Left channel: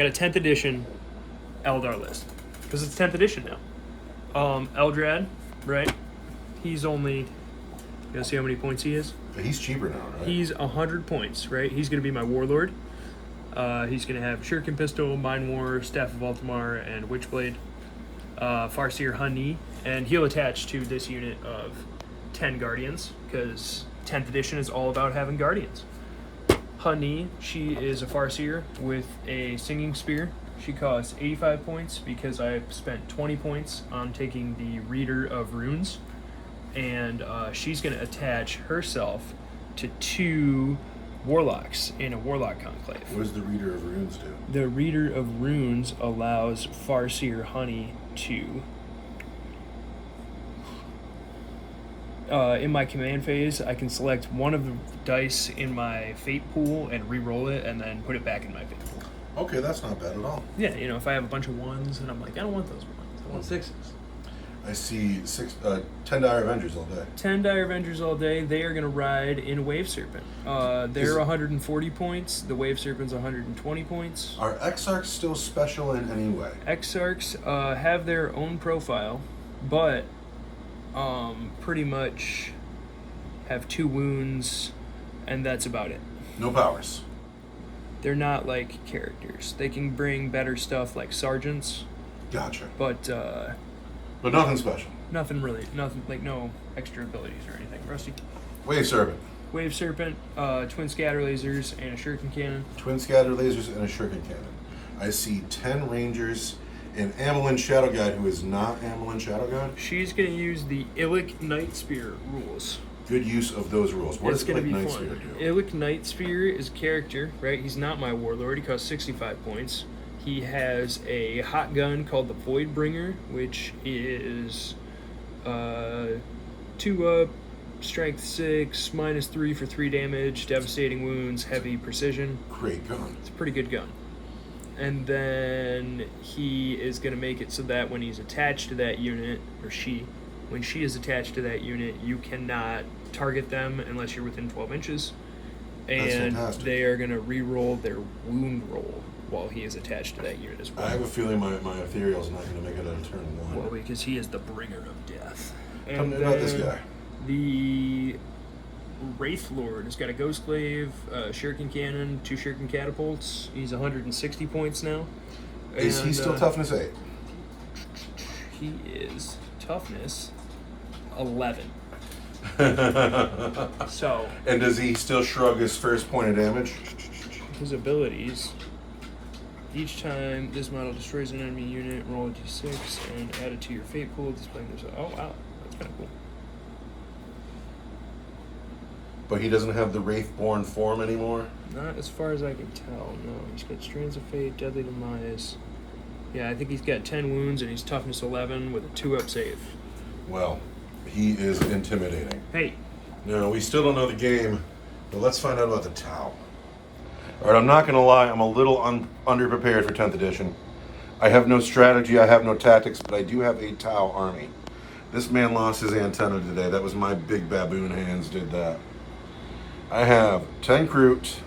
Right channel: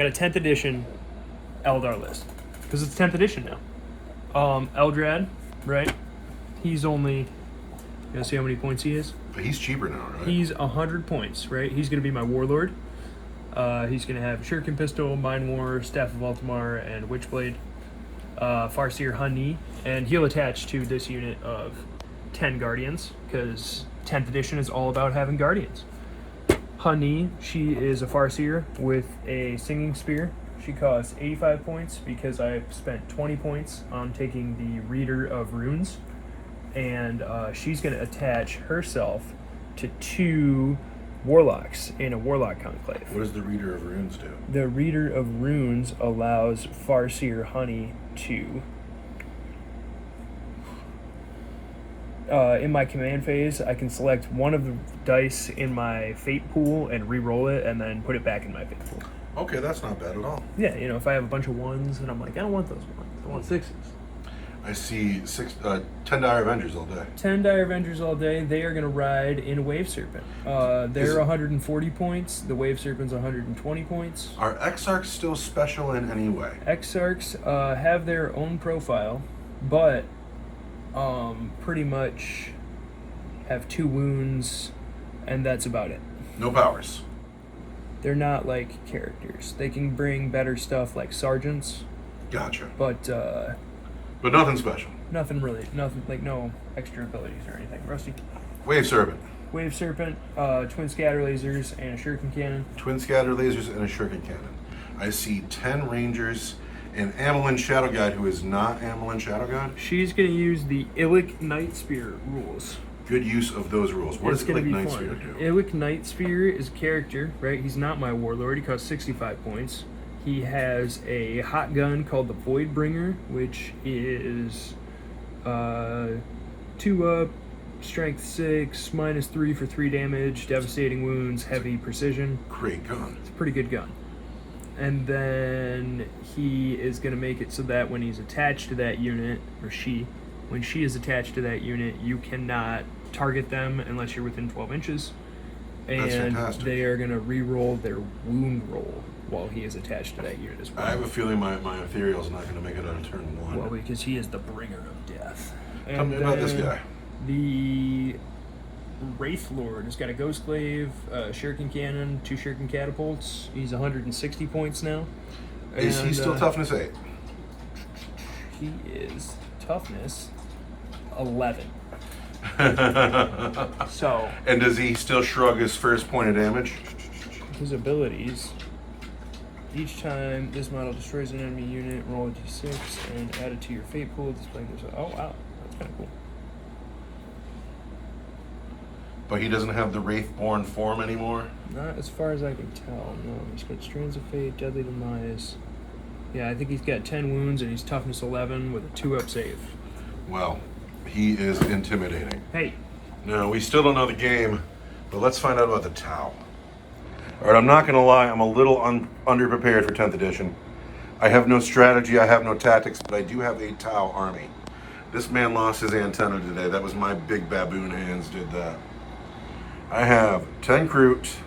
got a 10th edition Eldar list because it's 10th edition now. Eldrad, right? He's only. You gonna see how many points he is? He's cheaper now, right? He's 100 points, right? He's gonna be my warlord. He's gonna have Shuriken Pistol, Mind War, Staff of Ultimar, and Witchblade. Farseer Honey, and he'll attach to this unit of 10 Guardians because 10th edition is all about having Guardians. Honey, she is a Farseer with a Singing Spear. She costs 85 points because I spent 20 points on taking the Reader of Runes, and she's going to attach herself to 2 Warlocks in a Warlock Conclave. What does the Reader of Runes do? The Reader of Runes allows Farseer Honey to... in my command phase, I can select one of the dice in my fate pool and re-roll it and then put it back in my fate pool. Okay, that's not bad at all. Yeah, you know, if I have a bunch of 1s and I'm like, I don't want those 1s, I want 6s. I see 10 Dire Avengers all day. 10 Dire Avengers all day. They are going to ride in Wave Serpent. They're 140 points. The Wave Serpent's 120 points. Are Exarchs still special in any way? Exarchs have their own profile, but pretty much have 2 wounds, and that's about it. No powers. They're not like characters. They can bring better stuff like sergeants. Gotcha. But nothing special. nothing like no extra abilities or anything. Rusty. Wave Serpent. Wave Serpent, twin scatter lasers, and a shuriken cannon. Twin scatter lasers and a shuriken cannon. I see 10 Rangers and Amelin Shadow God, who is not Amelin Shadow God. She's going to use the Illic Night Spear rules. Good use of those rules. What does Illic Night Spear do? Illic Night Spear is a character, right? He's not my warlord. He costs 65 points. He has a hot gun called the Voidbringer, which is 2 up, strength 6, -3 for 3 damage, devastating wounds, heavy precision. Great gun. It's a pretty good gun. And then he is going to make it so that when he's attached to that unit, or when she is attached to that unit, you cannot target them unless you're within 12 inches. And That's fantastic. They are going to re-roll their wound roll while he is attached to that unit as well. I have a feeling my Ethereal is not going to make it on turn 1. Well, because he is the bringer of death. Tell me about this guy. The Wraith Lord has got a Ghost Glaive, Shuriken Cannon, 2 Shuriken Catapults. He's 160 points now. Is he still toughness 8? He is toughness 11. So. And does he still shrug his first point of damage? His abilities. Each time this model destroys an enemy unit, roll a d6 and add it to your fate pool. Display this. Oh wow, that's kind of cool. But he doesn't have the Wraithborn form anymore? Not as far as I can tell, no. He's got Strands of Fate, Deadly Demise. Yeah, I think he's got 10 wounds and he's toughness 11 with a 2-up save. Well, he is intimidating. Hey. No, we still don't know the game, but let's find out about the Tau. All right, I'm not going to lie, I'm a little underprepared for 10th edition. I have no strategy, I have no tactics, but I do have a Tau army. This man lost his antenna today. That was my big baboon hands did that. I have 10 Kroot,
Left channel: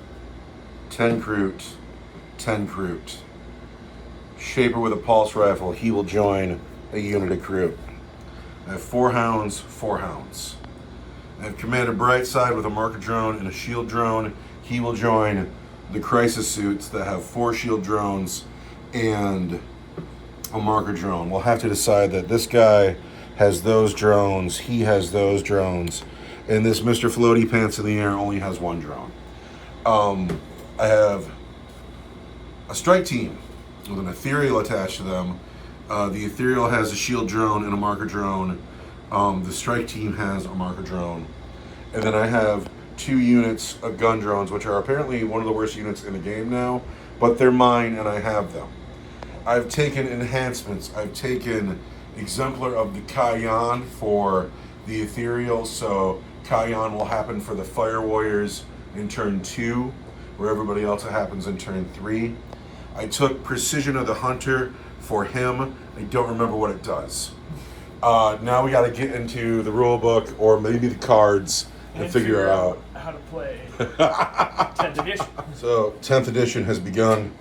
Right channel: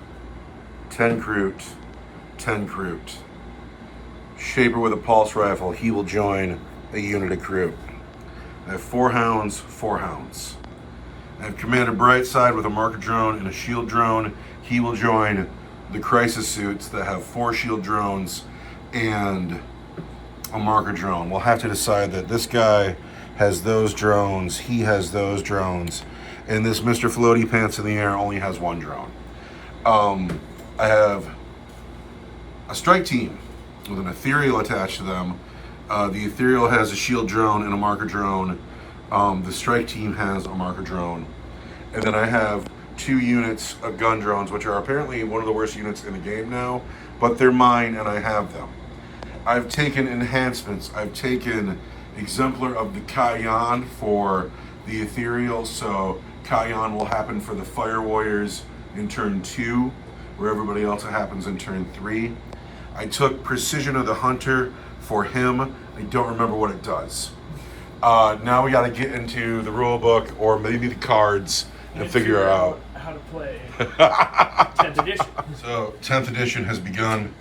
10 Kroot, 10 Kroot. Shaper with a pulse rifle, he will join a unit of Kroot. I have 4 Hounds, 4 Hounds. I have Commander Brightside with a marker drone and a shield drone. He will join the Crisis Suits that have 4 shield drones and a marker drone. We'll have to decide that this guy has those drones, he has those drones, and this Mr. Floaty Pants in the Air only has 1 drone. I have a strike team with an Ethereal attached to them. The Ethereal has a shield drone and a marker drone. The strike team has a marker drone. And then I have 2 units of gun drones, which are apparently one of the worst units in the game now, but they're mine and I have them. I've taken enhancements. I've taken Exemplar of the Kayan for the Ethereal, so Kayan will happen for the Fire Warriors in turn 2, where everybody else it happens in turn 3. I took Precision of the Hunter for him. I don't remember what it does. Now we got to get into the rule book or maybe the cards and figure out how to play 10th edition. So 10th edition has begun.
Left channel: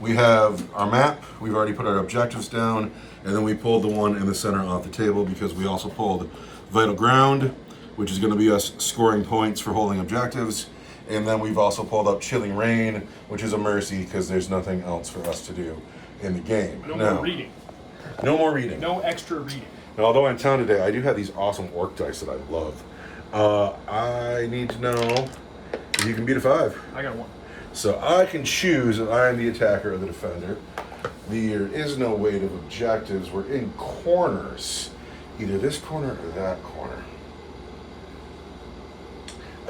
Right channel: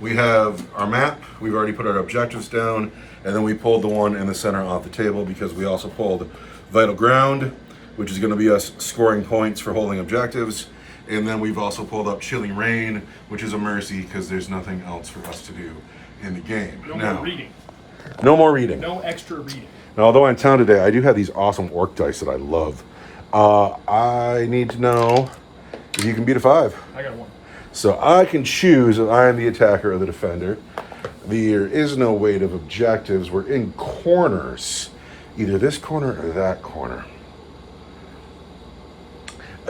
We have our map. We've already put our objectives down, and then we pulled the one in the center off the table because we also pulled Vital Ground, which is going to be us scoring points for holding objectives. And then we've also pulled up Chilling Rain, which is a mercy because there's nothing else for us to do in the game. No more reading. No more reading. No extra reading. Now, although I'm in town today, I do have these awesome orc dice that I love. I need to know if you can beat a 5. I got 1. So I can choose if I am the attacker or the defender. There is no weight of objectives. We're in corners. Either this corner or that corner.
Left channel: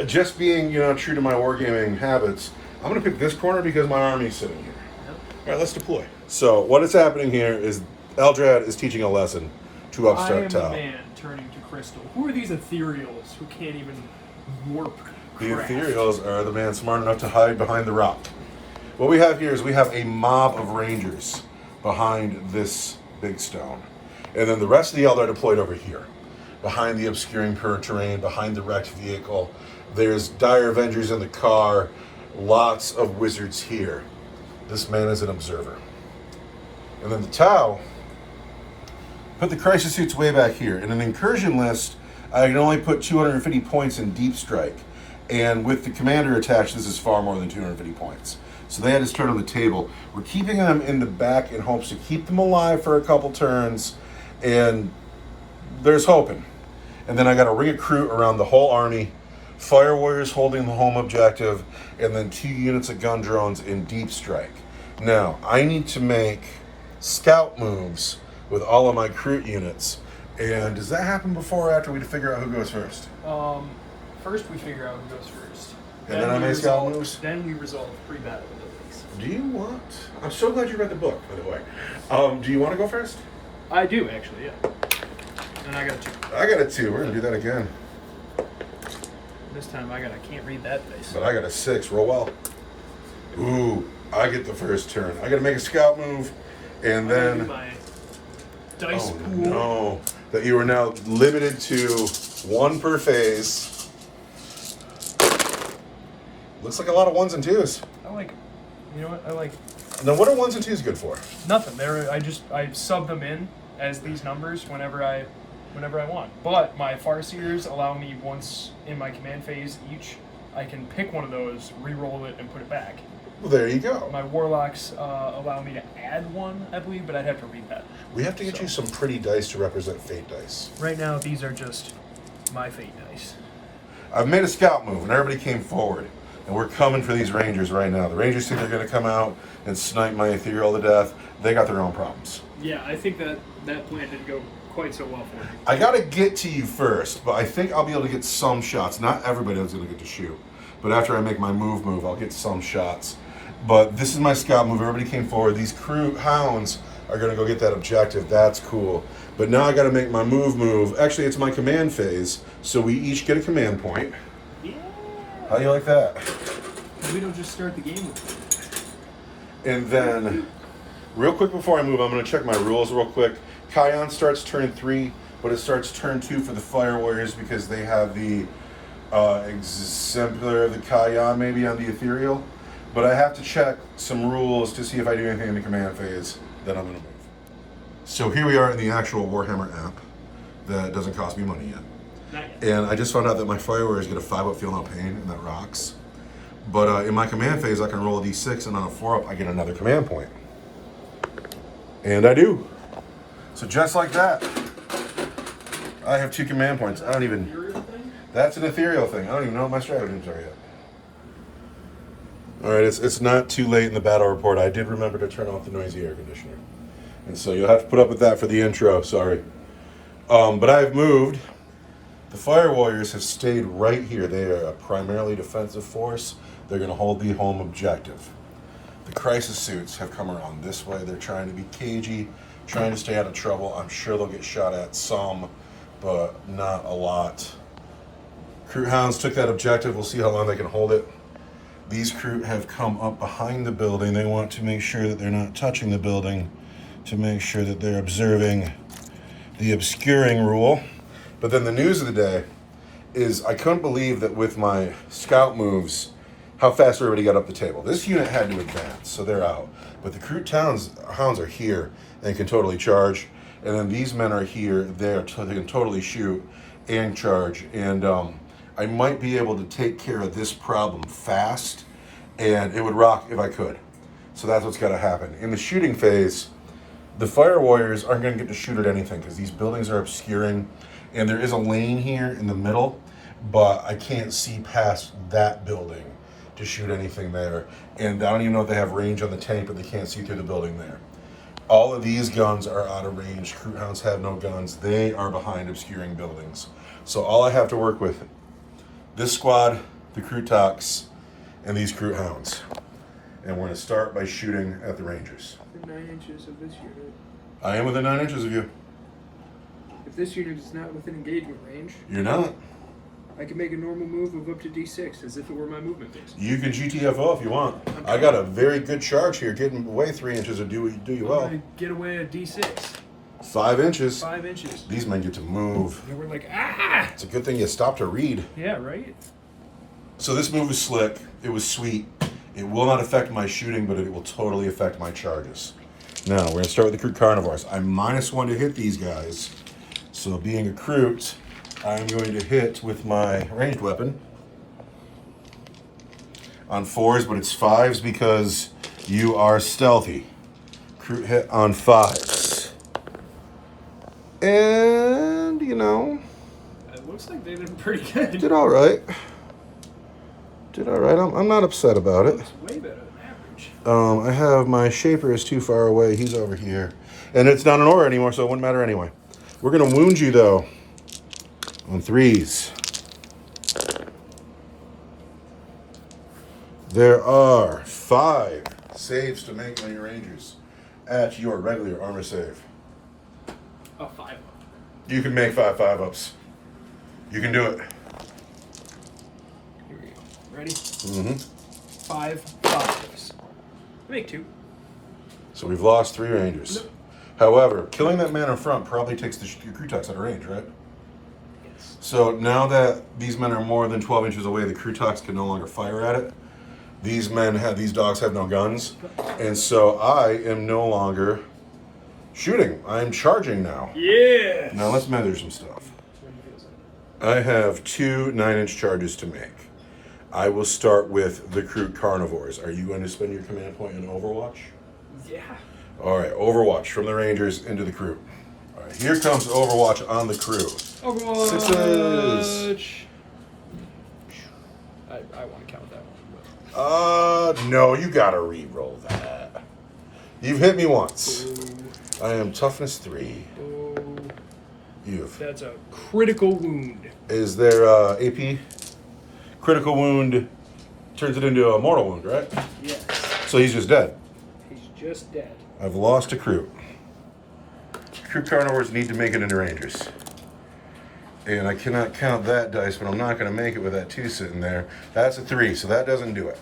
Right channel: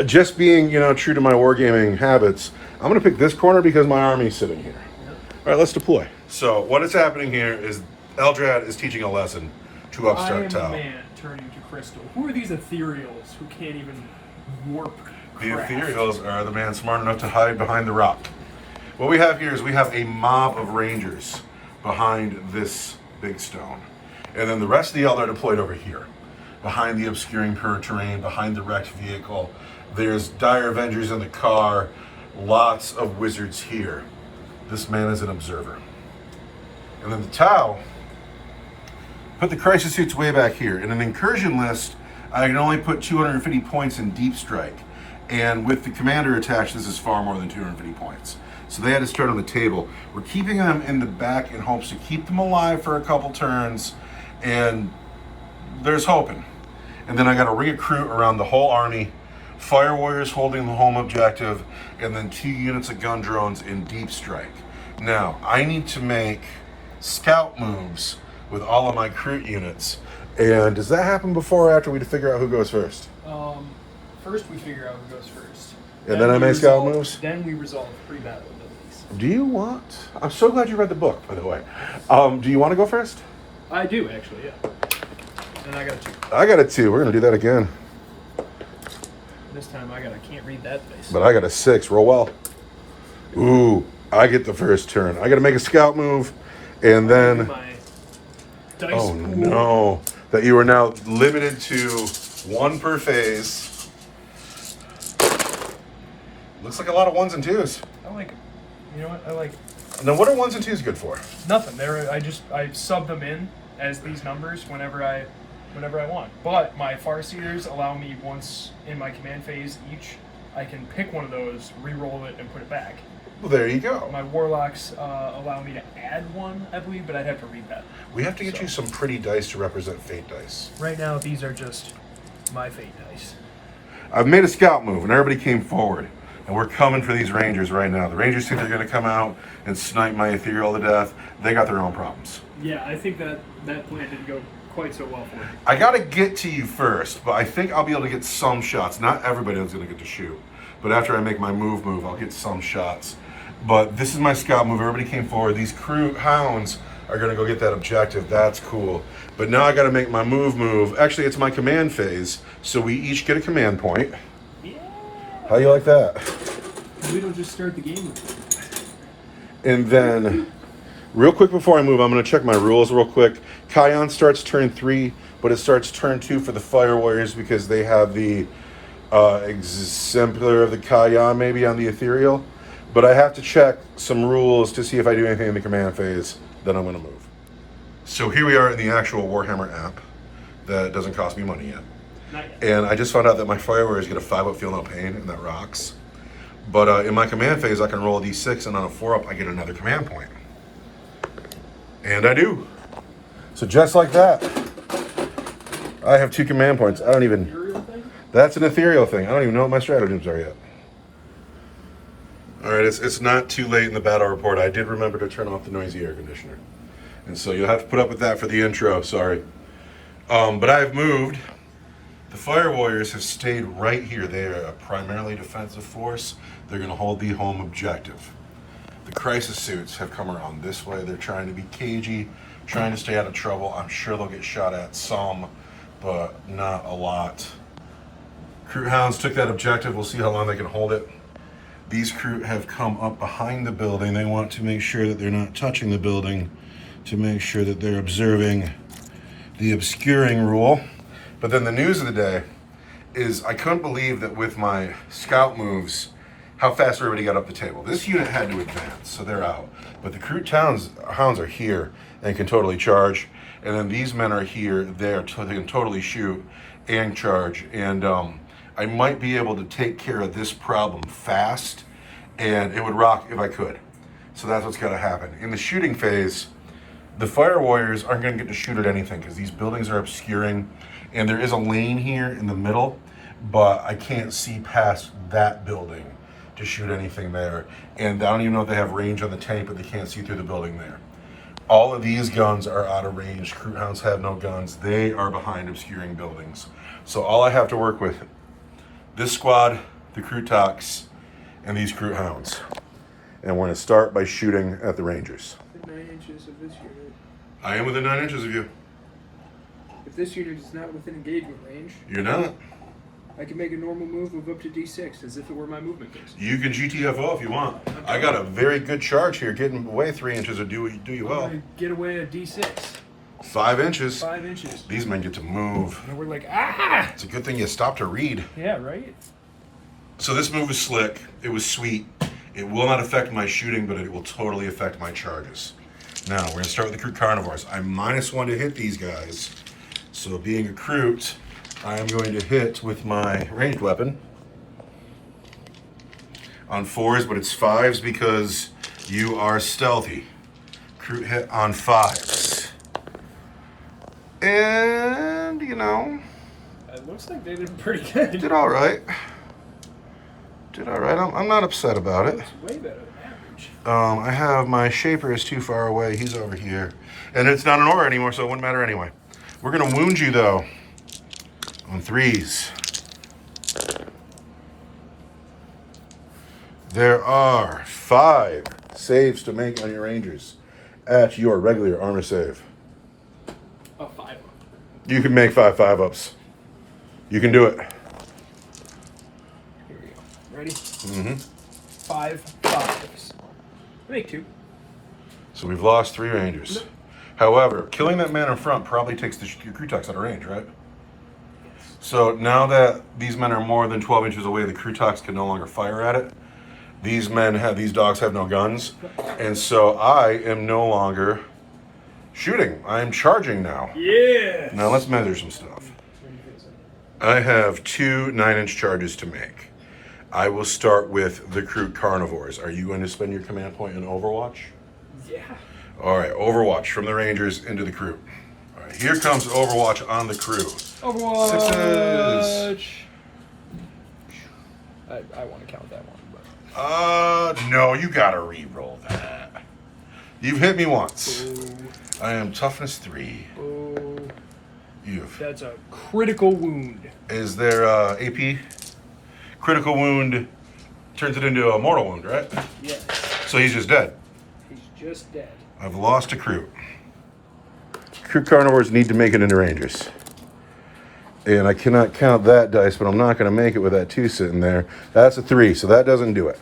Just being, true to my wargaming habits, I'm going to pick this corner because my army's sitting here. Yep. All right, let's deploy. So what is happening here is Eldrad is teaching a lesson to upstart Tau. I am a man turning to crystal. Who are these ethereals who can't even warp The craft? ethereals are the man smart enough to hide behind the rock. What we have here is we have a mob of rangers behind this big stone. And then the rest of the Eldar deployed over here. Behind the obscuring terrain, behind the wrecked vehicle. There's dire Avengers in the car. Lots of wizards here. This man is an observer. And then the Tau put the crisis suits way back here. In an incursion list, I can only put 250 points in deep strike. And with the commander attached, this is far more than 250 points. So they had to start on the table. We're keeping them in the back in hopes to keep them alive for a couple turns. And there's hoping. And then I got a ring of crew around the whole army. Fire warriors holding the home objective. And then 2 units of gun drones in deep strike. Now, I need to make scout moves with all of my crew units. And does that happen before or after we figure out who goes first? First we figure out who goes first. And then I make scout moves? Then we resolve pre-battle abilities. Do you want... I'm so glad you read the book, by the way. Do you want to go first? I do, actually, yeah. And I got a 2. I got a 2. We're going to do that again. This time I can't read that dice. But I got a 6. Roll well. Ooh, I get the first turn. I got to make a scout move, and then... My dice oh, pool. no. That you are now limited to 1 per phase. Looks like a lot of 1s and 2s. I like, you know what, I like... Now, what are 1s and 2s good for? Nothing. I sub them in as these numbers whenever I want. But my Farseers allow me once in my command phase each, I can pick one of those, re-roll it, and put it back. Well, there you go. My Warlocks allow me to add 1, I believe, but I'd have to read that. We have to get you some pretty dice to represent fate dice. Right now, these are just my fate dice. I've made a scout move, and everybody came forward. And we're coming for these rangers right now. The rangers think they're going to come out and snipe my ethereal to death. They got their own problems. Yeah, I think that plan didn't go quite so well for me. I got to get to you first, but I think I'll be able to get some shots. Not everybody is going to get to shoot. But after I make my move, I'll get some shots. But this is my scout move. Everybody came forward. These crew hounds are going to go get that objective. That's cool. But now I got to make my move. Actually, it's my command phase. So we each get a command point. Yeah. How do you like that? We don't just start the game. And then, real quick before I move, I'm going to check my rules real quick. Kion starts turn 3, but it starts turn 2 for the Fire Warriors because they have the exemplar of the Kion maybe on the Ethereal. But I have to check some rules to see if I do anything in the command phase. Then I'm going to move. So here we are in the actual Warhammer app that doesn't cost me money yet. And I just found out that my Fire Warriors get a 5-up feel no pain, and that rocks. But in my command phase, I can roll a d6, and on a 4-up, I get another command point. And I do. So just like that, I have 2 command points. I don't even... That's an ethereal thing. I don't even know what my stratagems are yet. All right, it's not too late in the battle report. I did remember to turn off the noisy air conditioner. And so you'll have to put up with that for the intro, sorry. But I've moved. The Fire Warriors have stayed right here. They are a primarily defensive force. They're going to hold the home objective. The Crisis Suits have come around this way. They're trying to be cagey, trying to stay out of trouble. I'm sure they'll get shot at some, but not a lot. Crew Hounds took that objective. We'll see how long they can hold it. These crew have come up behind the building. They want to make sure that they're not touching the building, to make sure that they're observing the obscuring rule. But then the news of the day is I couldn't believe that with my scout moves, how fast everybody got up the table. This unit had to advance, so they're out. But the Kroot hounds are here and can totally charge. And then these men are here, they can totally shoot and charge. And I might be able to take care of this problem fast, and it would rock if I could. So that's what's gotta happen. In the shooting phase, the fire warriors aren't gonna get to shoot at anything because these buildings are obscuring, and there is a lane here in the middle, but I can't see past that building to shoot anything there. And I don't even know if they have range on the tank, but they can't see through the building there. All of these guns are out of range. Kroot hounds have no guns. They are behind obscuring buildings. So all I have to work with, this squad, the Krootoks, and these Kroot hounds. And we're gonna start by shooting at the Rangers. Within 9 inches of this unit. I am within 9 inches of you. If this unit is not within engagement range, You're not. I can make a normal move of up to D6 as if it were my movement base. You can GTFO if you want. I got a very good charge here. Getting away 3 inches would do you well. I'm gonna get away a D6. 5 inches. 5 inches. These men get to move. And we're like, ah! It's a good thing you stopped to read. Yeah, right? So this move was slick. It was sweet. It will not affect my shooting, but it will totally affect my charges. Now, we're going to start with the Kroot Carnivores. I'm -1 to hit these guys. So being a Kroot, I'm going to hit with my ranged weapon on 4s, but it's 5s because you are stealthy. Kroot hit on 5s. And, you know, It looks like they did pretty good. did all right. Did all right. I'm not upset about it. Looks way better than average. I have my Shaper is too far away. He's over here. And it's not an aura anymore, so it wouldn't matter anyway. We're going to wound you, though, on 3s. There are 5 saves to make on your Rangers at your regular armor save. A 5. You can make 5 5-ups. You can do it. Here we go. Ready? Mm-hmm. 5 5s. Make 2. So we've lost 3 Rangers. Nope. However, killing that man in front probably takes the Krootoks out of range, right? Yes. So now that these men are more than 12 inches away, the Krootoks can no longer fire at it. These dogs have no guns. And so I am no longer shooting. I'm charging now. Yeah. Now let's measure some stuff. I have 2 9-inch charges to make. I will start with the Kroot Carnivores. Are you going to spend your command point in Overwatch? Yeah. All right, Overwatch from the Rangers into the Kroot. All right, here comes Overwatch on the crew. Overwatch. 6s. I want to count that one. But. No, you gotta re-roll that. You've hit me once. Ooh. I am toughness 3. Oh. That's a critical wound. Is there AP? Critical wound turns it into a mortal wound, right? Yes. So he's just dead. He's just dead. I've lost a Kroot. Kroot Carnivores need to make it into Rangers. And I cannot count that dice, but I'm not going to make it with that 2 sitting there. That's a 3, so that doesn't do it.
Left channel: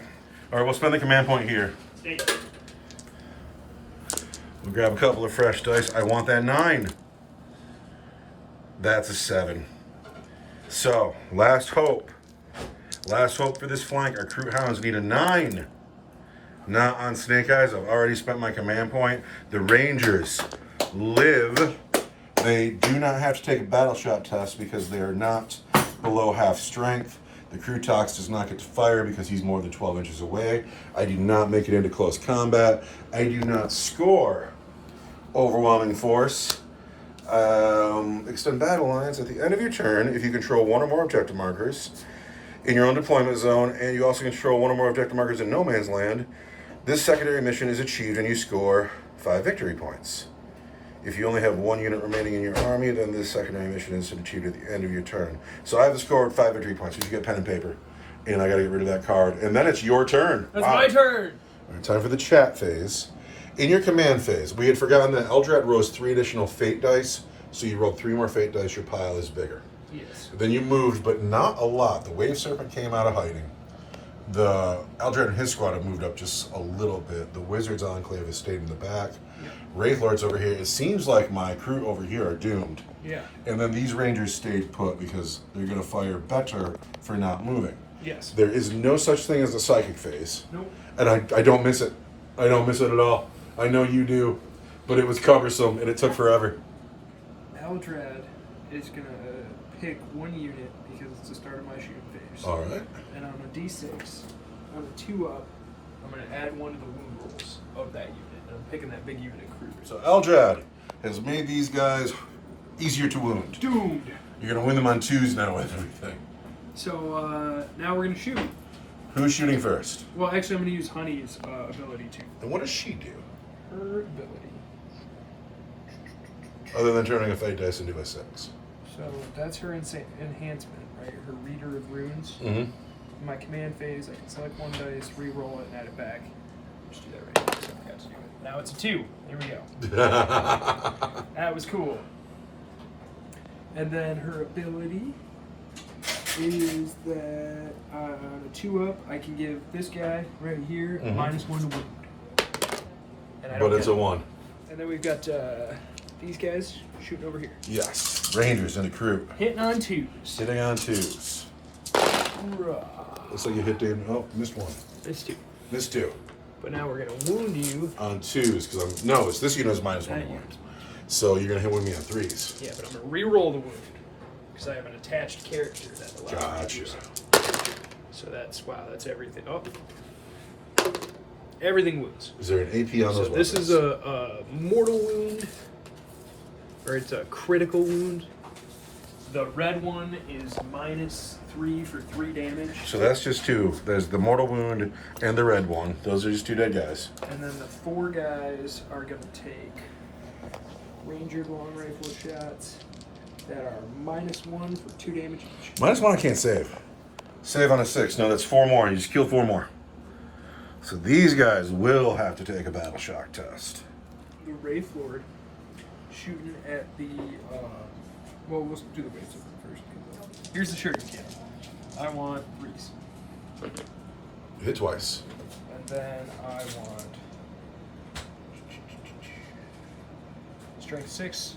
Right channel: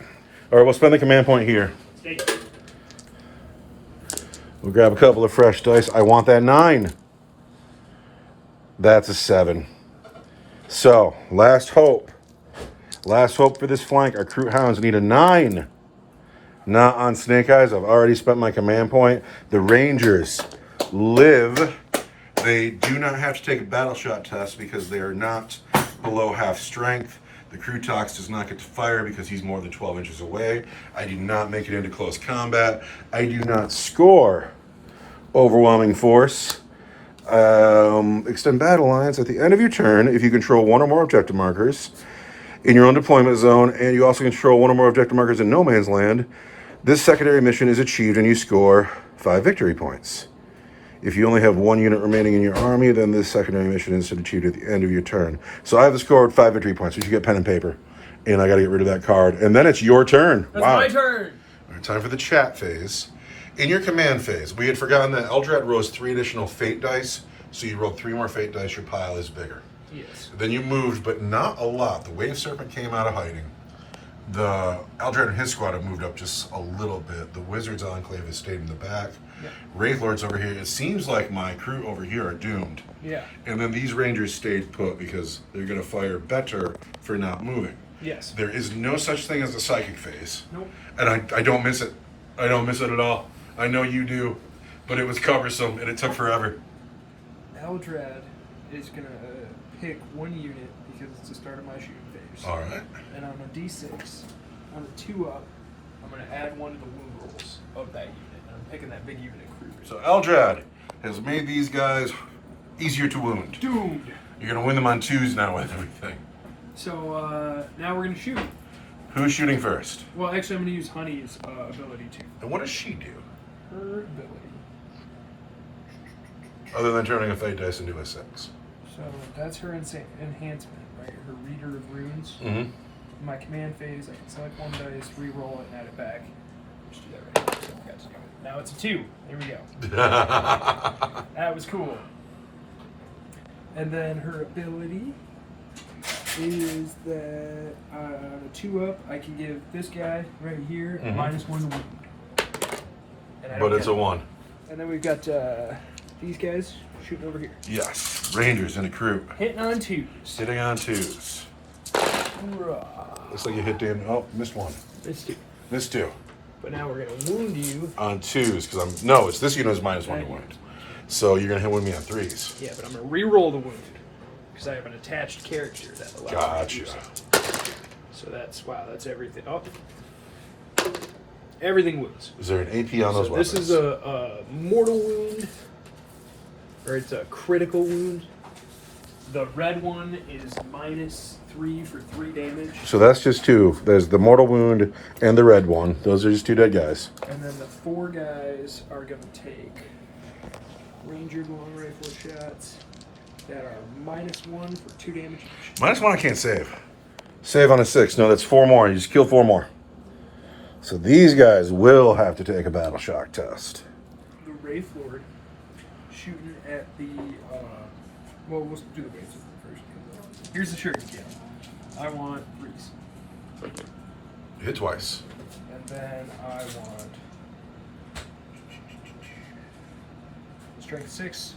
All right, we'll spend the command point here. 8. We'll grab a couple of fresh dice. I want that 9. That's a 7. So, last hope. Last hope for this flank. Our Kroot Hounds need a 9. Not on Snake Eyes. I've already spent my command point. The Rangers live. They do not have to take a battle shot test because they are not below half strength. The Krootoks does not get to fire because he's more than 12 inches away. I do not make it into close combat. I do not score overwhelming force. Extend battle lines at the end of your turn if you control 1 or more objective markers in your own deployment zone, and you also control 1 or more objective markers in no man's land. This secondary mission is achieved and you score 5 victory points. If you only have 1 unit remaining in your army, then this secondary mission is achieved at the end of your turn. So I have scored 5 victory points. You should get pen and paper. And I got to get rid of that card. And then it's your turn. That's my turn. All right, time for the chat phase. In your command phase, we had forgotten that Eldar rolls 3 additional fate dice. So you rolled 3 more fate dice. Your pile is bigger. Yes. Then you moved, but not a lot. The Wave Serpent came out of hiding. The Eldar and his squad have moved up just a little bit. The Wizards Enclave has stayed in the back. Yeah. Wraith Lords over here. It seems like my crew over here are doomed. Yeah. And then these Rangers stayed put because they're going to fire better for not moving. Yes. There is no such thing as a psychic phase. Nope. And I don't miss it. I don't miss it at all. I know you do, but it was cumbersome and it took forever. Eldrad is going to pick one unit because it's the start of my shooting phase. All right. And on a d6, on a 2-up, I'm going to add one to the wound rolls of that unit. And I'm picking that big unit crew. So Eldrad has made these guys easier to wound. Doomed. You're going to win them on 2s now with everything. So now we're going to shoot. Who's shooting first? Well, actually, I'm going to use Honey's ability too. And what does she do? Her ability. Other than turning a fate dice into a 6. So that's her enhancement, right? Her Reader of Runes. Mm-hmm. In my command phase, I can select one dice, re-roll it, and add it back. Let's do that right now. So I forgot to do it. Now it's a 2. There we go. That was cool. And then her ability is that on a 2-up, I can give this guy right here -1 to wound. And I But don't it's get a it. 1. And then we've got these guys shooting over here. Yes. Rangers in a crew. Hitting on 2s. Hitting on 2s. Looks like you hit Dan. Oh, missed 1. Missed 2. Missed 2. But now we're going to wound you. On 2s, because I'm... No, it's this unit is -1 to wound. So you're going to hit with me on 3s. Yeah, but I'm going to re-roll the wound. Because I have an attached character that allows me to do Gotcha. so that's, wow, that's everything. Oh. Everything wounds. Is there an AP on those So weapons? this is a mortal wound. Or it's a critical wound. The red one is -3 for 3 damage. So that's just 2. There's the mortal wound and the red one. Those are just 2 dead guys. And then the 4 guys are going to take Ranger long rifle shots that are -1 for 2 damage. -1 I can't save. Save on a 6. No, that's 4 more. You just kill 4 more. So these guys will have to take a battle shock test. The Wraith Lord shooting at the, well, let's do the Wraith Lord first. Here's the shirt again. I want 3s. Hit twice. And then I want strength 6,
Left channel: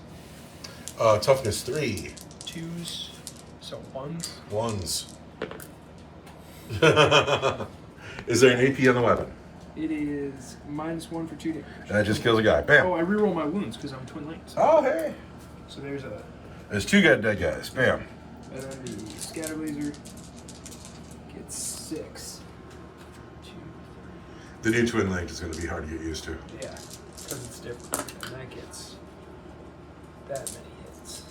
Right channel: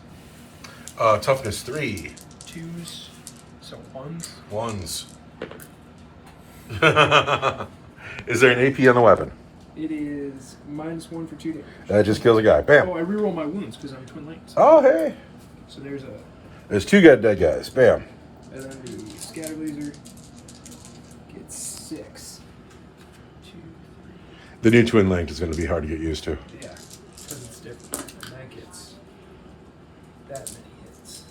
Toughness 3. 2s, so 1s. 1s. Is there an AP on the weapon? It is -1 for 2 damage. That just kills a guy. Bam. Oh, I reroll my wounds because I'm twin linked. Oh, hey. So there's a, There's 2 dead guys. Bam. and then the scatter laser gets 6. 2, The new twin linked is going to be hard to get used to. yeah, because it's different. And that gets that many hits.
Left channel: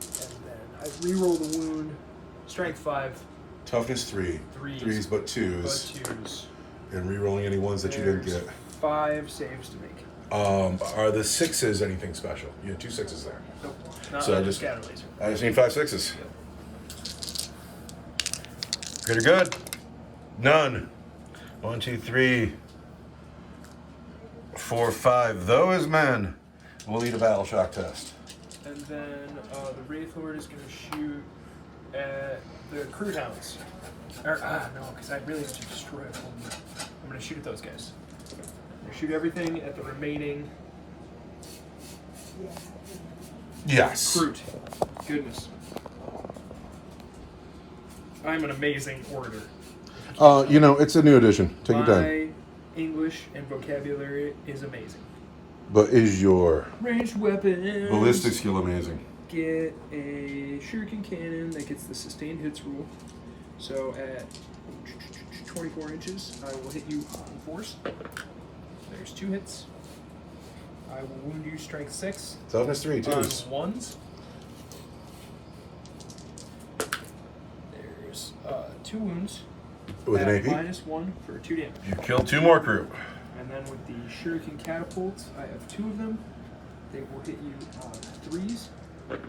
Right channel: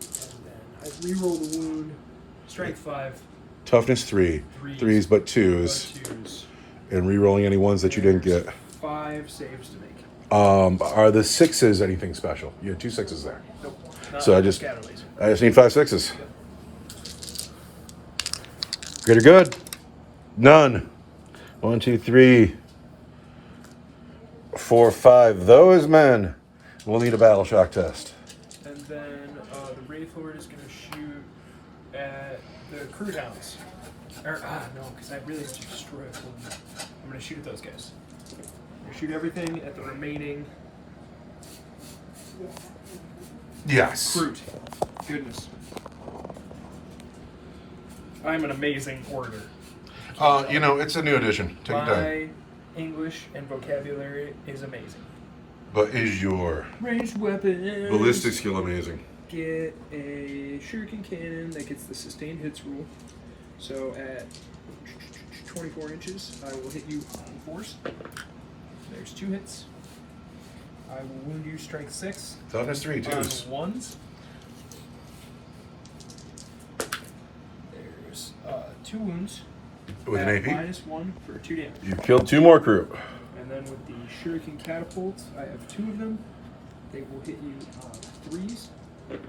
And then I reroll the wound. Strength 5, Toughness 3. 3s but 2s. but 2s. And re-rolling any ones that you didn't There's get. 5 saves to make. Are the 6s anything special? You have 2 6s there. Nope. Not So I on the just- scatter laser. I just need 5 6s. Yep. Good or good? None. 1, 2, 3, 4, 5. Those men will need a battle shock test. And then the Wraith Lord is going to shoot at the Crude Hounds. Or, no, because I really have to destroy it. I'm going to shoot at those guys. I'm going to shoot everything at the remaining Yes. Crude. Goodness. I'm an amazing orator. It's a new edition. Take your time. My English and vocabulary is amazing. But is your Ranged weapons. ballistic skill amazing? Get a shuriken cannon that gets the sustained hits rule. So at 24 inches, I will hit you on 4s. There's 2 hits. I will wound you strength 6 Toughness 3, on 2s. 1s. There's 2 wounds. With an at AP? -1 for 2 damage. You killed 2 more crew. And then with the shuriken catapults, I have 2 of them. They will hit you on 3s. And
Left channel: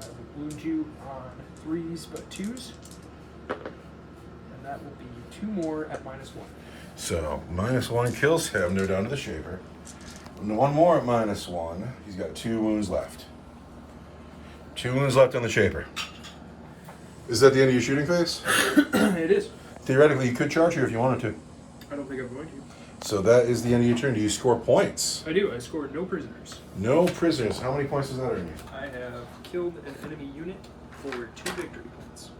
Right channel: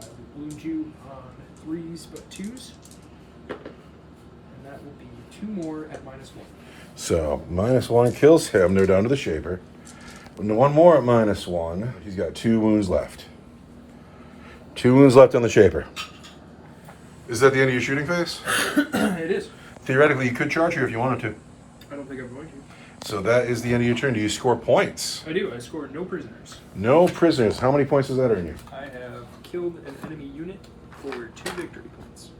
I will wound you on 3s but 2s. And that will be 2 more at -1. So, -1 kills him. They're down to the Shaper. And 1 more at -1. He's got 2 wounds left. 2 wounds left on the Shaper. Is that the end of your shooting phase? It is. Theoretically, you could charge here if you wanted to. I don't think I'm going to. So that is the end of your turn. Do you score points? I do. I scored no prisoners. No prisoners. How many points does that earn you? I have killed an enemy unit for 2 victory points.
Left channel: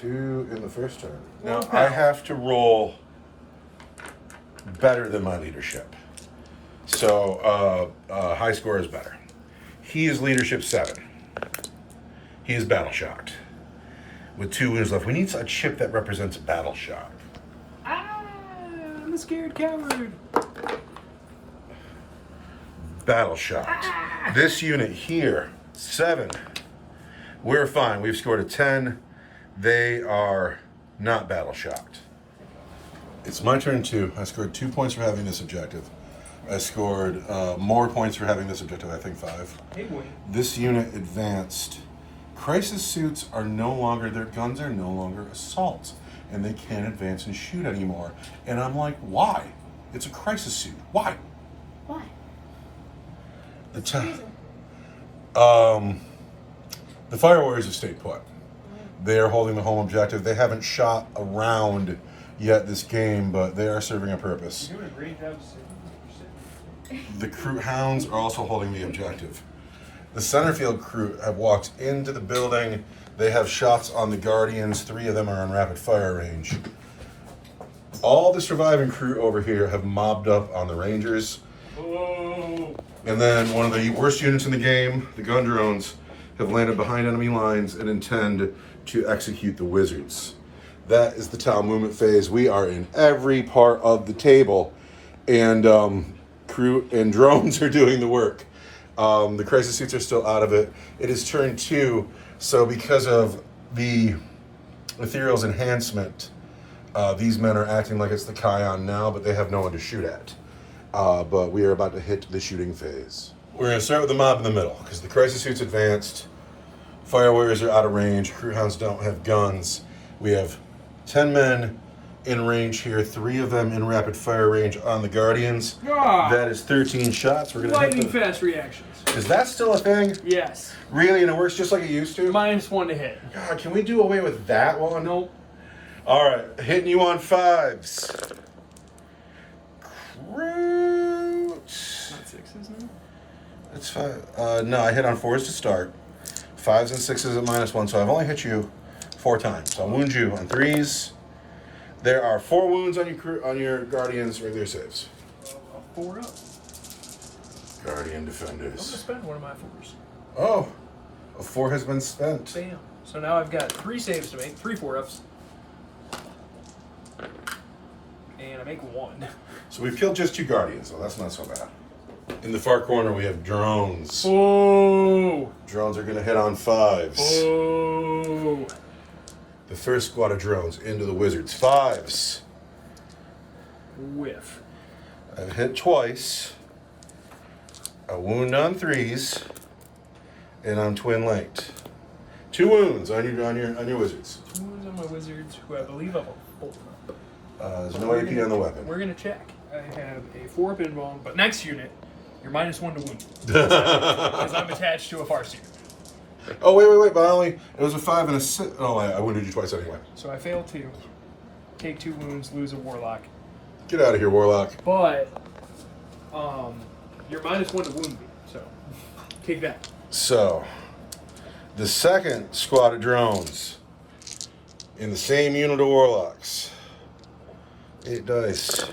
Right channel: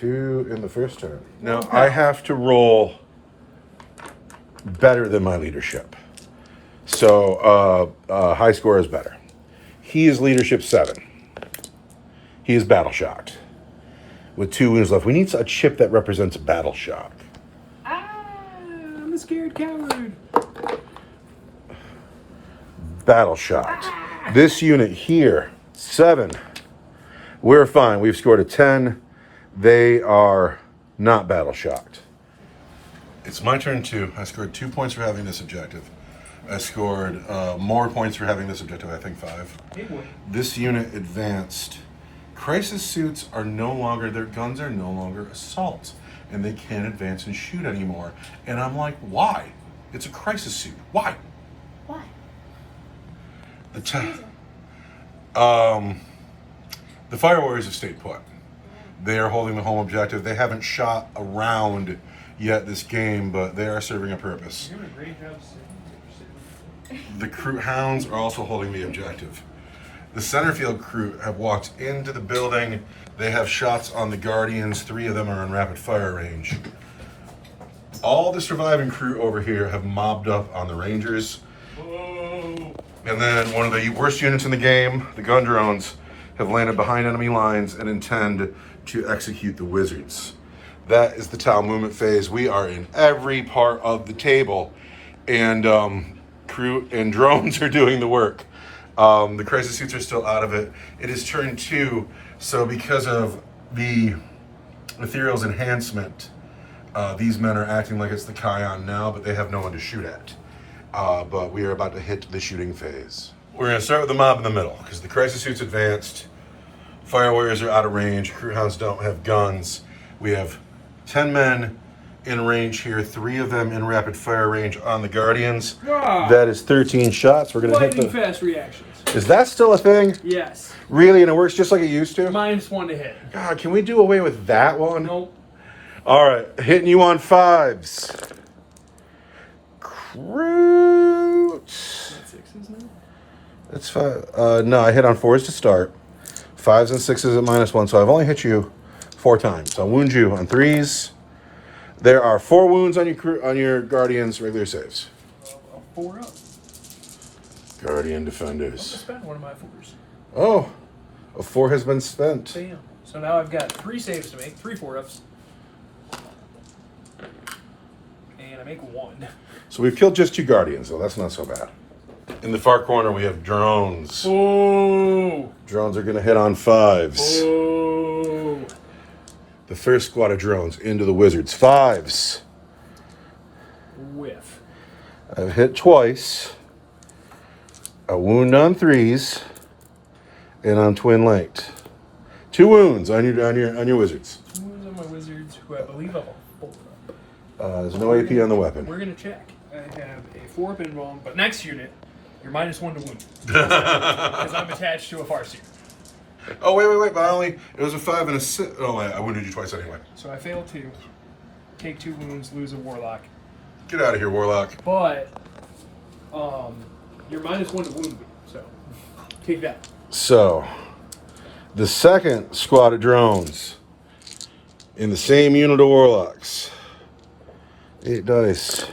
2 in the first turn. Now, I have to roll better than my leadership. So, high score is better. He is leadership 7. He is battle shocked. With 2 wounds left. We need a chip that represents battle shock. I'm a scared coward. Battle shocked. This unit here, 7. We're fine. We've scored a 10. They are not battle shocked. It's my turn too. I scored 2 points for having this objective. I scored more points for having this objective, I think 5. Hey boy. This unit advanced. Crisis suits are no longer, their guns are no longer assault, and they can't advance and shoot anymore. And I'm like, why? It's a crisis suit. Why? Why? The Fire Warriors have stayed put. They are holding the home objective. They haven't shot around yet this game, but they are serving a purpose. You're doing a great job sitting. The Crew Hounds are also holding the objective. The Centerfield crew have walked into the building. They have shots on the Guardians. 3 of them are on rapid fire range. All the surviving crew over here have mobbed up on the Rangers. Oh. And then one of the worst units in the game, the gun drones, have landed behind enemy lines and intend to execute the Wizards. That is the Tau movement phase. We are in every part of the table, and crew and drones are doing the work. The crisis suits are still out of it. It is turn 2, so because of the Ethereal's enhancement, these men are acting like it's the Kion now, but they have no one to shoot at. But we are about to hit the shooting phase. We're going to start with the mob in the middle, because the crisis suits advanced. Fire Warriors are out of range. Crew Hounds don't have guns. We have 10 men in range here, 3 of them in rapid fire range on the Guardians. Ah. That is 13 shots. We're going to hit Lightning them. fast reactions. Is that still a thing? Yes. Really? And it works just like it used to? -1 to hit. God, can we do away with that one? Nope. All right, hitting you on 5s. Crude. Not 6s now? That's 5. No, I hit on 4s to start. 5s and 6s at -1, so I've only hit you 4 times. I'll wound you on 3s. There are 4 wounds on your Guardians regular saves. 4 up. Guardian I'm Defenders. gonna spend one of my 4s. Oh, a 4 has been spent. Bam. So now I've got 3 saves to make, 3 4-ups. And I make 1. So we've killed just 2 Guardians, so that's not so bad. In the far corner, we have drones. Oh! Drones are going to hit on 5s. Oh! The first squad of drones into the Wizards. 5s. Whiff. I've hit twice. A wound on 3s. And on Twin Light. 2 wounds on your Wizards. 2 wounds on my Wizards, who I believe I've bolted up. There's no AP on the weapon. We're gonna check. I have a 4-up invuln, but next unit, you're -1 to wound. Because I'm attached to a Farseer. Oh, wait. But it was a 5 and a 6. Oh, I wounded you twice anyway. So I fail 2. Take 2 wounds, lose a Warlock. Get out of here, Warlock. But, you're -1 to wound me, so take that. So, the second squad of drones in the same unit of Warlocks. 8 dice.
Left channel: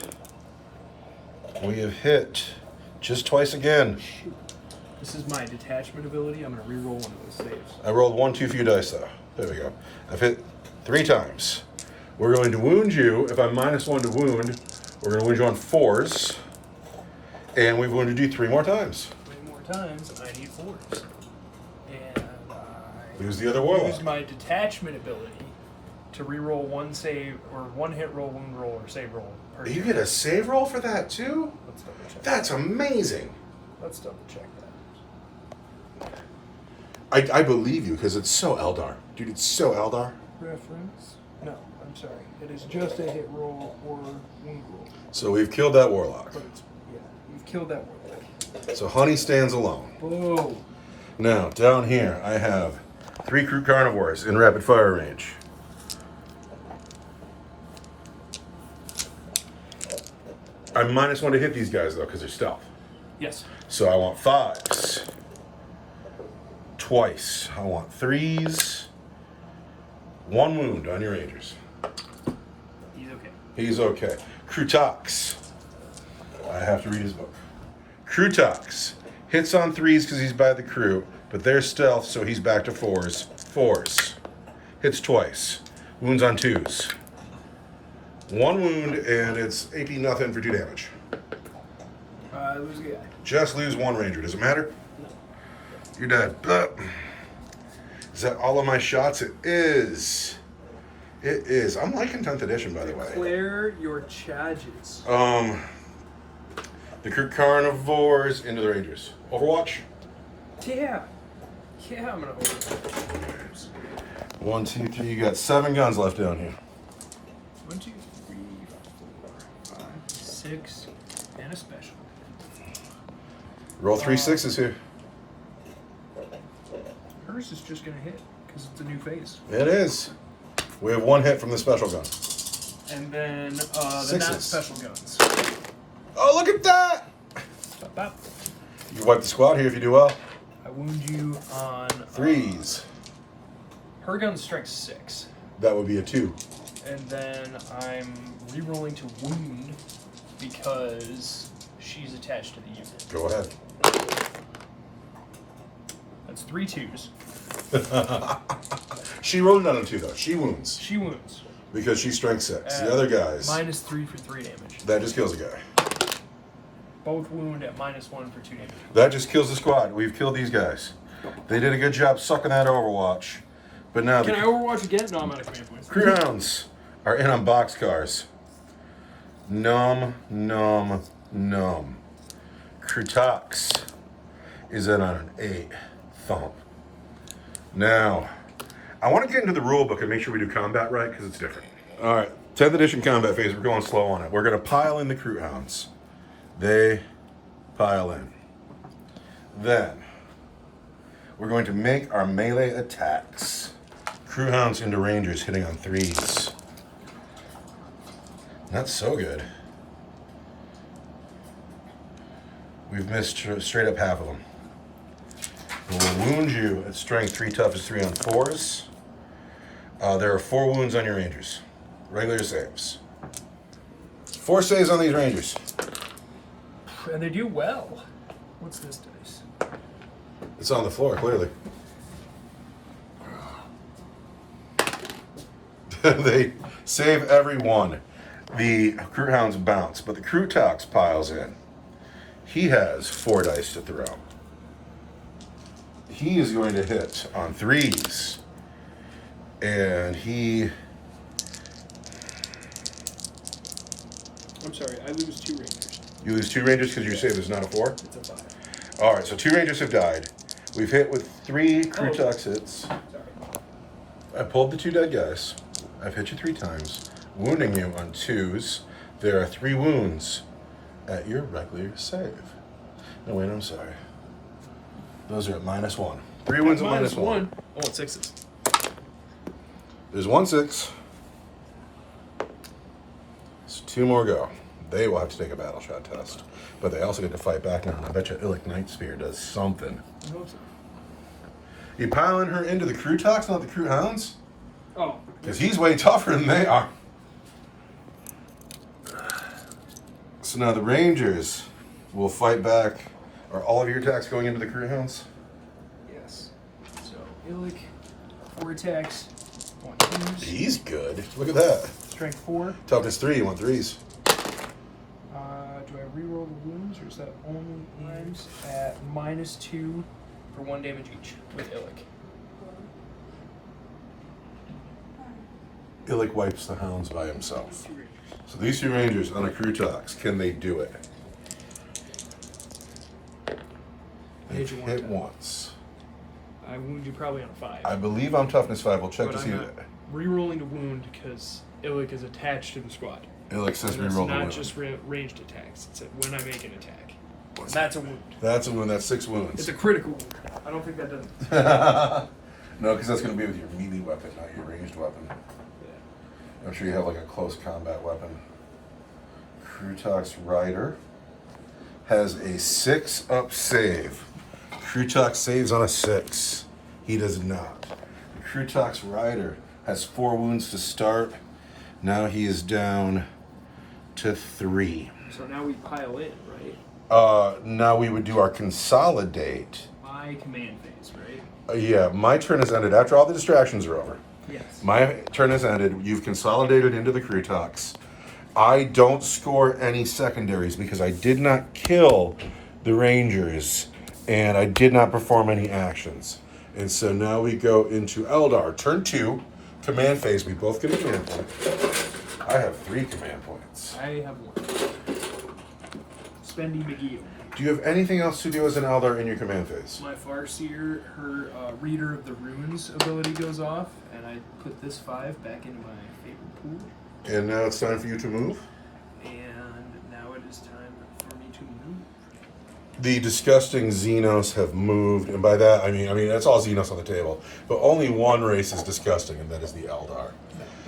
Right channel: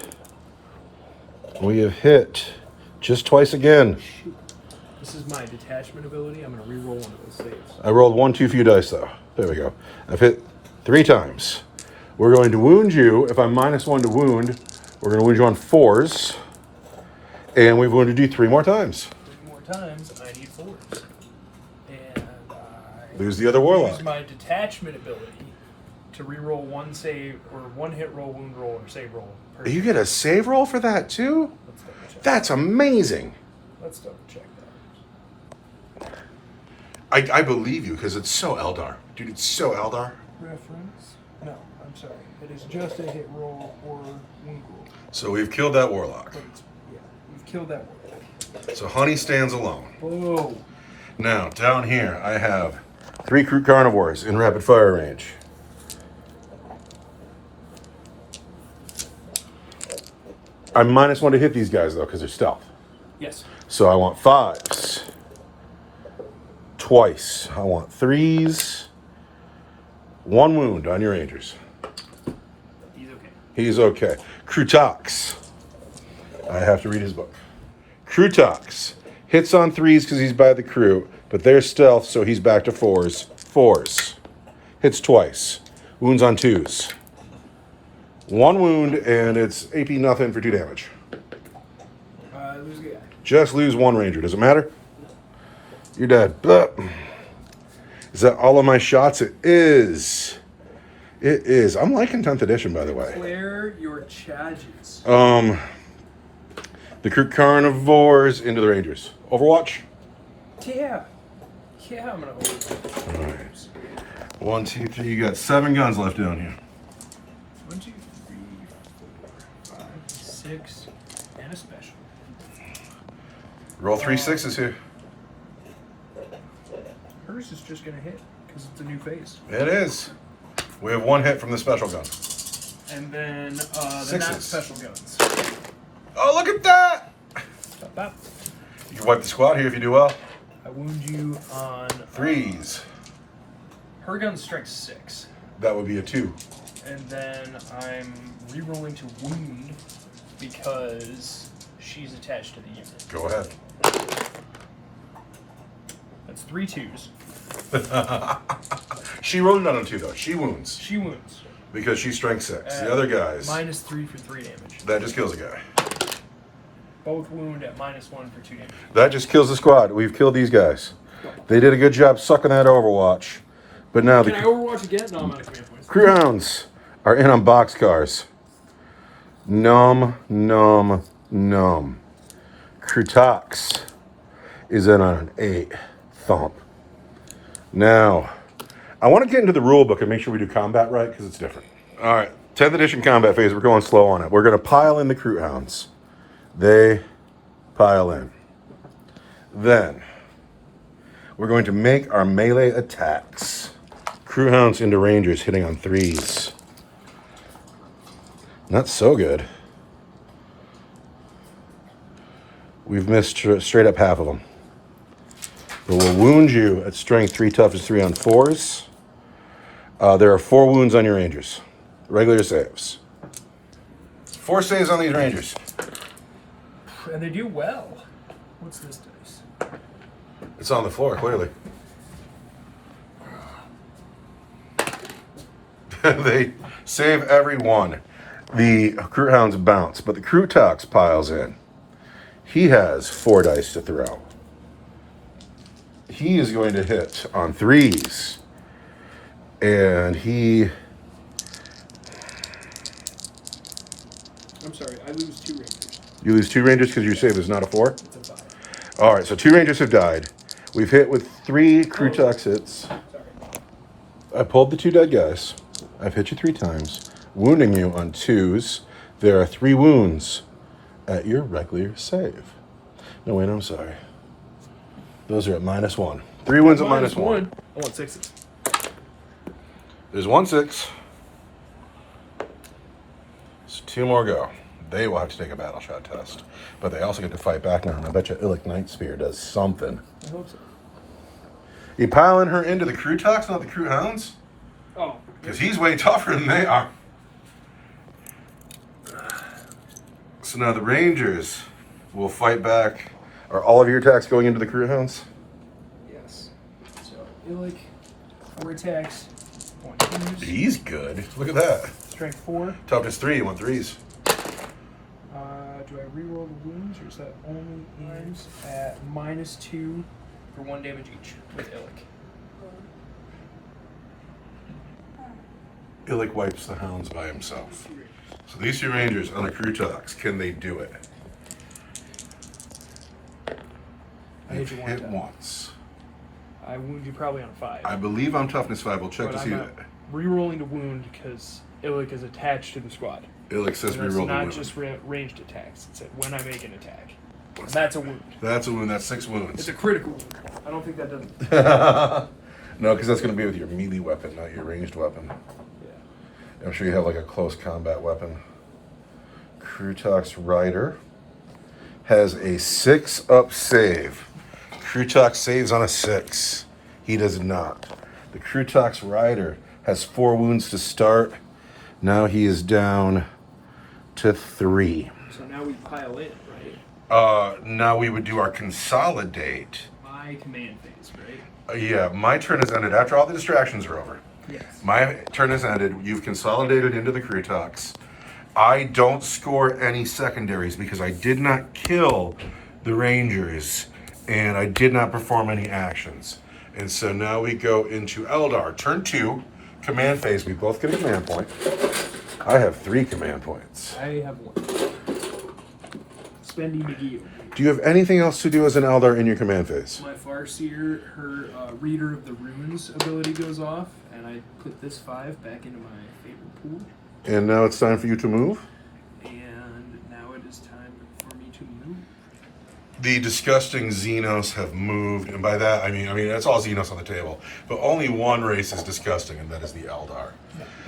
We have hit just twice again. Shoot. This is my detachment ability. I'm going to reroll one of those saves. I rolled 1 too few dice though. There we go. I've hit 3 times. We're going to wound you. If I'm -1 to wound, we're going to wound you on 4s. And we're going to do 3 more times. 3 more times, I need 4s. And I Lose the other Warlock. use my detachment ability to reroll 1 save, or 1 hit roll, wound roll, or save roll. Per You turn. get a save roll for that too? Let's double check. That's amazing. Let's double check that. I believe you because it's so Eldar. Dude, it's so Eldar. Reference? No, I'm sorry. It is just a hit roll or wound roll. So we've killed that Warlock. But it's, yeah, you've killed that warlock. So Honey stands alone. Oh. Now, down here, I have 3 Crew Carnivores in rapid fire range. I'm -1 to hit these guys, though, because they're stealth. Yes. So I want 5s. Twice. I want 3s. 1 wound on your Rangers. He's okay. He's okay. Krutax. I have to read his book. Krutax. Hits on 3s because he's by the crew, but they're stealth, so he's back to 4s. 4s. Hits twice. Wounds on 2s. 1 wound, and it's AP nothing for 2 damage. Lose a guy. Just lose 1 Ranger. Does it matter? No. You're dead. Is that all of my shots? It is. It is. I'm liking 10th edition, by the way. Declare your charges. The crew carnivores into the Rangers. Overwatch? Yeah. Yeah, I'm gonna hold it. All right. 1, 2, 3. You got 7 guns left down here. 1, 2, 3, 4, 5, 6, and a special. Roll 3 6s here. Hers is just gonna hit because it's a new phase. It is. We have 1 hit from the special gun. And then the not Sixes. special guns. Oh, look at that! Bop, bop. You can wipe the squad here if you do well. I wound you on 3s. Her gun's strength 6. That would be a 2. And then I'm re-rolling to wound because she's attached to the unit. Go ahead. That's 3 2s. She rolled on a 2 though. She wounds She wounds. because she's strength 6. The other guys, -3 for 3 damage. that just kills a guy. Both wound at -1 for 2 damage. That just kills the squad. We've killed these guys. They did a good job sucking that Overwatch. But now Can I the overwatch again? No, I'm out of command points. crew hounds are in on boxcars. Num, num, num. Krutax is in on an 8. Thump. Now, I want to get into the rule book and make sure we do combat right because it's different. All right, 10th edition combat phase. We're going slow on it. We're going to pile in the crew hounds. They pile in. Then, we're going to make our melee attacks. Crew hounds into Rangers hitting on 3s. Not so good. We've missed straight up half of them. But we'll wound you at strength 3, toughness 3 on 4s. There are 4 wounds on your Rangers. Regular saves. 4 saves on these Rangers. And they do well. What's this dice? It's on the floor, clearly. They save every one. The crew hounds bounce, but the crew tox piles in. He has 4 dice to throw. He is going to hit on 3s. And he... I'm sorry, I lose 2 Rangers. You lose 2 Rangers because your save is not a 4? It's a 5. All right, so 2 Rangers have died. We've hit with 3 crew tox hits. Sorry. I pulled the 2 dead guys. I've hit you 3 times, wounding you on 2s. There are 3 wounds at your regular save. No, wait, I'm sorry. Those are at -1. 3 wounds at -1. I want 6s. There's 1 6. So 2 more go. They will have to take a battle shot test. But they also get to fight back now. And I bet you Illic Night Spear does something. I hope so. You piling her into the crew tox, not the crew hounds? Oh. Because he's way tougher than they are. So now the Rangers will fight back. Are all of your attacks going into the crew hounds? Yes. So, Illic, 4 attacks, pointers. He's good. Look at that. Strength 4. Toughness 3, you want 3s. Do I reroll the wounds, or is that only wounds at -2 for 1 damage each with Illic? Illic wipes the hounds by himself. So these 2 Rangers on a crew tox, can they do it? I hit you 1 Hit time. once. I wound you probably on a 5. I believe I'm toughness 5. We'll check But to see I'm that. not re-rolling to wound because Illic is attached to the squad. Illic says And it's reroll the not wound. just ranged attacks. It's when I make an attack. And that's a wound. That's a wound. That's 6 wounds. It's a critical wound. I don't think that does it. No, because that's going to be with your melee weapon, not your ranged weapon. Yeah. I'm sure you have like a close combat weapon. Krutax Rider has a 6 up save. Krutax saves on a 6. He does not. The Krutax Rider has 4 wounds to start. Now he is down to 3. So now we pile in, right? Now we would do our consolidate. My command phase, right? Yeah, my turn has ended after all the distractions are over. Yes. My turn has ended. You've consolidated into the crew talks. I don't score any secondaries because I did not kill the Rangers and I did not perform any actions. And so now we go into Eldar. Turn 2, command phase. We both get a command point. I have 3 command points. I have 1. Spendy McGee. Do you have anything else to do as an Eldar in your command phase? My Farseer, her Reader of the Runes ability goes off, and I put this 5 back into my favorite pool. And now it's time for you to move? And now it is time for me to move. The disgusting Xenos have moved, and by that I mean that's all Xenos on the table. But only one race is disgusting, and that is the Eldar.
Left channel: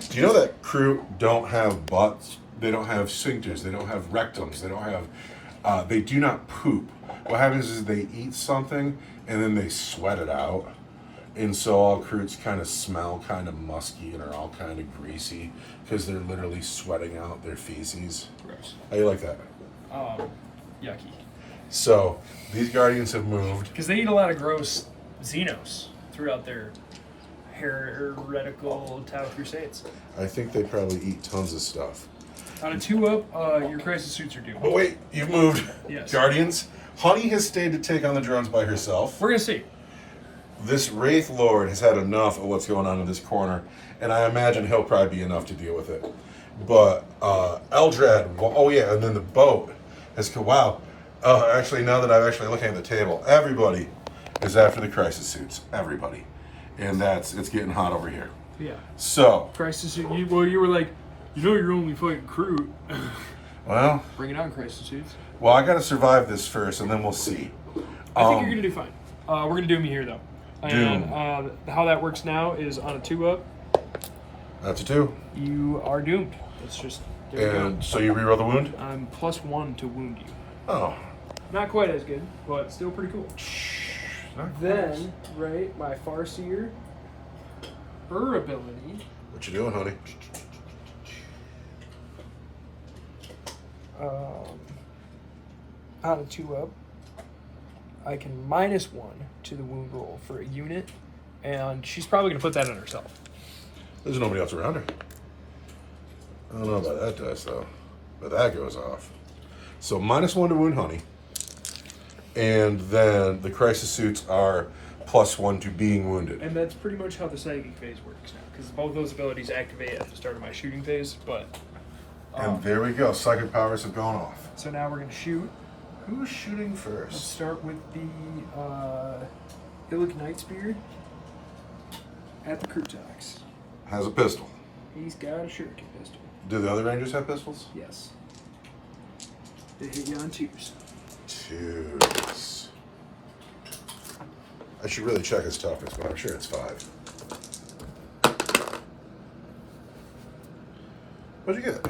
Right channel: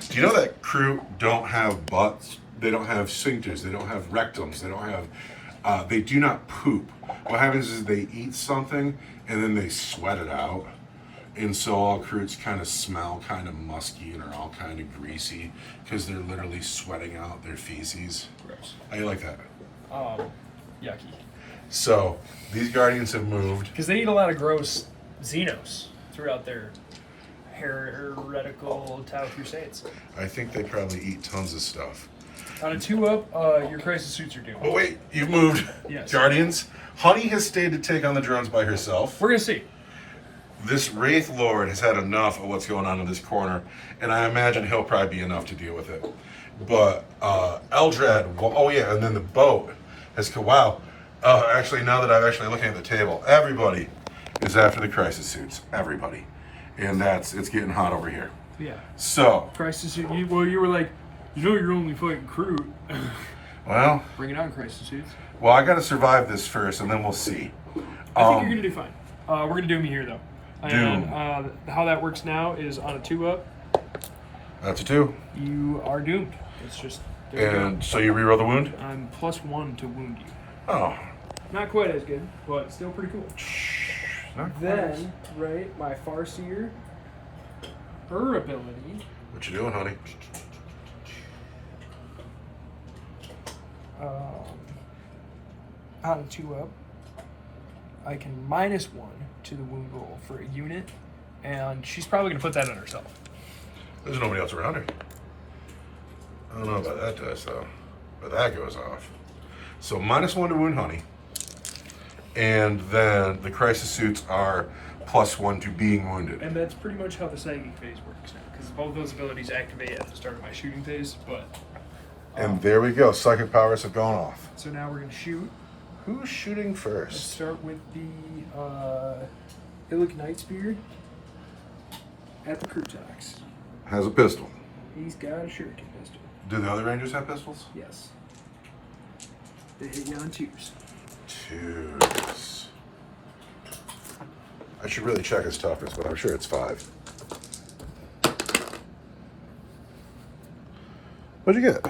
Do you know that crew don't have butts? They don't have sphincters. They don't have rectums. They don't have. They do not poop. What happens is they eat something and then they sweat it out, and so all crews kind of smell kind of musky and are all kind of greasy because they're literally sweating out their feces. Gross. How you like that? Yucky. So these Guardians have moved. Because they eat a lot of gross Xenos throughout their heretical Tau Crusades. I think they probably eat tons of stuff. On a 2-up, your crisis suits are doomed. Oh wait, you've moved. Yes. Guardians. Honey has stayed to take on the drones by herself. We're gonna see. This Wraith Lord has had enough of what's going on in this corner, and I imagine he'll probably be enough to deal with it. But Eldrad, oh yeah, and then the boat has come. Wow. Actually, now that I'm actually looking at the table, everybody is after the crisis suits. Everybody, and it's getting hot over here. Yeah. So Crisis suit. You were like, you're only fighting crew. well, Bring it on, crisis suits. well, I got to survive this first, and then we'll see. I think you're gonna do fine. We're gonna doom you here though. Doom. And how that works now is on a 2-up, That's a 2. you are doomed. It's just there you And so you reroll the wound? go. I'm +1 to wound you. Oh. Not quite as good, but still pretty cool. Not quite. Then, right, my Farseer, her ability. What you doing, honey? On a 2-up, I can -1 to the wound roll for a unit, and she's probably gonna put that on herself. There's nobody else around her. I don't know about that dice though, but that goes off. So -1 to wound honey, and then the crisis suits are +1 to being wounded. And that's pretty much how the psychic phase works now, because both those abilities activate at the start of my shooting phase. But And there we go. Psychic powers have gone off. so now we're gonna shoot. Who's shooting Let's first? start with the Illic Nightspear at the Krutax. Has a pistol. He's got a shuriken pistol. Do the other Rangers have pistols? Yes. They hit you on 2s. 2s. I should really check his toughness, but I'm sure it's 5. What'd you get?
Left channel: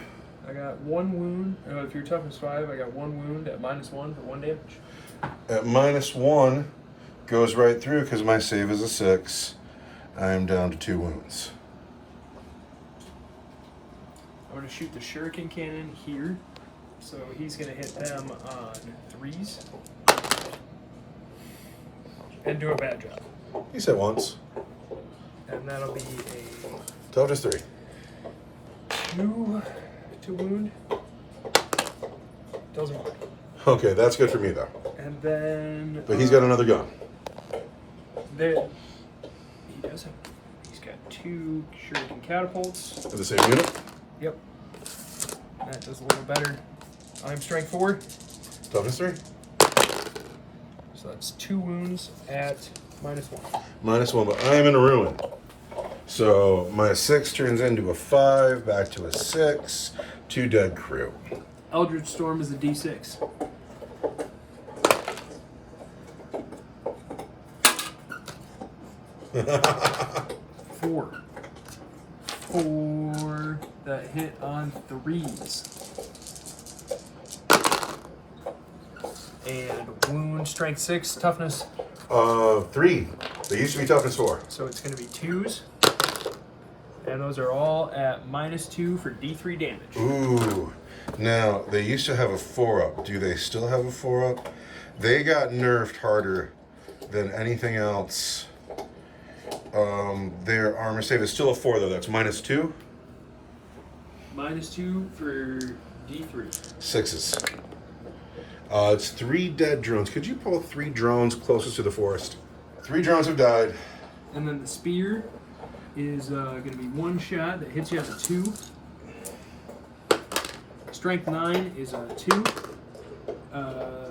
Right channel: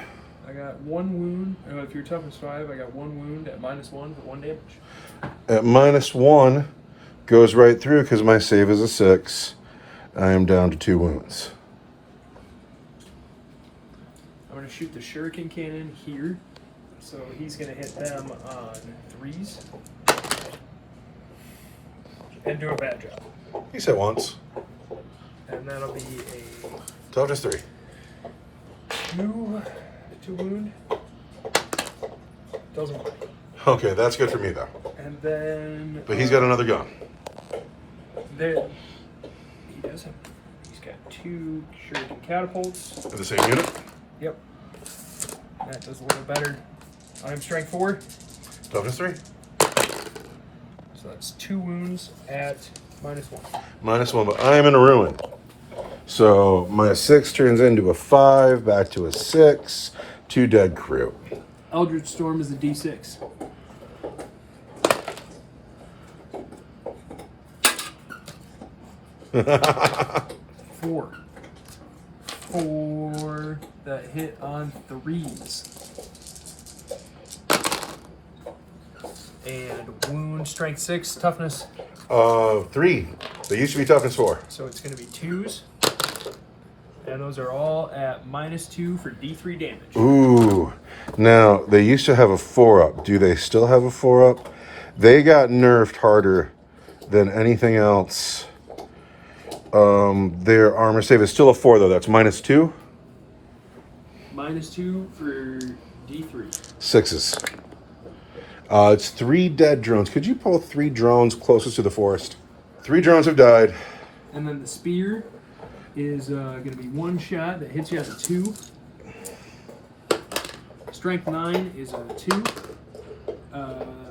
I got 1 wound. If your toughness 5, I got 1 wound at -1 for 1 damage. At -1 goes right through because my save is a 6. I am down to 2 wounds. I'm going to shoot the shuriken cannon here. So he's going to hit them on 3s. And do a bad job. He's hit once. And that'll be a Toughness 3. 2 to wound. Doesn't work. Okay, that's good for me though. And then... But he's got another gun. There, he doesn't. He's got 2 shuriken catapults. In the same unit. Yep. That does a little better. I'm strength 4. Toughness 3. So that's 2 wounds at -1. -1, but I am in a ruin. So my 6 turns into a 5, back to a 6, 2 dead crew. Eldritch Storm is a D6. Four that hit on 3s. And wound, strength 6, toughness. 3. They used to be toughness 4. So it's going to be 2s. And those are all at -2 for D3 damage. Ooh. Now, they used to have a 4-up. Do they still have a 4-up? They got nerfed harder than anything else. Their armor save is still a 4, though. That's -2? -2 for D3. 6s. It's 3 dead drones. Could you pull 3 drones closest to the forest? 3 drones have died. And then the spear is going to be 1 shot that hits you as a 2. Strength 9 is a 2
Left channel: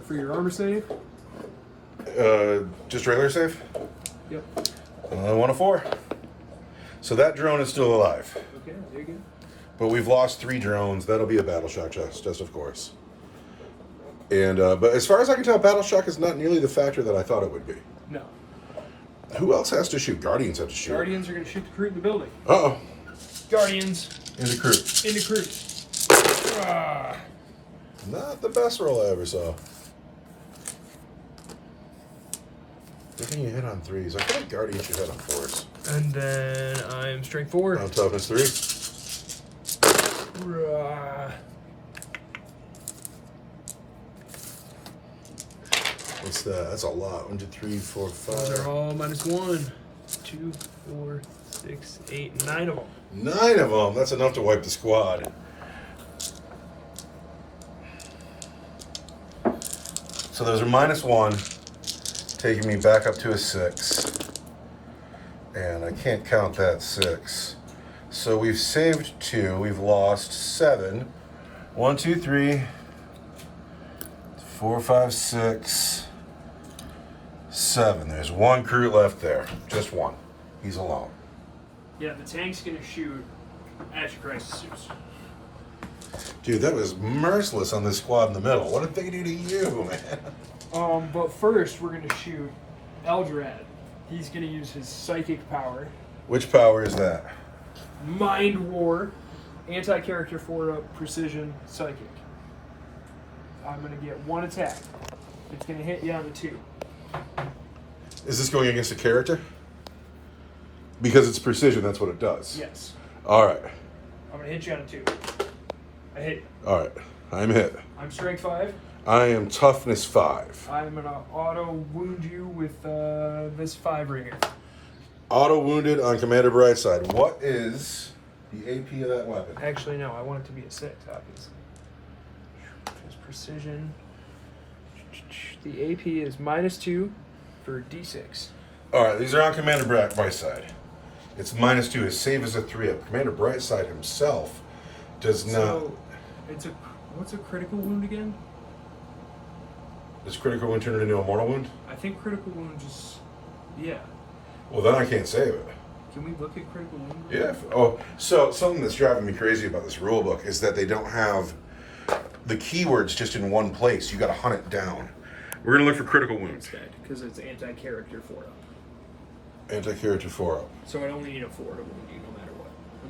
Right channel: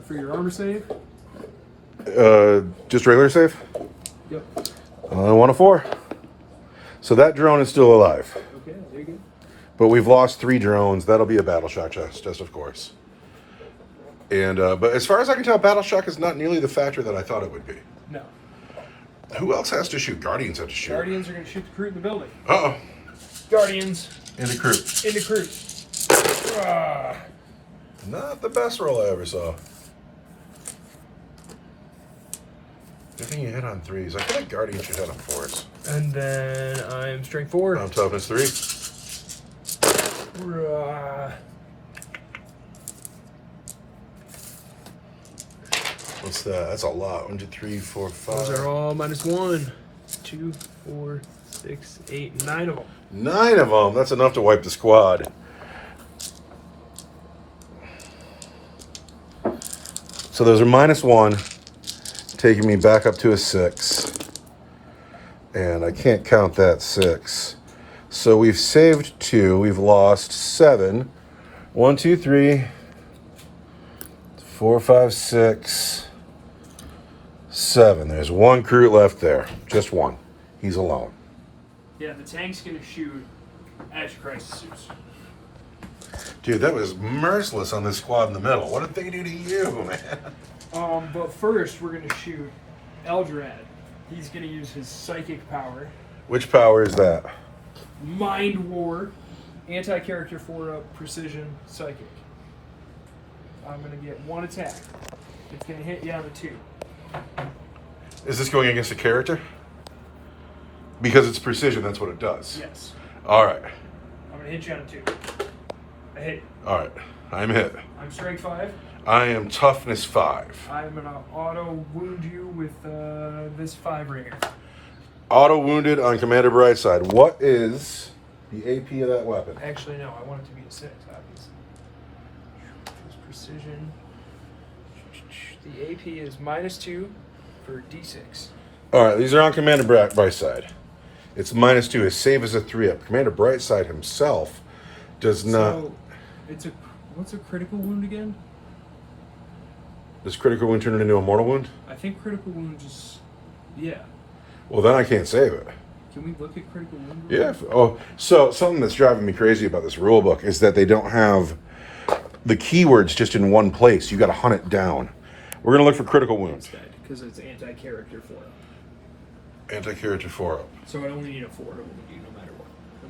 for your armor save. Just regular save? Yep. Only 1 of 4. So that drone is still alive. Okay, there you go. But we've lost 3 drones. That'll be a battle shock test, of course. And but as far as I can tell, battle shock is not nearly the factor that I thought it would be. No. Who else has to shoot? Guardians have to shoot. Guardians are going to shoot the crew in the building. Uh-oh. Guardians. In the crew. In the crew. Ah. Not the best roll I ever saw. Good thing you hit on 3s. I feel like Guardians should hit on 4s. And then I'm strength 4. On toughness 3. What's that? That's a lot. 1, 2, 3, 4, 5. Those are all -1. 2, 4, 6, 8, 9 of them. 9 of them. That's enough to wipe the squad. So those are -1, taking me back up to a 6. And I can't count that 6. So we've saved 2. We've lost 7. 1, 2, 3, 4, 5, 6, 7. There's 1 crew left there. Just 1. He's alone. Yeah, the tank's going to shoot at your crisis suits. Dude, that was merciless on this squad in the middle. What did they do to you, man? But first, we're going to shoot Eldrad. He's going to use his psychic power. Which power is that? Mind War, anti-character 4-up, precision, psychic. I'm going to get 1 attack. It's going to hit you on the 2. Is this going against a character? Because it's precision, that's what it does. Yes. All right. I'm going to hit you on a 2. I hit. All right. I'm hit. I'm strength 5. I am toughness 5. I'm going to auto wound you with this 5 ringer. Auto wounded on Commander Brightside. What is the AP of that weapon? Actually, no. I want it to be a 6, obviously. It's precision. The AP is -2 for D6. All right. These are on Commander Brightside. It's -2. His save is a 3-up. Commander Brightside himself does not. So, what's a critical wound again? Does critical wound turn into a mortal wound? I think critical wound just, yeah. Well, then I can't save it. Can we look at critical wound? Yeah. Oh, so something that's driving me crazy about this rule book is that they don't have the keywords just in one place. You got to hunt it down. We're gonna look for critical wounds. Because it's anti-character 4-up. Anti-character 4-up. So I only need a 4 to wound you no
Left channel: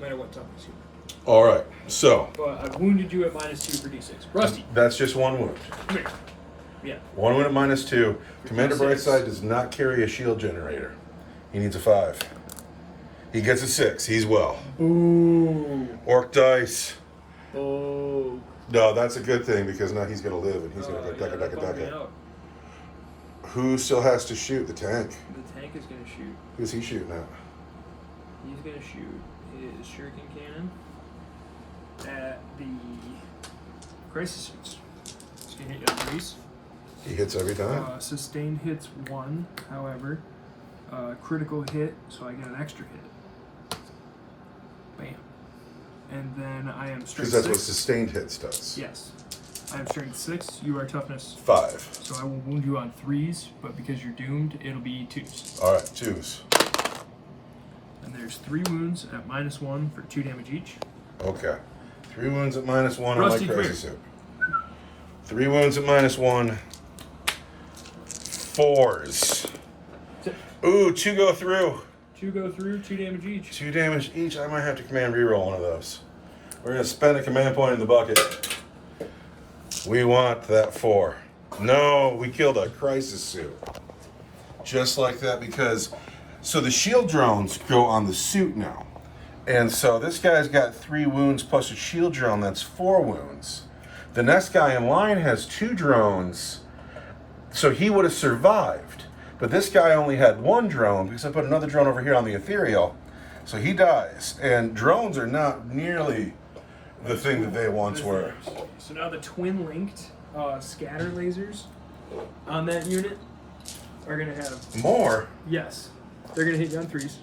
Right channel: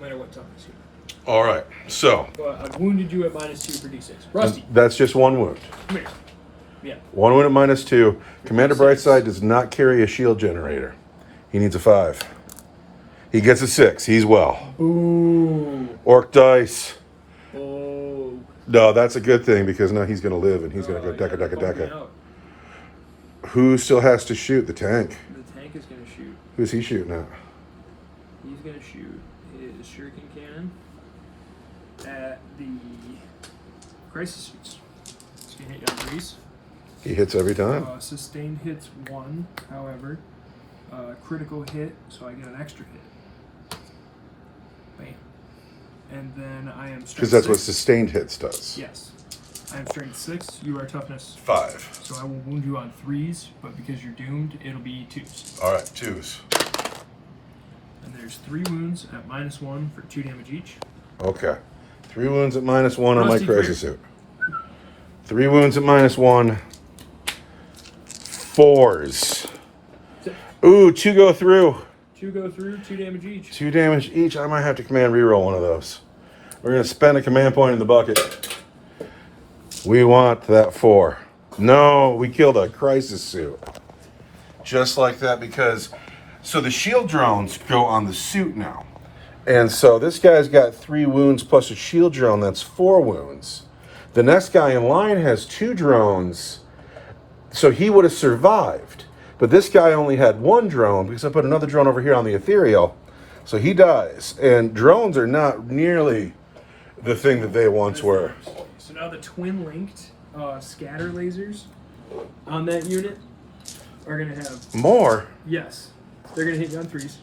matter what toughness you're at. All right. So But I've wounded you at -2 for D6. Rusty, that's just 1 wound. come here. Yeah. 1 wound at -2. Commander Brightside does not carry a shield generator. He needs a 5. He gets a 6. He's well. Ooh. Orc dice. Oh. No, that's a good thing because now he's going to live and he's going to go deca. Who still has to shoot? The tank. The tank is going to shoot. Who's he shooting at? He's going to shoot his shuriken cannon at the crisis suits. It's going to hit you on 3s. He hits every time. Sustained hits 1, however. Critical hit, so I get an extra hit. Bam. And then I am strength Because that's 6. what sustained hits does. Yes. I am strength 6, you are toughness 5. So I will wound you on 3s, but because you're doomed, it'll be 2s. All right, 2s. And there's 3 wounds at -1 for 2 damage each. Okay. 3 wounds at -1 on my Rusty, crisis suit. 3 wounds at -1. 4s. Ooh, 2 go through. 2 go through, 2 damage each. 2 damage each. I might have to command reroll one of those. We're going to spend a command point in the bucket. We want that 4. No, we killed a crisis suit. Just like that because... So the shield drones go on the suit now. And so this guy's got 3 wounds plus a shield drone. That's 4 wounds. The next guy in line has 2 drones. So he would have survived. But this guy only had 1 drone because I put another drone over here on the ethereal. So he dies. And drones are not nearly the thing that they once were. So now the twin linked scatter lasers on that unit are going to have... More? Yes. They're going to hit you on 3s.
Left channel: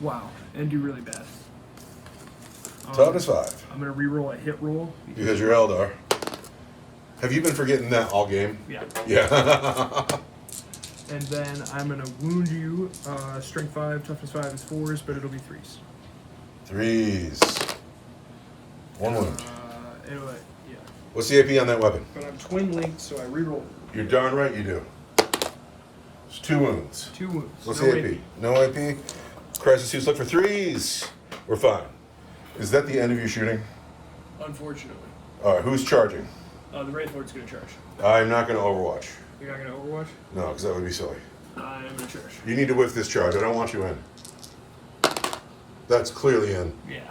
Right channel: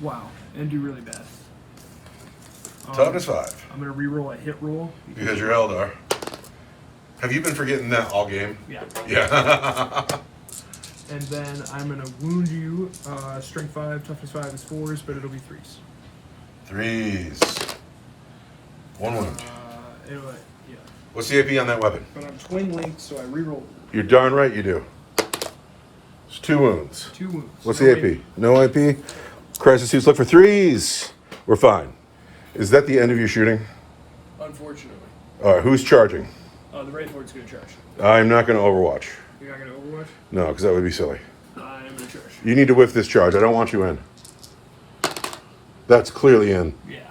Wow. And do really bad. Toughness 5. I'm going to reroll a hit roll. Because you're Eldar. Have you been forgetting that all game? Yeah. Yeah. And then I'm going to wound you. Strength 5, toughness 5 is 4s, but it'll be 3s. 3s. 1 wound. Anyway, yeah. What's the AP on that weapon? But I'm twin linked, so I reroll. You're darn right you do. It's 2 wounds. 2 wounds. What's No the AP? No AP? Crisis suits look for 3s. We're fine. Is that the end of your shooting? Unfortunately. All right, who's charging? The Wraith Lord's going to charge. I'm not going to Overwatch. You're not going to Overwatch? No, because that would be silly. I'm going to charge. You need to whiff this charge. I don't want you in. That's clearly in. Yeah.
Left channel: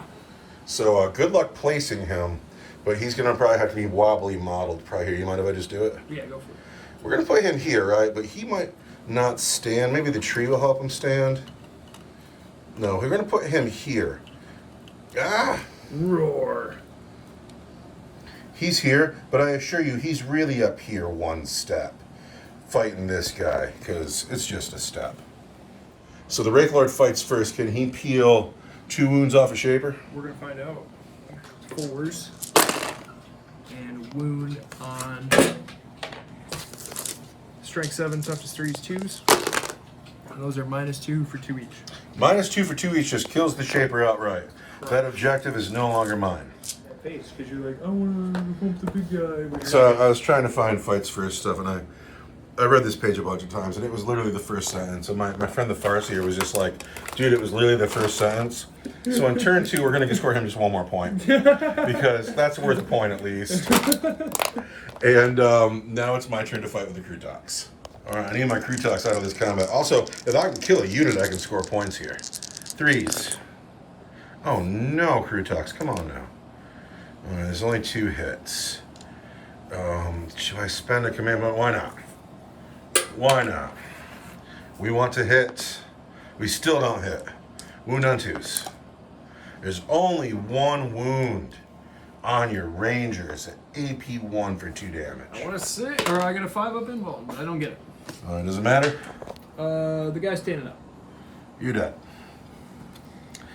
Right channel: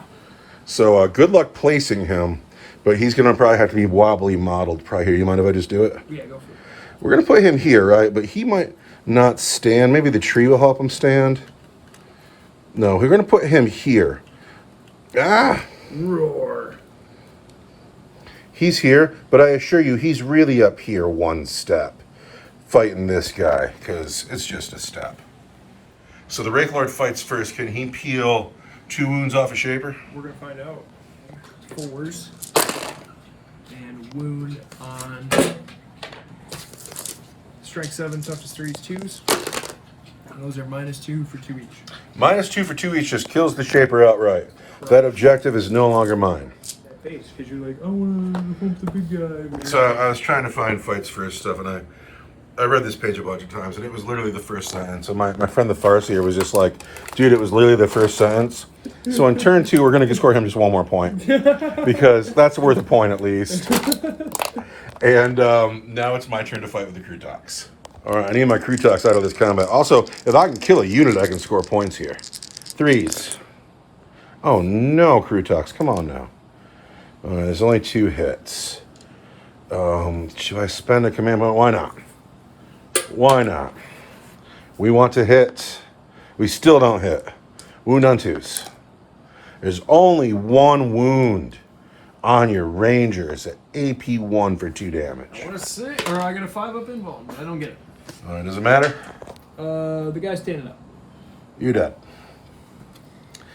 So good luck placing him, but he's going to probably have to be wobbly modeled probably here. You mind if I just do it? Yeah, go for it. We're going to put him here, right? But he might not stand. Maybe the tree will help him stand. No, we're going to put him here. Ah! Roar. He's here, but I assure you, he's really up here 1 step fighting this guy, because it's just a step. So the Wraith Lord fights first. Can he peel 2 wounds off a Shaper? We're going to find out. 4s. And wound on strength 7, toughness 3s, 2s. And those are -2 for 2 each. -2 for 2 each just kills the Shaper outright. That objective is no longer mine. That face, because you're like, I want to hump the big guy. So I was trying to find fights first stuff, and I read this page a bunch of times, and it was literally the first sentence. So my friend the Farseer was just like, dude, it was literally the first sentence. So in turn 2, we're going to score him just 1 more point. Because that's worth a point at least. And now it's my turn to fight with the Krutox. All right, I need my Krutox out of this combat. Also, if I can kill a unit, I can score points here. 3s. Oh no, Krutox, come on now. There's only 2 hits. Should I spend a command point? Why not? Why not? We want to hit. We still don't hit. Wound on 2s. There's only 1 wound on your Rangers at AP 1 for 2 damage. I want to sit, or I got a 5 up invuln, but I don't get it. Does it matter? The guy's standing up. You're dead.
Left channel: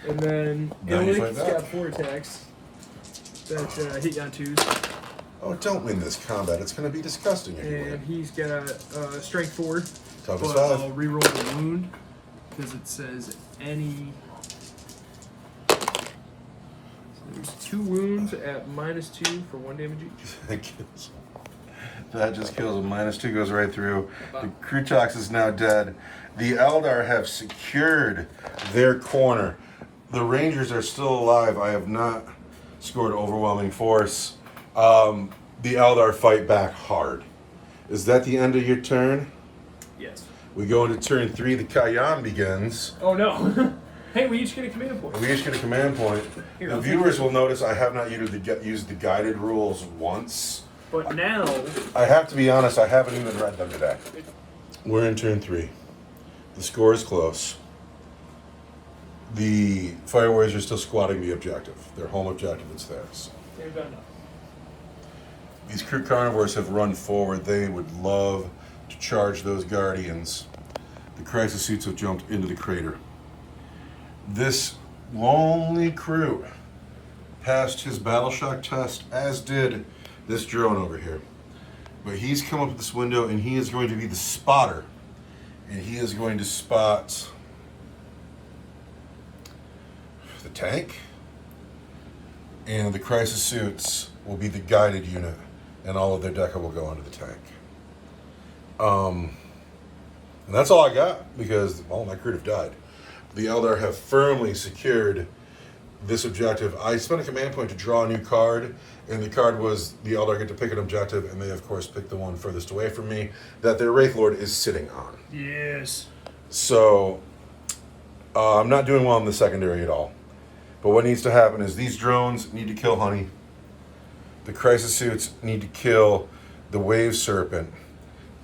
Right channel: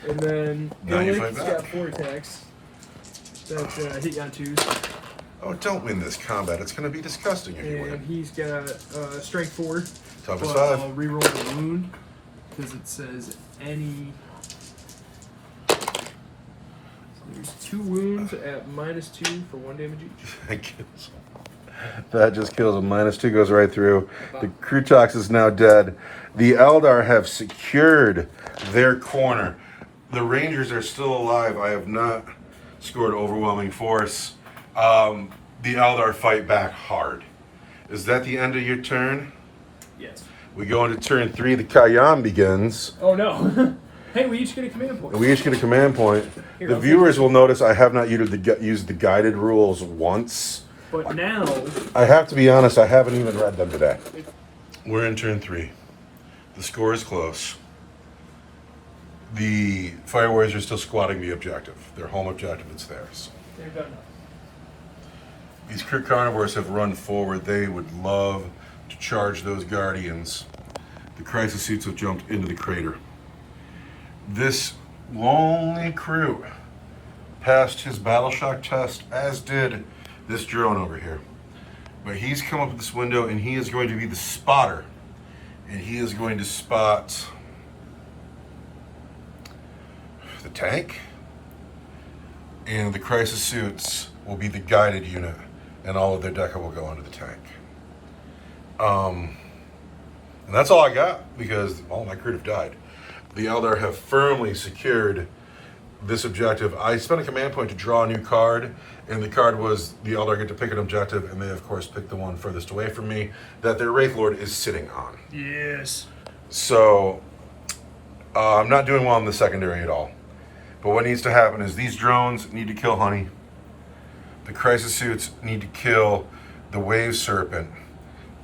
And then Now you Illick's fight back. got 4 attacks that hit you on 2s. Oh, don't win this combat. It's going to be disgusting if you And win. he's got strength 4. Toughness But 5. I'll reroll the wound because it says any. There's 2 wounds at -2 for 1 damage each. That just kills him. -2 goes right through. The Krutox is now dead. The Eldar have secured their corner. The Rangers are still alive. I have not scored overwhelming force. The Eldar fight back hard. Is that the end of your turn? Yes. We go into turn 3. The Kayan begins. Oh no. Hey, we each get a command point. We each get a command point. Here, The I'll viewers take will notice I have not used the guided rules once. But now. I have to be honest, I haven't even read them today. We're in turn 3. The score is close. The Fire Warriors are still squatting the objective. Their home objective is theirs. They've done enough. These Kryn Carnivores have run forward. They would love to charge those Guardians. The Crisis Suits have jumped into the crater. This lonely crew passed his battle shock test, as did this drone over here. But he's come up with this window, and he is going to be the spotter. And he is going to spot the tank. And the Crisis Suits will be the guided unit, and all of their deca will go into the tank. And that's all I got, because all my crew have died. The Eldar have firmly secured this objective. I spent a command point to draw a new card, and the card was the Eldar get to pick an objective, and they of course picked the one furthest away from me that their Wraith Lord is sitting on. Yes. So I'm not doing well in the secondary at all. But what needs to happen is these drones need to kill Honey. The crisis suits need to kill the Wave Serpent.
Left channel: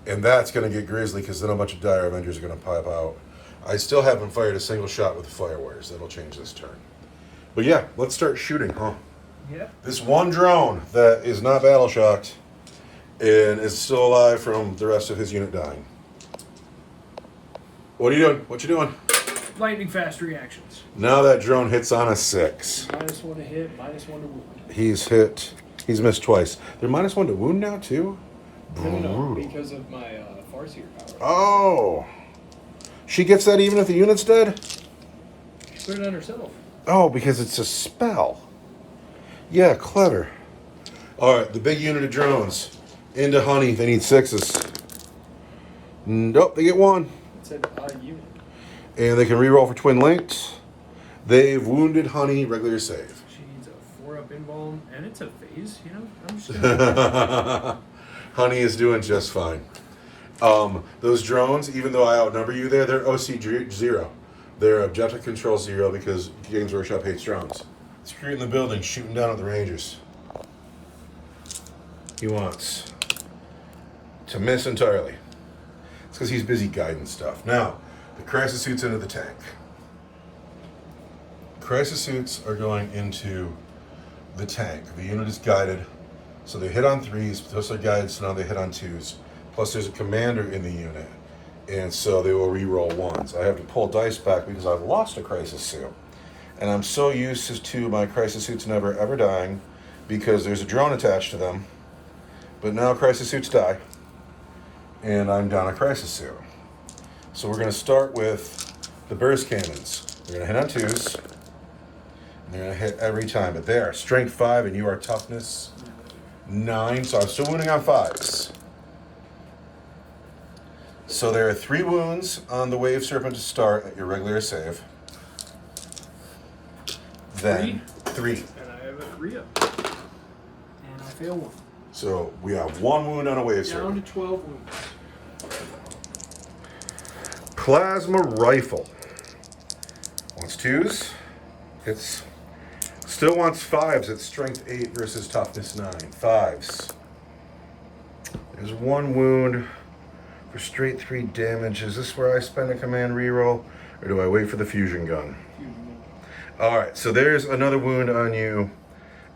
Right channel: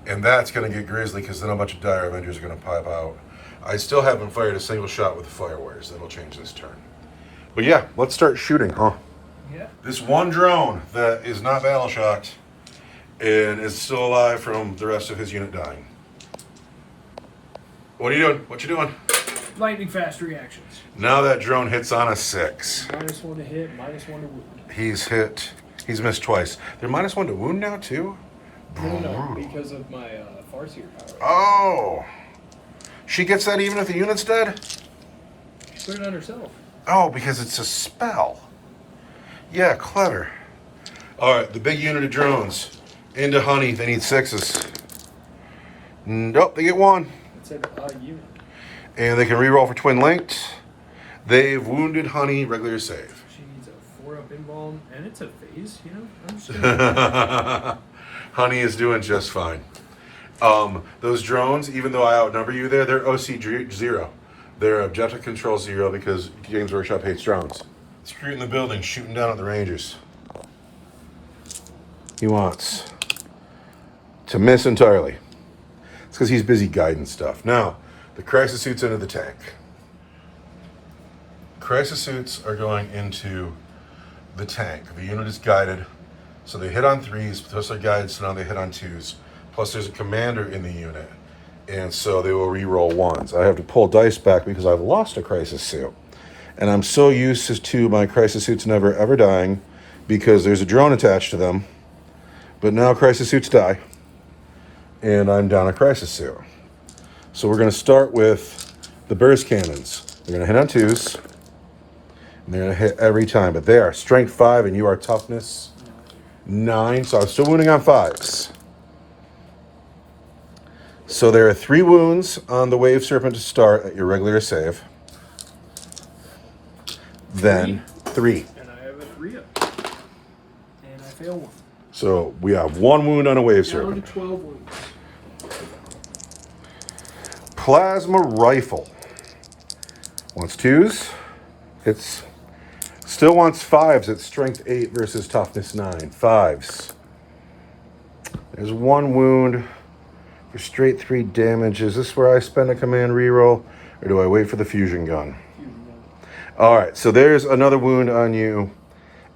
And that's going to get grisly because then a bunch of Dire Avengers are going to pop out. I still haven't fired a single shot with the Fire Warriors. That'll change this turn. But yeah, let's start shooting, huh? Yeah. This one drone that is not battle shocked and is still alive from the rest of his unit dying. What are you doing? What you doing? Lightning fast reactions. Now that drone hits on a 6. -1 to hit, -1 to wound. He's missed twice. They're -1 to wound now too? No, because of my Farseer power. Oh. She gets that even if the unit's dead? She put it on herself. Oh, because it's a spell. Yeah, clever. Alright, the big unit of drones. Into Honey, they need 6s. Nope, they get 1. It said unit. And they can reroll for twin linked. They've wounded Honey, regular save. She needs a 4-up invuln, and it's a phase, you know? I'm just gonna... Honey is doing just fine. Those drones, even though I outnumber you there, they're OC 0. They're objective control 0 because Games Workshop hates drones. Screw in the building, shooting down at the Rangers. He wants to miss entirely. It's because he's busy guiding stuff. Now, the crisis suits into the tank. Crisis suits are going into the tank. The unit is guided, so they hit on 3s, plus they're guided, so now they hit on 2s. Plus there's a commander in the unit, and so they will re-roll 1s. I have to pull dice back because I've lost a crisis suit. And I'm so used to my crisis suits never ever dying because there's a drone attached to them. But now crisis suits die, and I'm down a crisis suit. So we're going to start with the burst cannons. They're going to hit on 2s, and they're going to hit every time. But they are strength 5, and you are toughness 9, so I'm still wounding on 5s. So there are 3 wounds on the Wave Serpent to start at your regular save. Then 3. And I have a 3-up. And I fail 1. So we have 1 wound on a Wave Down Serpent. to 12 wounds. Plasma Rifle. Wants 2s. It's still wants 5s. It's strength 8 versus toughness 9. 5s. There's 1 wound for straight 3 damage. Is this where I spend a command reroll, or do I wait for the fusion gun? All right, so there's another wound on you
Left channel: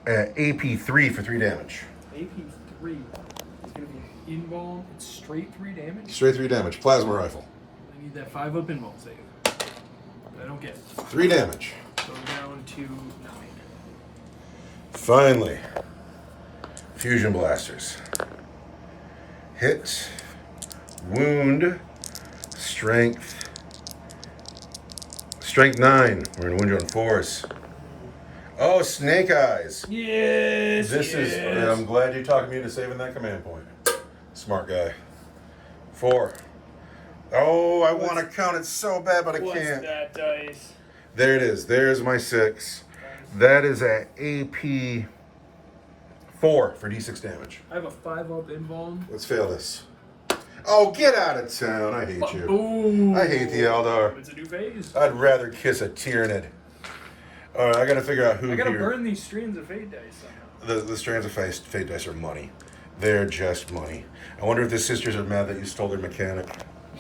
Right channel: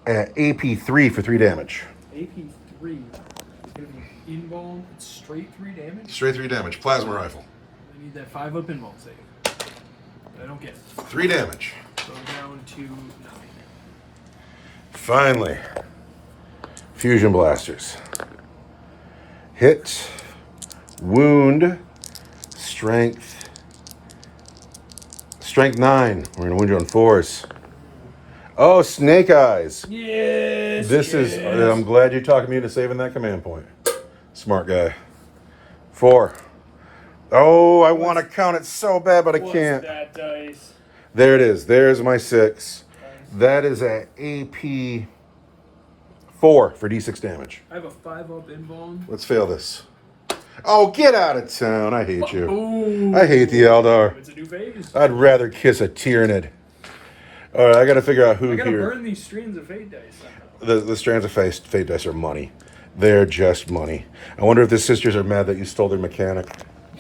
at AP 3 for 3 damage. AP 3 is going to be invuln. It's straight 3 damage. Straight 3 damage. Plasma Rifle. I need that 5-up invuln save. I don't get it. 3 damage. So I'm down to 9. Finally, Fusion Blasters. Hit, wound, strength 9. We're gonna wound you on 4s. Oh, Snake Eyes. Yes. This is. I'm glad you talked me into saving that command point. Smart guy. 4. Oh, I want to count it so bad, but I can't. That dice? There it is. There's my 6. That is at AP 4 for D6 damage. I have a 5-up invuln. Let's fail this. Oh, get out of town. I hate you. Ooh. I hate the Eldar. It's a new phase. I'd rather kiss a Tyranid. All right, I got to figure out who I gotta here. burn these strands of fate dice somehow. The strands of fate dice are money. They're just money. I wonder if the sisters are mad that you stole their mechanic.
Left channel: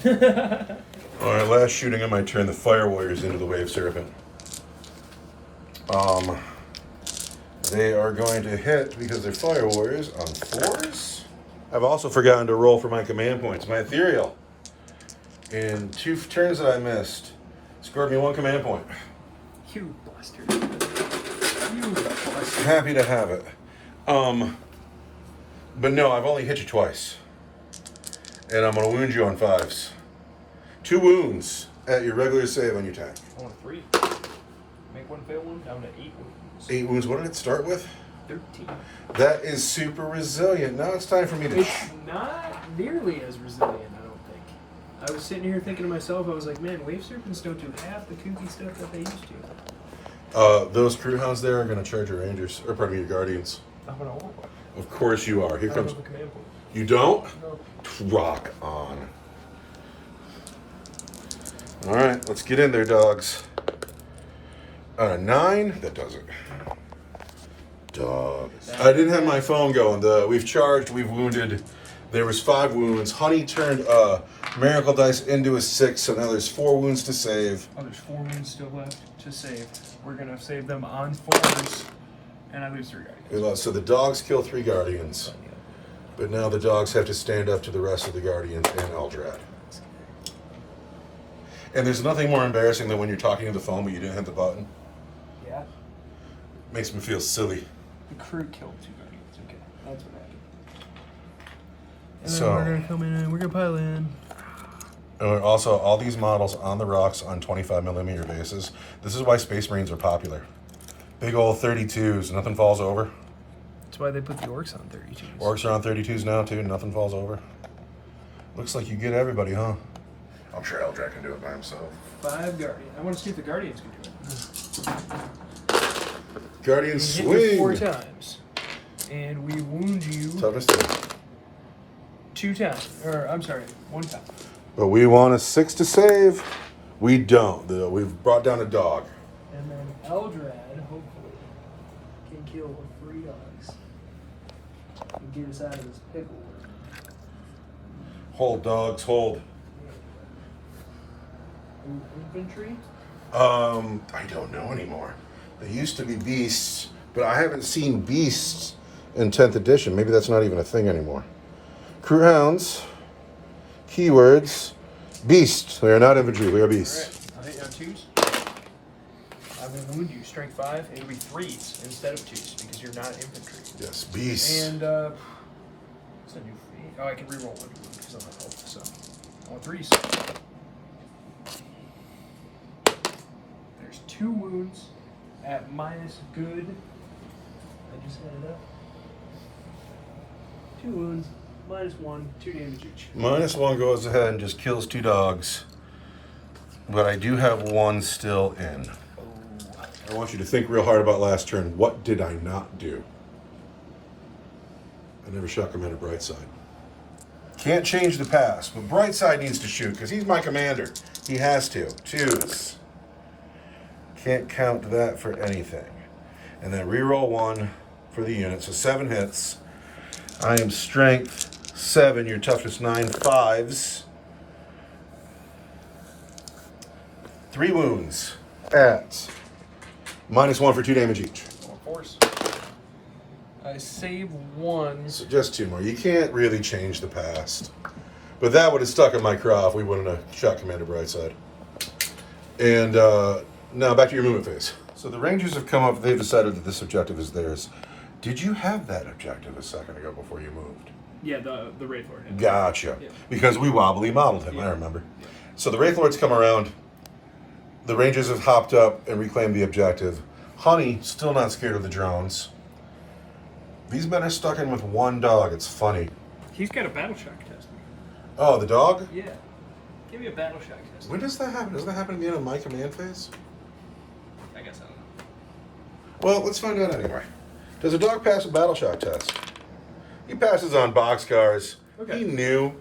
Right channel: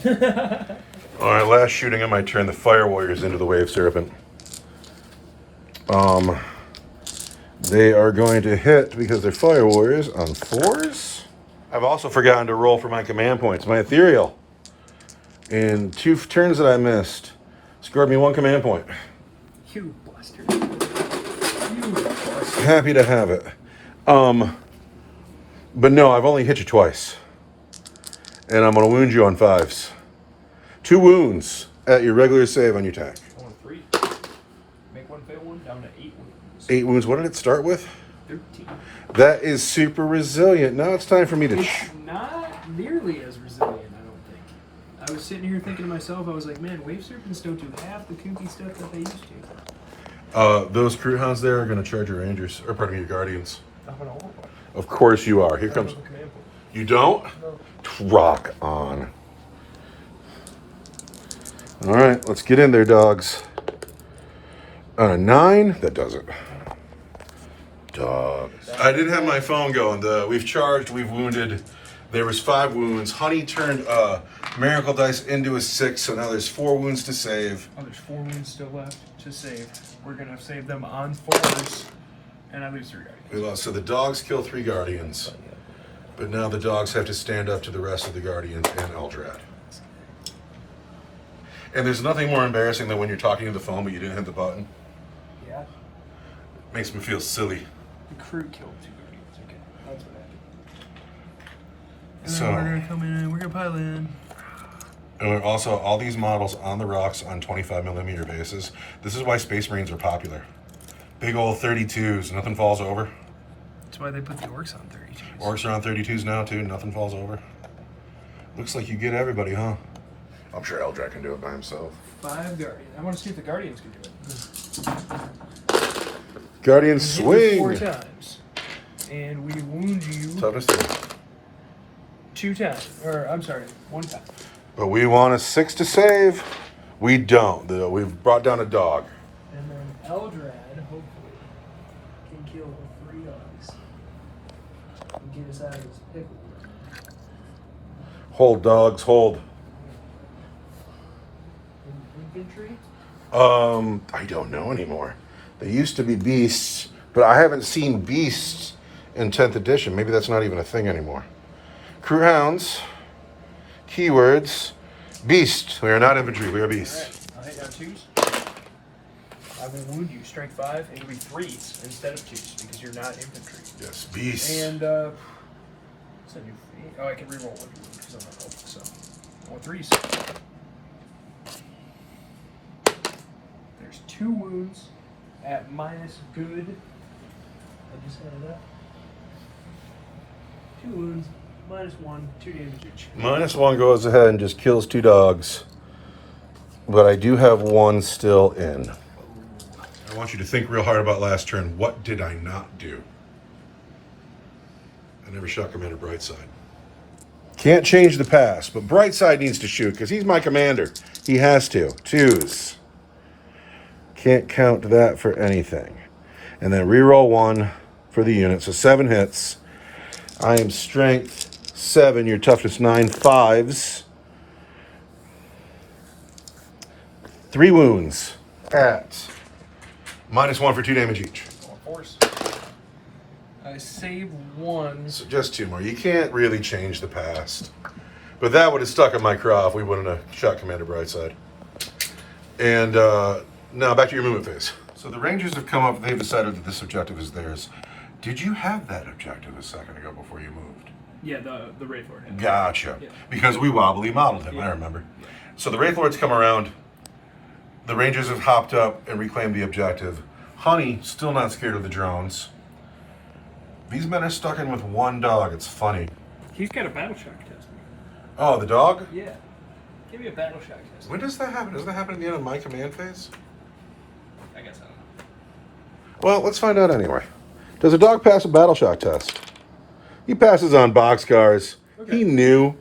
All right, last shooting on my turn. The Fire Warriors into the Wave Serpent. They are going to hit because they're Fire Warriors on 4s. I've also forgotten to roll for my command points. My Ethereal, in 2 turns that I missed, scored me 1 command point. You bastard. You bastard. Happy to have it. But no, I've only hit you twice. And I'm going to wound you on 5s. 2 wounds at your regular save on your tank. I want 3. Make 1 fail 1, down to 8 wounds. 8 wounds. What did it start with? 13. That is super resilient. Now it's time for me to... It's not nearly as resilient, I don't think. I was sitting here thinking to myself, I was like, man, Wave Serpents don't do half the kooky stuff that they used to. Those Crew Hounds there are going to charge your Rangers, or pardon me, your Guardians. I'm gonna hold one. Of course you are. Here comes... I don't have a command point. You don't? No. Rock on. All right, let's get in there, dogs. 9, that does it. Dogs. I didn't have my phone going. We've charged, we've wounded. There was 5 wounds. Honey turned Miracle Dice into a 6, so now there's 4 wounds to save. Oh, there's 4 wounds still left to save. We're gonna save them on 4s, and I lose 3 guardians. We lost. So the dogs kill 3 guardians, but now the dogs have to stand up to the rest of the guardians and Eldrad. And there's nothing more embarrassing than when you're talking to the phone but you didn't hit the button. Yeah. Makes me feel silly. The crew killed 2 guardians. Okay, that's what happened. And So then we're gonna come in. We're gonna pile in. And also, all these models on the rocks on 25mm bases. This is why Space Marines are popular. Big old 32s, nothing falls over. That's why they put the orcs on 32s. Orcs are on 32s now too, nothing falls over. Looks like you get everybody, huh? I'm sure Eldrad can do it by himself. 5 guardians. I want to see if the guardians can do it. Guardians We hit you swing! 4 times. And we wound you Toughness 2. 2 times. Or, I'm sorry, 1 time. But we want a 6 to save. We don't. We've brought down a dog. And then Eldrad, hopefully, can kill the 3 dogs. And get us out of this pickle. Hold, dogs, hold. Infantry? I don't know anymore. They used to be beasts, but I haven't seen beasts in 10th edition. Maybe that's not even a thing anymore. Crew hounds, keywords, beast. We are not infantry, we are beasts. Alright, I'll hit you on 2s. I will wound you, strength 5, and it'll be 3s instead of 2s because you're not infantry. Yes, beasts. And, what's that new feat? Oh, I can reroll 1 because I'm not health, so I want 3s. There's 2 wounds at minus good. I just added up. 2 wounds, minus 1, 2 damage each. -1 goes ahead and just kills 2 dogs. But I do have 1 still in. I want you to think real hard about last turn. What did I not do? I never shot Commander Brightside. Can't change the past, but Brightside needs to shoot because he's my commander. He has to. 2s. Can't count that for anything. And then reroll 1 for the unit. So 7 hits. I am strength 7. Your toughness 9. 5s. 3 wounds at -1 for 2 damage each. Force. I save 1. So just 2 more. You can't really change the past. But that would have stuck in my craw if we wouldn't have shot Commander Brightside. And now back to your movement phase. So the Rangers have come up. They've decided that this objective is theirs. Did you have that objective a second ago before you moved? Yeah, the Wraith Lord. Gotcha. Yeah. Because we wobbly modeled him, Yeah. I remember. Yeah. So the Wraith Lords come around. The Rangers have hopped up and reclaimed the objective. Honey, still not scared of the drones. These men are stuck in with 1 dog. It's funny. He's got a battle shock test. Oh, the dog? Yeah. Give me a battle shock test. When does that happen? Doesn't that happen at the end of my command phase? I guess I don't know. Well, let's find out anyway. Does a dog pass a battle shock test? He passes on boxcars. Okay. He knew.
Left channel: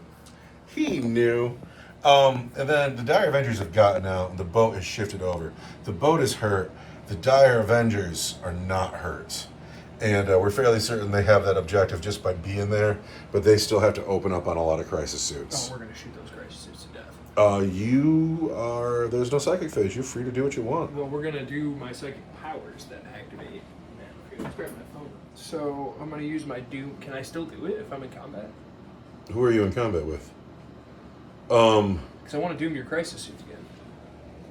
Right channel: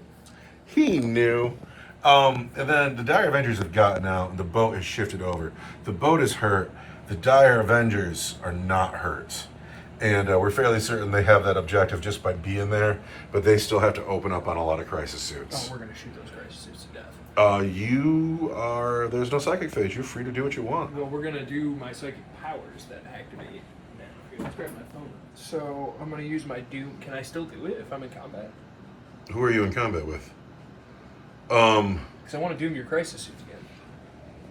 He knew. And then the Dire Avengers have gotten out, and the boat has shifted over. The boat is hurt. The Dire Avengers are not hurt. And we're fairly certain they have that objective just by being there, but they still have to open up on a lot of crisis suits. Oh, we're going to shoot those crisis suits to death. There's no psychic phase. You're free to do what you want. Well, we're going to do my psychic powers that activate. Let's grab my phone. So I'm going to use my Doom. Can I still do it if I'm in combat? Who are you in combat with? Because I want to Doom your crisis suits again.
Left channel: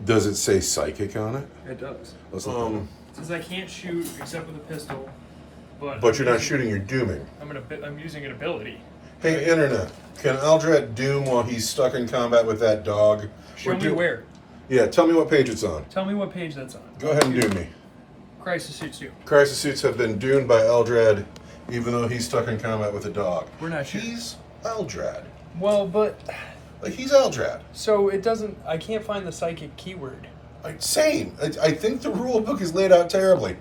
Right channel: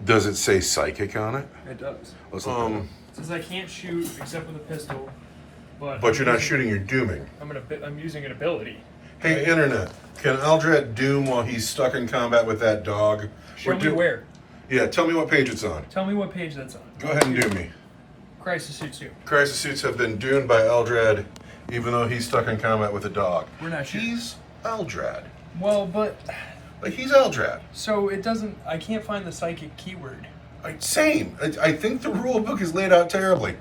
Does it say psychic on it? It does. Let's look at it. Since I can't shoot except with a pistol, But you're not shooting, you're dooming. I'm using an ability. Hey, Internet, can Eldrad doom while he's stuck in combat with that dog? Show me where. Yeah, tell me what page it's on. Tell me what page that's on. Go ahead and doom me. Crisis suits you. Crisis suits have been doomed by Eldrad, even though he's stuck in combat with a dog. We're not shooting. He's Eldrad. Well, but Like, he's Eldrad. so it doesn't. I can't find the psychic keyword. Same. I think the rule book is laid out terribly.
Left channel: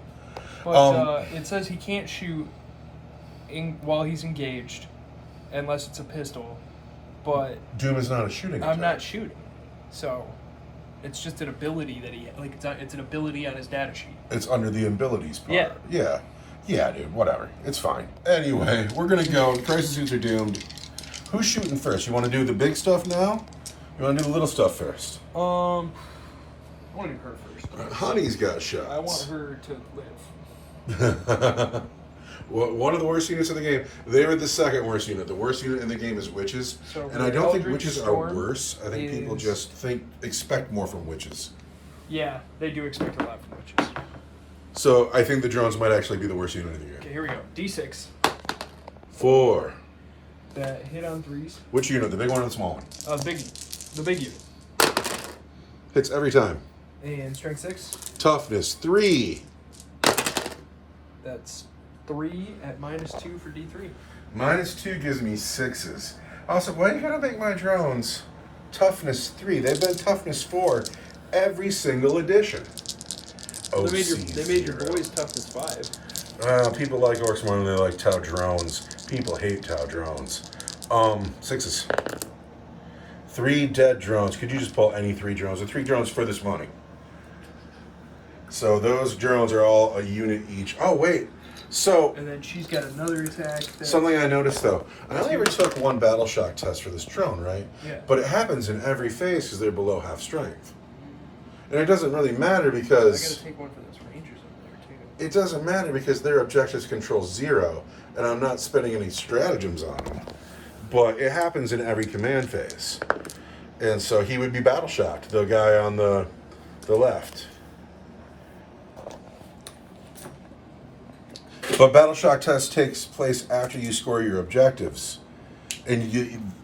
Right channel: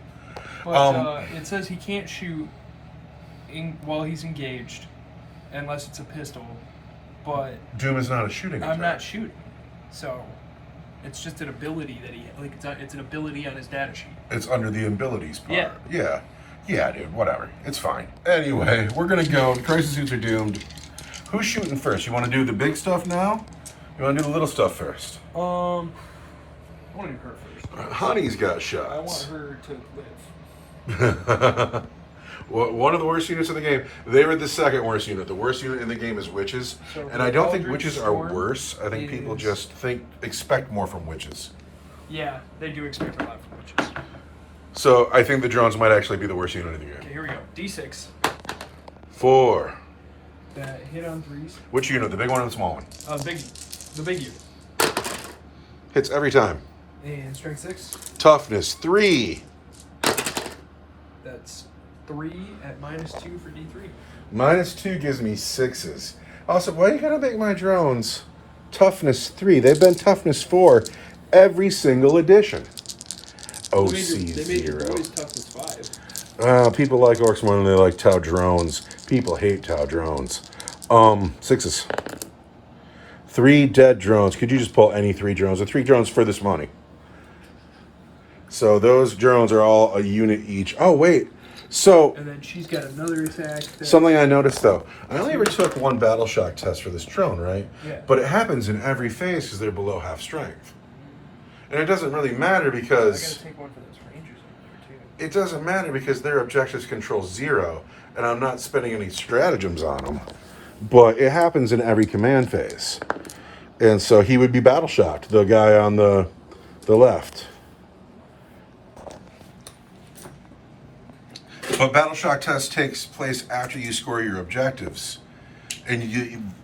But it says he can't shoot while he's engaged, unless it's a pistol. But Doom is not a shooting attack. I'm not shooting, so It's just an ability that it's an ability on his data sheet. It's under the abilities part. Yeah. Yeah. Yeah, dude, whatever. It's fine. Anyway, we're going to go. Crisis suits are doomed. Who's shooting first? You want to do the big stuff now? You want to do the little stuff first? I want to do her first. Honey's got shots. I want her to live. Well, one of the worst units in the game. They were the second worst unit. The worst unit in the game is witches. So and I don't think Eldritch witches are Storm worse. I think people just expect more from witches. Yeah, they do expect a lot from witches. So I think the drones might actually be the worst unit in the game. Okay, here we go. D6. 4. That hit on 3s. Which unit? The big one or the small one? The big unit. Hits every time. And strength 6. Toughness 3. That's 3 at -2 for D3. -2 gives me 6s. Also, why you gotta make my drones toughness 3? They've been toughness 4 every single edition. They made your boys toughness 5. People like orcs more than they like Tau drones. People hate Tau drones. 6s. 3 dead drones. Could you just pull any 3 drones? The 3 drones for this money. So those drones are all a unit each. Oh, wait. So, And then she's got another attack. something I noticed though, I only ever took 1 battle shock test for this drone, right? Yeah. But it happens in every phase because they're below half strength. And it doesn't really matter I because gotta take one for those rangers over there too. it doesn't matter because their objectives control 0, and I'm not spending any stratagems on them. But it happens in every command phase. And so he would be battle shocked, the guy on the left. But battle shock test takes place after you score your objectives. And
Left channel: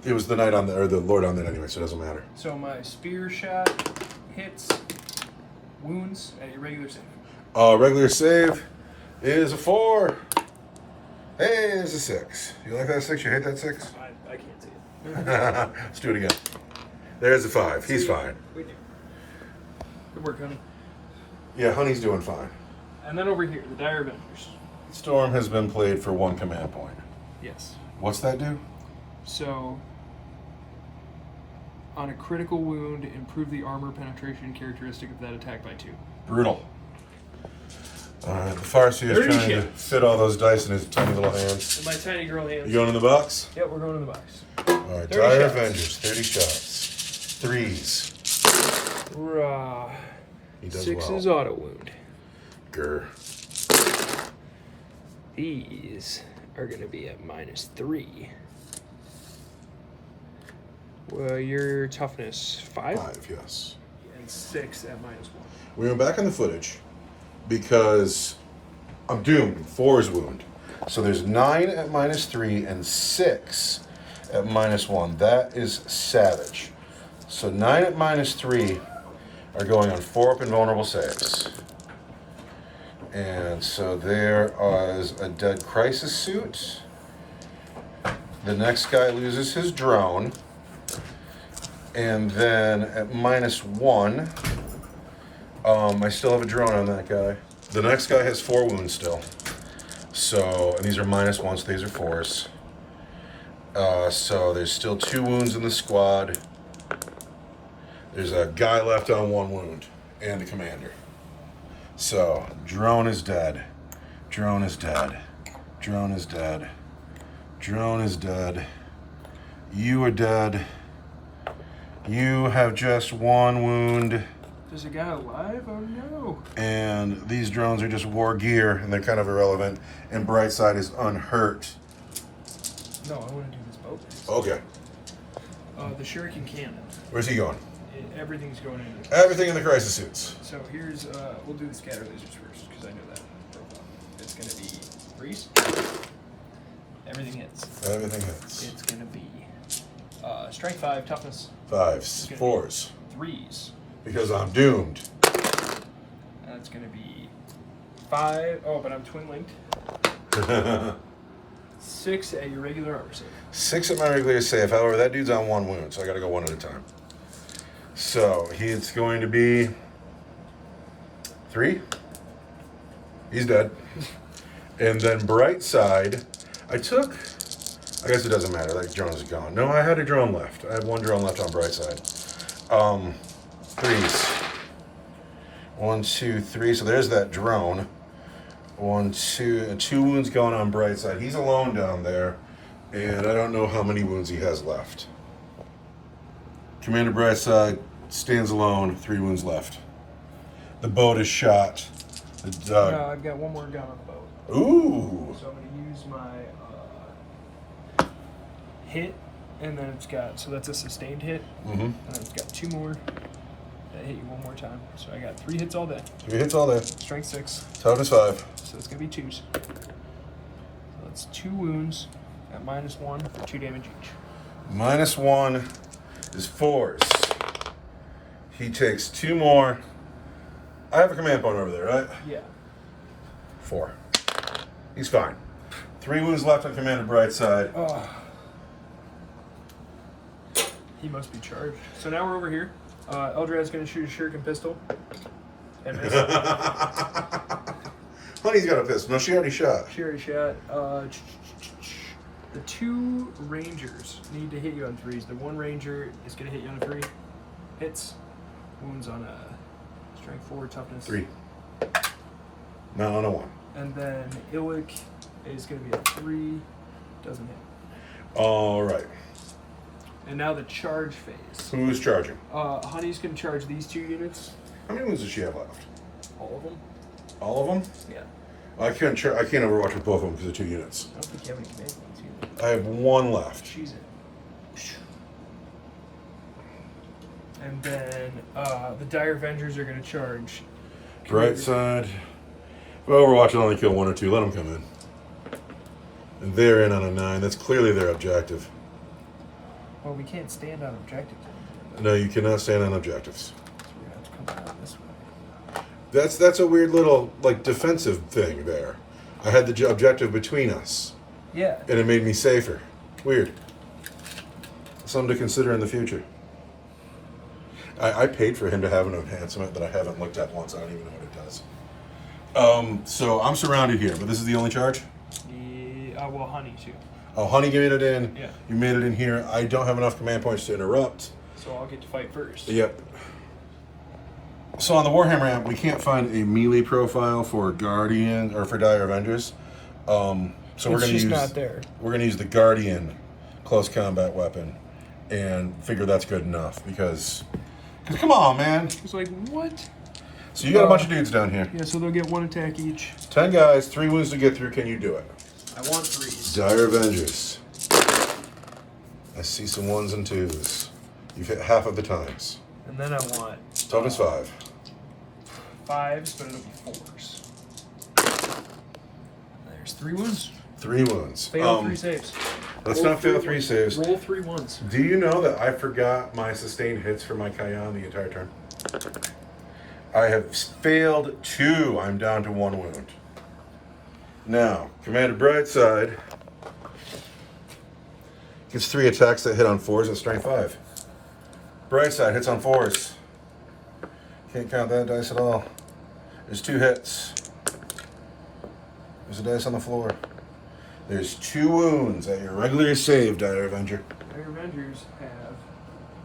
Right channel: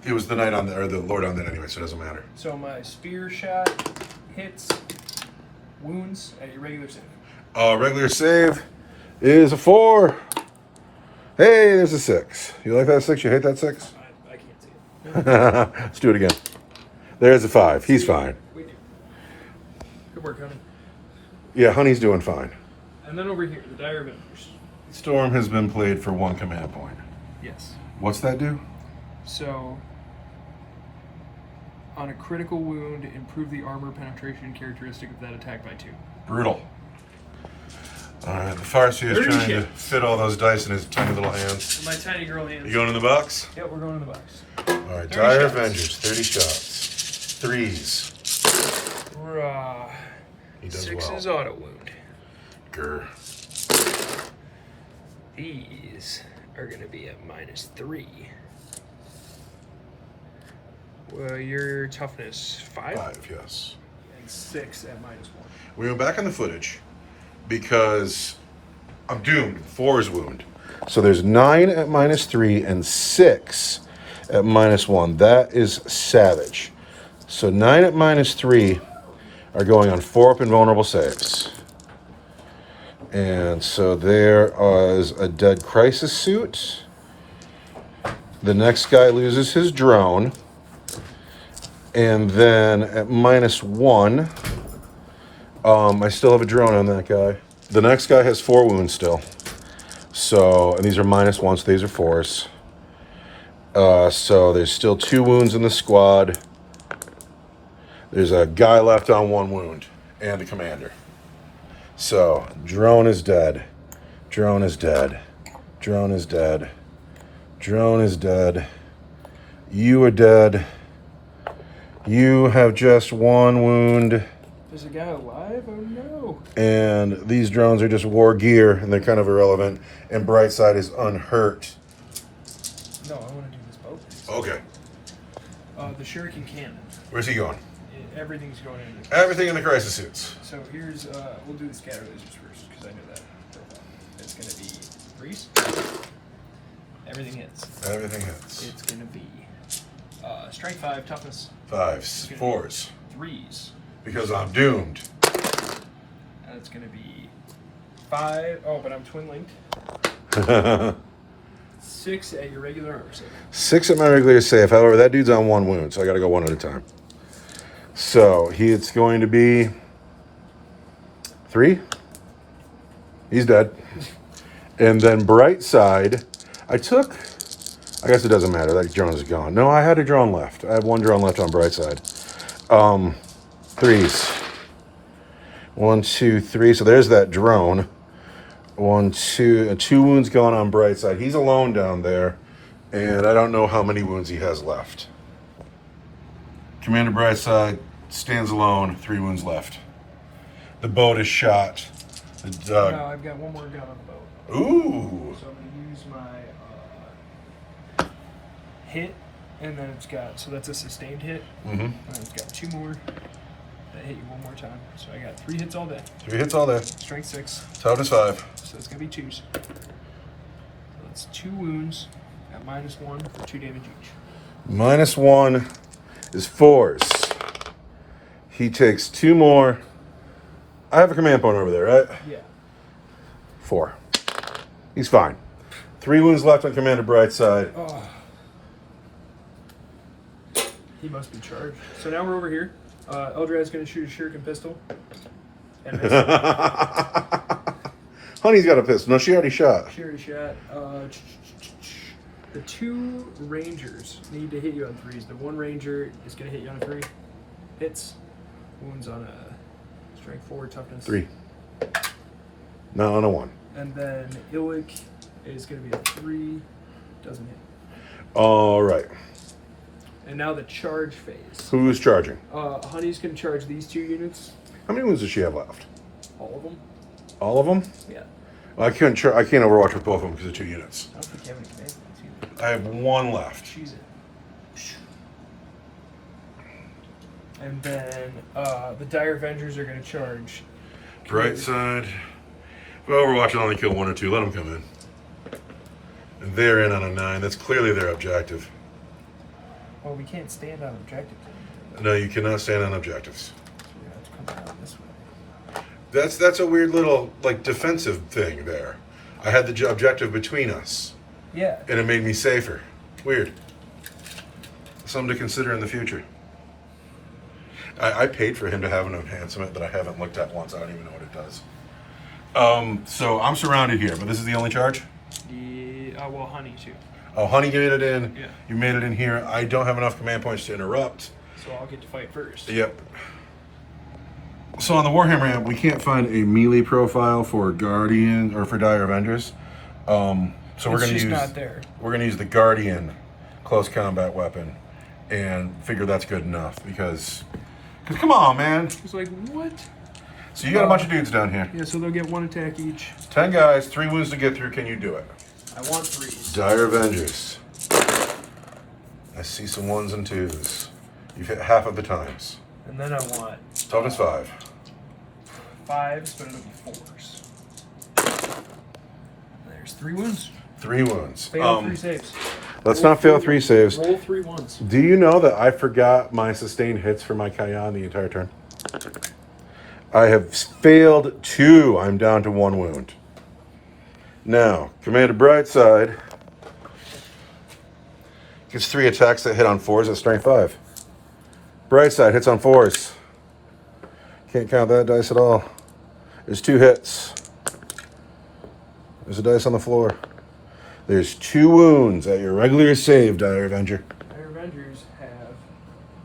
it was the knight on or the lord on that anyway, so it doesn't matter. So my spear shot hits wounds at your regular save. Regular save is a 4. Hey, there's a 6. You like that 6? You hate that 6? I can't see it. Let's do it again. There's a 5. He's fine. We do. Good work, honey. Yeah, Honey's doing fine. And then over here, the Dire Avengers. Storm has been played for 1 command point. Yes. What's that do? So, on a critical wound, improve the armor penetration characteristic of that attack by 2. Brutal. Alright, the Farsi is trying to fit all those dice in his tiny little hands. In my tiny girl hands. You going in the box? Yep, we're going in the box. Alright, 30 Dire shots. Avengers, 30 shots. 3s. Hurrah. He does 6's well. auto wound. Grr. These are going to be at -3. Well, your toughness 5? 5, yes. And 6 at -1. We went back on the footage because I'm doomed. 4 is wound. So there's 9 at -3 and 6 at -1. That is savage. So 9 at -3 are going on 4 up invulnerable saves. And so there is a dead crisis suit. The next guy loses his drone. And then at -1, I still have a drone on that guy. The next guy has 4 wounds still. So, and these are -1, so these are 4s. So there's still 2 wounds in the squad. There's a guy left on 1 wound, and the commander. So, drone is dead. Drone is dead. Drone is dead. Drone is dead. You are dead. You have just 1 wound. There's a guy alive? Oh no. And these drones are just war gear, and they're kind of irrelevant. And Brightside is unhurt. No, I want to do this boat. Okay. The Shuriken Cannon. Where's he going? Everything's going in. Everything in the crisis suits. So here's, we'll do the scatter lasers first, because I know that profile. It's going to be Breeze. Everything hits. Everything hits. It's going to be strength 5, toughness 5s, 4s. 3s. Because I'm doomed. It's going to be 5. Oh, but I'm twin linked. 6 at your regular armor save. 6 at my regular save. However, that dude's on 1 wound, so I got to go 1 at a time. So it's going to be 3. He's dead. And then Brightside, I guess it doesn't matter. That drone is gone. No, I had a drone left. I have 1 drone left on Brightside. Threes. 1, 2, 3. So there's that drone. 1, 2. 2 wounds going on Brightside. He's alone down there. And I don't know how many wounds he has left. Commander Brightside stands alone. 3 wounds left. The boat is shot. No, I've got one more gun on the boat. Ooh. So I'm going to use my hit, and then it's got, so that's a sustained hit. Mm-hmm. And it's got 2 more that hit you one more time. So I got 3 hits all day. 3 hits all day. Strength 6. Toughness 5. So it's going to be 2s. So that's 2 wounds at -1 for 2 damage each. -1 is 4s. He takes 2 more. I have a command point over there, right? Yeah. 4. He's fine. 3 wounds left on Commander Brightside. He must be charged. So now we're over here. Eldra's going to shoot a shuriken pistol. And miss. Honey's got a pistol. No, she already shot. She already shot. The 2 rangers need to hit you on 3s. The 1 ranger is going to hit you on 3. Hits. Wounds on a strength 4, toughness 3. No, on a 1. And then Illic is going to be a 3. Doesn't hit. All right. And now the charge phase. Who's charging? Honey's going to charge these 2 units. How many wounds does she have left? All of them. All of them? Yeah. I can't overwatch with both of them because of 2 units. I don't think you have any command points either. I have 1 left. She's in. And then the Dire Avengers are going to charge. Brightside. Well, Overwatch will only kill 1 or 2. Let them come in. And they're in on a 9. That's clearly their objective. Well, we can't stand on objectives anymore. No, you cannot stand on objectives. So we're going to have to come down this way. That's a weird little like defensive thing there. I had the objective between us, Yeah. and it made me safer. Weird. Something to consider in the future. I paid for him to have an enhancement that I haven't looked at once. I don't even know what it does. So I'm surrounded here, but this is the only charge? Well, Honey, too. Oh, Honey made it in. Yeah. You made it in here. I don't have enough command points to interrupt. So I'll get to fight first. Yep. So on the Warhammer app, we can't find a melee profile for Guardian or for Dire Avengers. So we're going to use. Not there. We're going to use the Guardian close combat weapon, and figure that's good enough because come on, man. It's like what? So you got a bunch of dudes down here. Yeah. So they'll get 1 attack each. 10 guys, 3 wounds to get through. Can you do it? I want 3s. Dire Avengers. I see some 1s and 2s. You've hit half of the times. And then I want Toughness 5. 5s, but it'll be 4s. There's 3 wounds. 3 wounds. Fail 3 saves. Let's not fail 3 saves. Roll 3 ones. Do you know that I forgot my sustained hits for my Kayan the entire turn? I have failed 2. I'm down to 1 wound. Now, Commander Brightside gets 3 attacks that hit on 4s at strength 5. Brightside hits on 4s. Can't count that dice at all. There's 2 hits. There's a dice on the floor. There's 2 wounds at your regular save, Dire Avenger. Dire Avengers have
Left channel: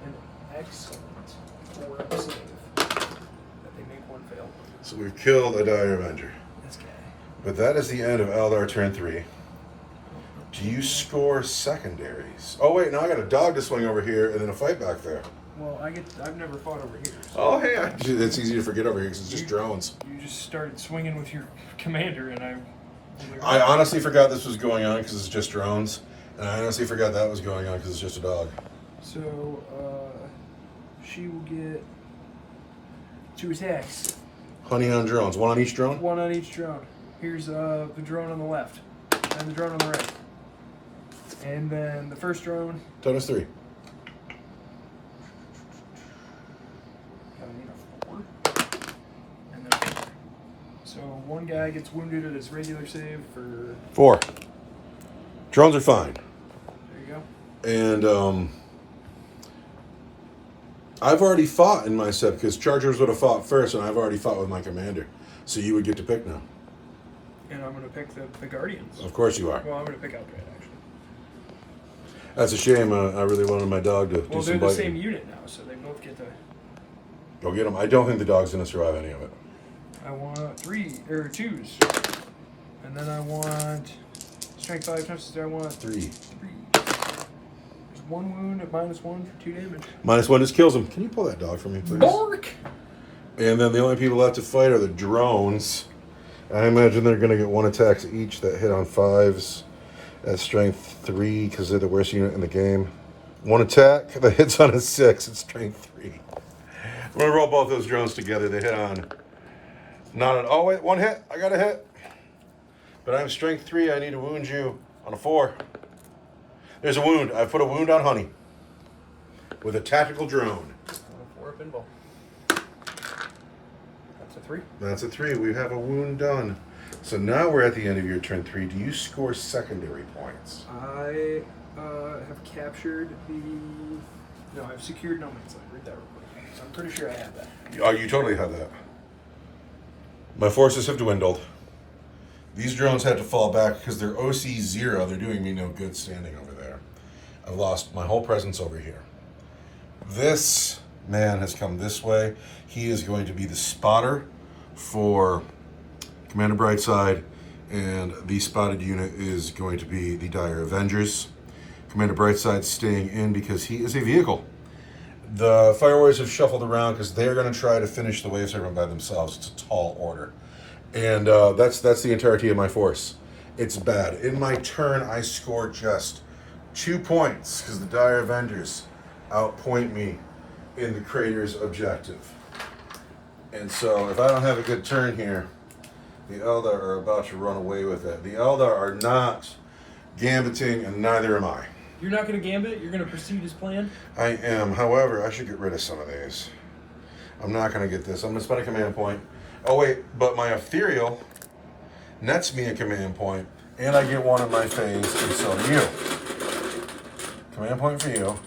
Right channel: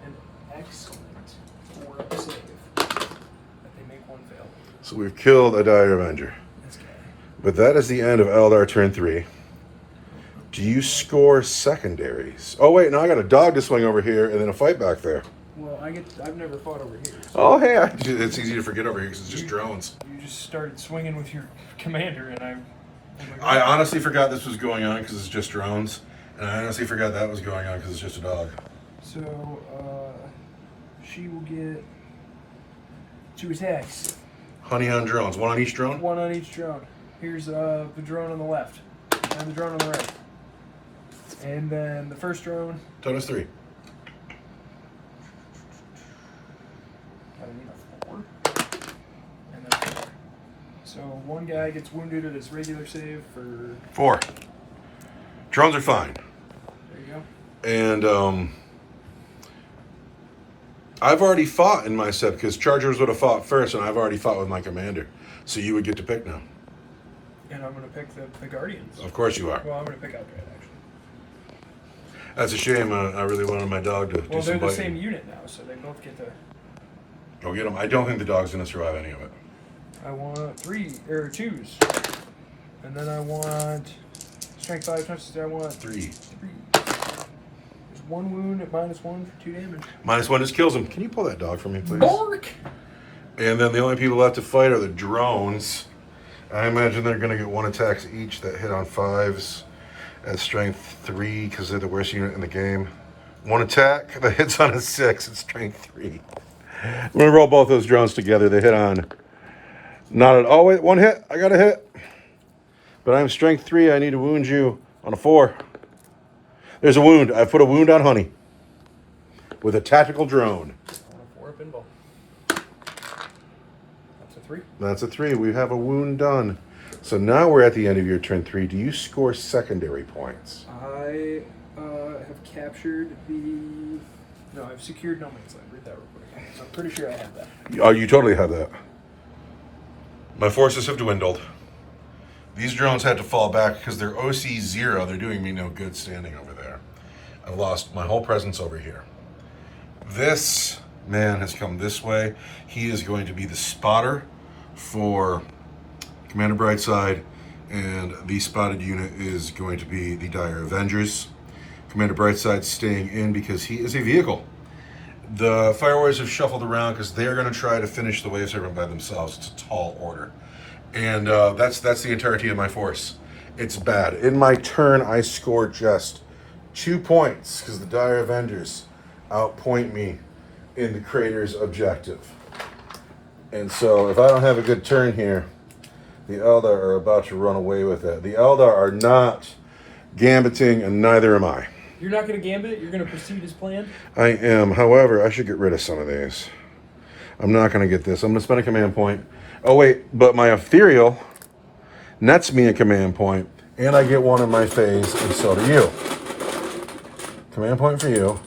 an excellent 4 save. That they make 1 fail. So we've killed a Dire Avenger. This guy. But that is the end of Eldar turn 3. Do you score secondaries? Oh wait, now I got a dog to swing over here and then a fight back there. Well, I've never fought over here. So Oh hey, it's easy to forget over here because it's just drones. You just started swinging with your commander, and I honestly forgot this was going on because it's just drones, and I honestly forgot that was going on because it's just a dog. So, she will get 2 attacks. Honey on drones, 1 on each drone. 1 on each drone. Here's the drone on the left, and the drone on the right. And then the first drone. Toughness 3. Gotta need a 4. And then 4. So 1 guy gets wounded at his regular save for. 4. Drones are fine. There you go. And I've already fought in my set because Chargers would have fought first, and I've already fought with my commander. So you would get to pick now. And I'm gonna pick the Guardians. Of course you are. Well, I'm gonna pick Eldar actually. That's a shame. I really wanted my dog to do Well, some they're the biting. same unit now, so they both get to. Go get him. I don't think the dog's going to survive any of it. I want 2s. And then I want strength 5 touches. I want 3. There's 1 wound at -1 for 2 damage. -1 just kills him. Can you pull that dog for me, please? Bark! And then the only people left to fight are the drones. I imagine they're going to get 1 attacks each that hit on 5s at strength 3 because they're the worst unit in the game. 1 attack that hits on a 6 at strength 3. I'm going to roll both those drones together. They hit on... Not at all. Wait, 1 hit. I got a hit. But I'm strength 3. I need to wound you on a 4. There's a wound. I put a wound on Honey with a tactical drone. On a 4 pinball. That's a 3. That's a 3. We have a wound done. So now we're at the end of your turn 3. Do you score secondary points? I have captured the... No, I've secured no man's land. Read that real quick. I'm pretty sure I have that. Oh, you totally have that. My forces have dwindled. These drones had to fall back because they're OC 0. They're doing me no good standing over there. I've lost my whole presence over here. This man has come this way. He is going to be the spotter for Commander Brightside, and the spotted unit is going to be the Dire Avengers. Commander Brightside's staying in because he is a vehicle. The Fire Warriors have shuffled around because they're going to try to finish the Wave Serpent by themselves. It's a tall order. And that's the entirety of my force. It's bad. In my turn, I score just 2 points because the Dire Avengers outpoint me in the Crater's objective. And so if I don't have a good turn here, the Eldar are about to run away with it. The Eldar are not gambiting, and neither am I. You're not going to gambit? You're going to proceed as planned? I am. However, I should get rid of some of these. I'm not going to get this. I'm going to spend a command point. Oh, wait. But my Ethereal nets me a command point, and I get 1 in my phase, and so do you. Command point for you.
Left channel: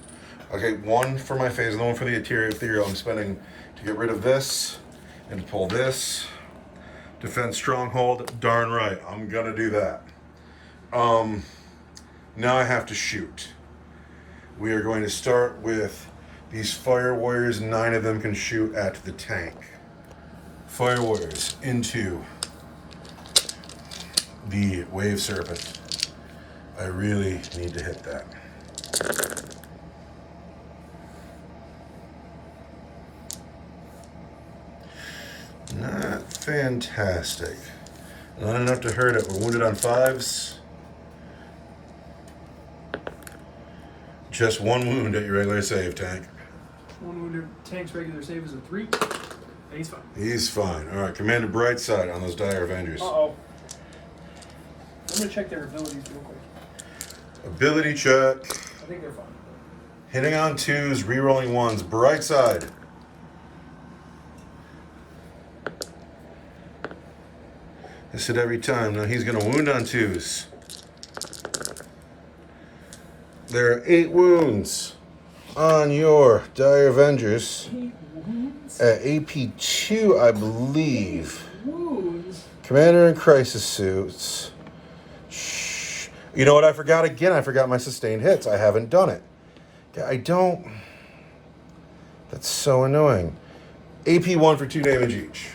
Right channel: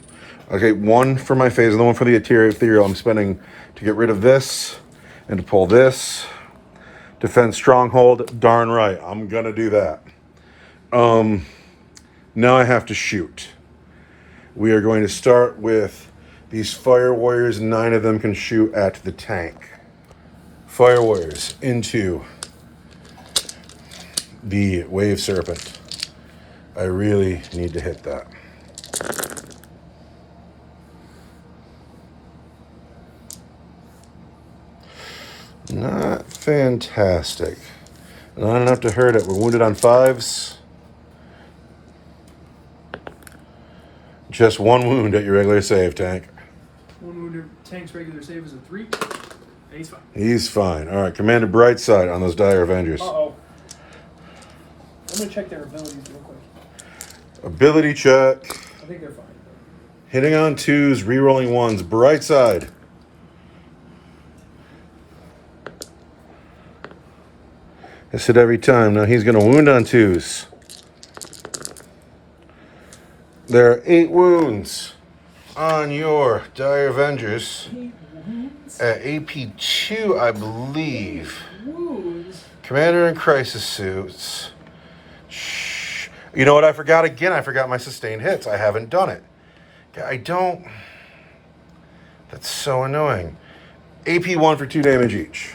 Okay, 1 for my phase, and the 1 for the Ethereal I'm spending to get rid of this and to pull this. Defend Stronghold. Darn right. I'm going to do that. Now I have to shoot. We are going to start with these Fire Warriors. 9 of them can shoot at the tank. Fire Warriors into the Wave Serpent. I really need to hit that. Not fantastic. Not enough to hurt it. We're wounded on 5s. Just 1 wound at your regular save, tank. 1 wound at tank's regular save is a 3. And he's fine. He's fine. All right, Commander Brightside on those Dire Avengers. Uh-oh. I'm going to check their abilities real quick. Ability check. I think they're fine. Hitting on 2s, rerolling 1s. Brightside. Hits it every time. Now he's going to wound on 2s. There are 8 wounds on your Dire Avengers. 8 wounds? At AP 2, I believe. 8 wounds? Commander in crisis suits. Shh. You know what I forgot again? I forgot my sustained hits. I haven't done it. I don't. That's so annoying. AP 1 for 2 damage each.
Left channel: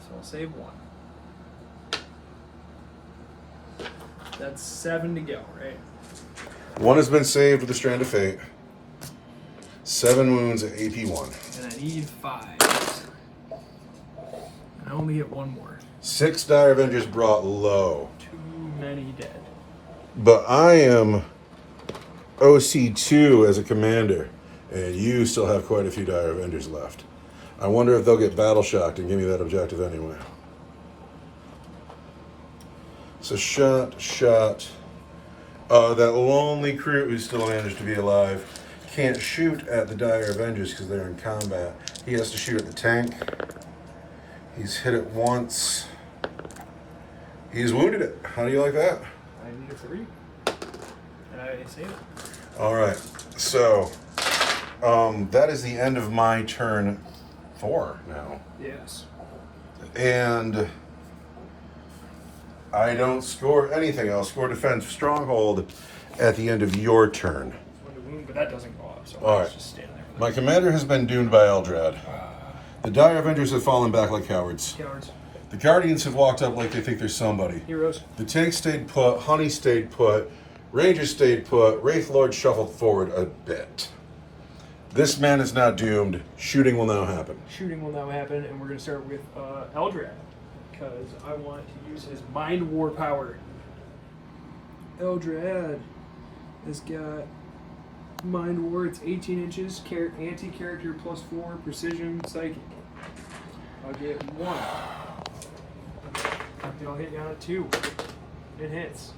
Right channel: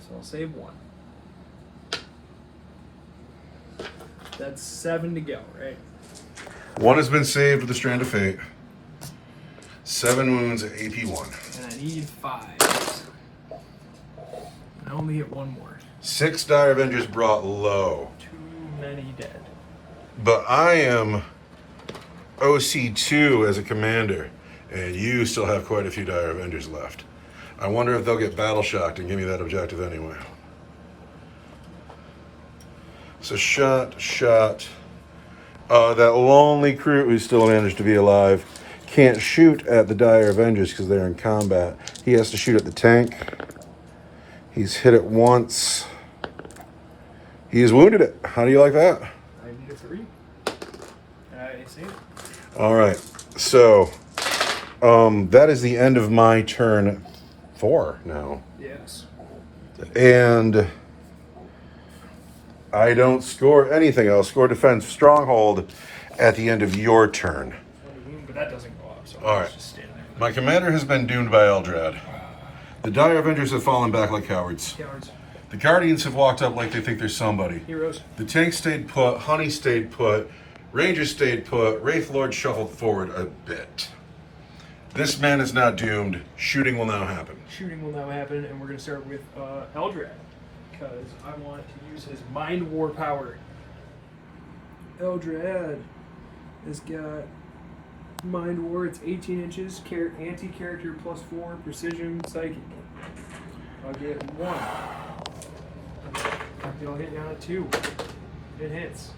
So I'll save 1. That's 7 to go, right? 1 has been saved with a Strand of Fate. 7 wounds at AP 1. And I need 5. I only get 1 more. 6 Dire Avengers brought low. Too many dead. But I am OC2 as a commander, and you still have quite a few Dire Avengers left. I wonder if they'll get battle shocked and give me that objective anyway. So shot. That lonely crew who still managed to be alive can't shoot at the Dire Avengers because they're in combat. He has to shoot at the tank. He's hit it once. He's wounded it. How do you like that? I need a 3. And I saved it. All right. So that is the end of my turn 4 now. Yes. And I don't score anything. I'll score defense stronghold at the end of your turn. But that doesn't go off. So All right. just stand there. My commander has been doomed by Eldrad. The Dire Avengers have fallen back like cowards. Cowards. The Guardians have walked up like they think they're somebody. Heroes. The Tank stayed put, Honey stayed put, Rangers stayed put, Wraith Lord shuffled forward a bit. This man is now doomed. Shooting will now happen. Shooting will now happen, and we're going to start with Eldrad, because I want to use his Mind War power. Eldrad has got Mind War. It's 18 inches, anti-character +4, precision, psychic. I'll get 1. I'll hit you on a 2. It hits.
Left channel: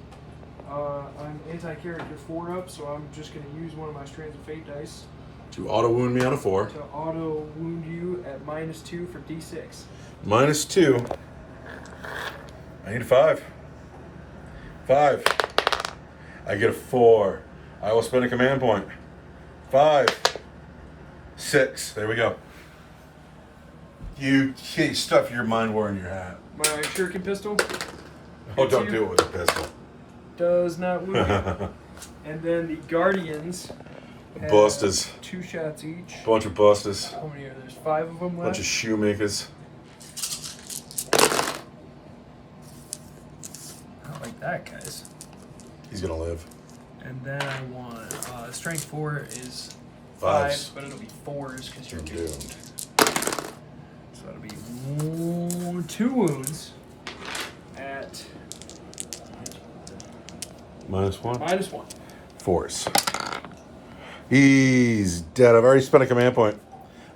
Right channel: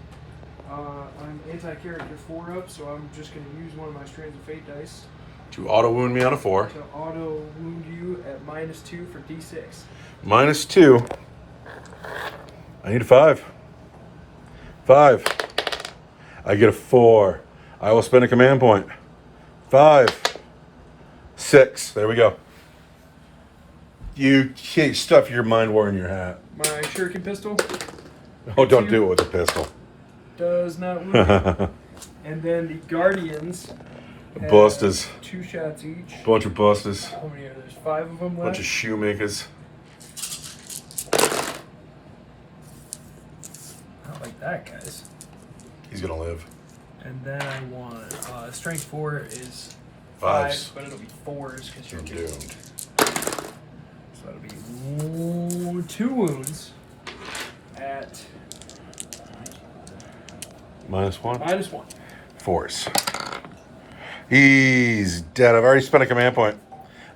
I'm anti-character 4 up, so I'm just going to use one of my Strands of Fate dice To auto wound me on a 4. to auto wound you at -2 for D6. -2. I need a 5. 5. I get a 4. I will spend a command point. 5. 6. There we go. You can't stuff your Mind War in your hat. My Shuriken pistol Oh, don't do it with a pistol. does not wound you. And then the Guardians have Busters. 2 shots each. Bunch of busters. How many are there? There's 5 of them left. Bunch of shoemakers. I don't like that, guys. He's gonna live. And then I want strength 4 is 5s. 5, but it'll be 4s because you're I'm doomed. doomed. So that'll be 2 wounds at -1. -1. 4s. He's dead. I've already spent a command point.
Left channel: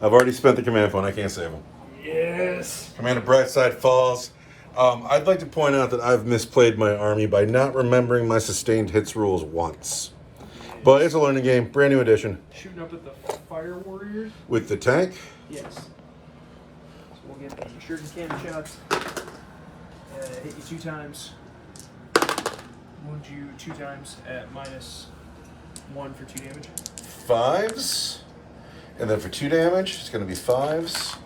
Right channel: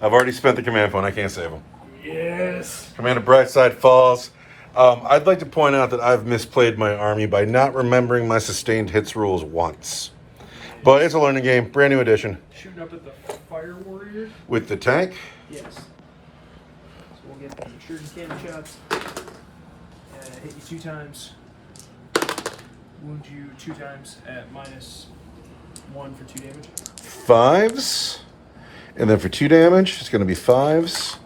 I've already spent the command point. I can't save him. Yes. Commander Brightside falls. I'd like to point out that I've misplayed my army by not remembering my sustained hits rules once. But it's a learning game. Brand new edition. Shooting up at the Fire Warriors. With the tank. Yes. So we'll get the Shuriken cannon shots. Hit you 2 times. Wound you 2 times at -1 for 2 damage. 5s. And then for 2 damage, it's going to be 5s.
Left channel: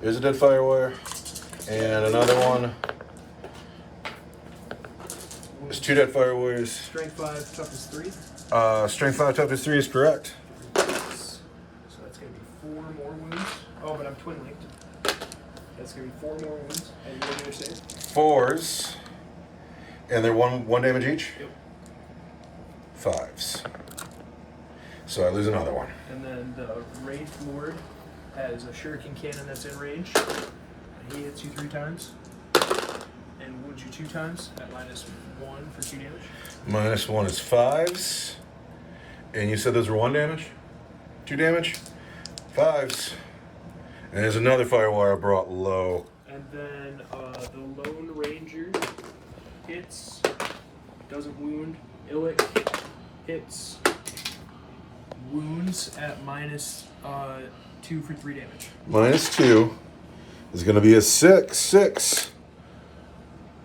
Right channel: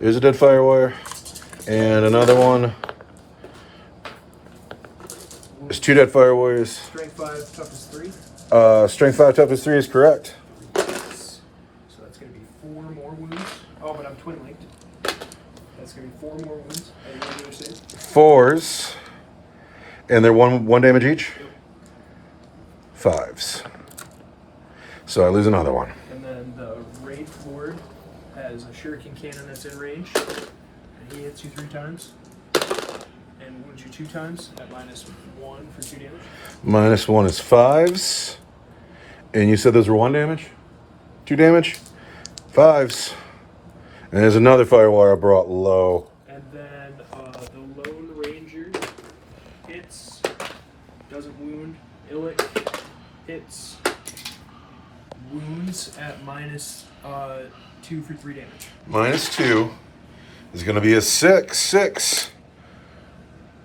There's a dead fire warrior. And another one. There's 2 dead fire warriors. Strength 5, toughness 3. Strength 5, toughness 3 is correct. So that's going to be 4 more wounds. Oh, but I'm twin linked. That's going to be 4 more wounds. And what do you say? 4s. And they're one damage each? Yep. 5s. So I lose another one. And then the Wraith Lord has a Shuriken cannon that's in range. And he hits you 3 times. And wounds you 2 times at -1 for 2 damage. -1 is 5s. And you said those were 1 damage? 2 damage? 5s. And there's another fire warrior I brought low. And then the Lone Ranger hits, doesn't wound. Illic hits, wounds at -2 for 3 damage. -2 is going to be a 6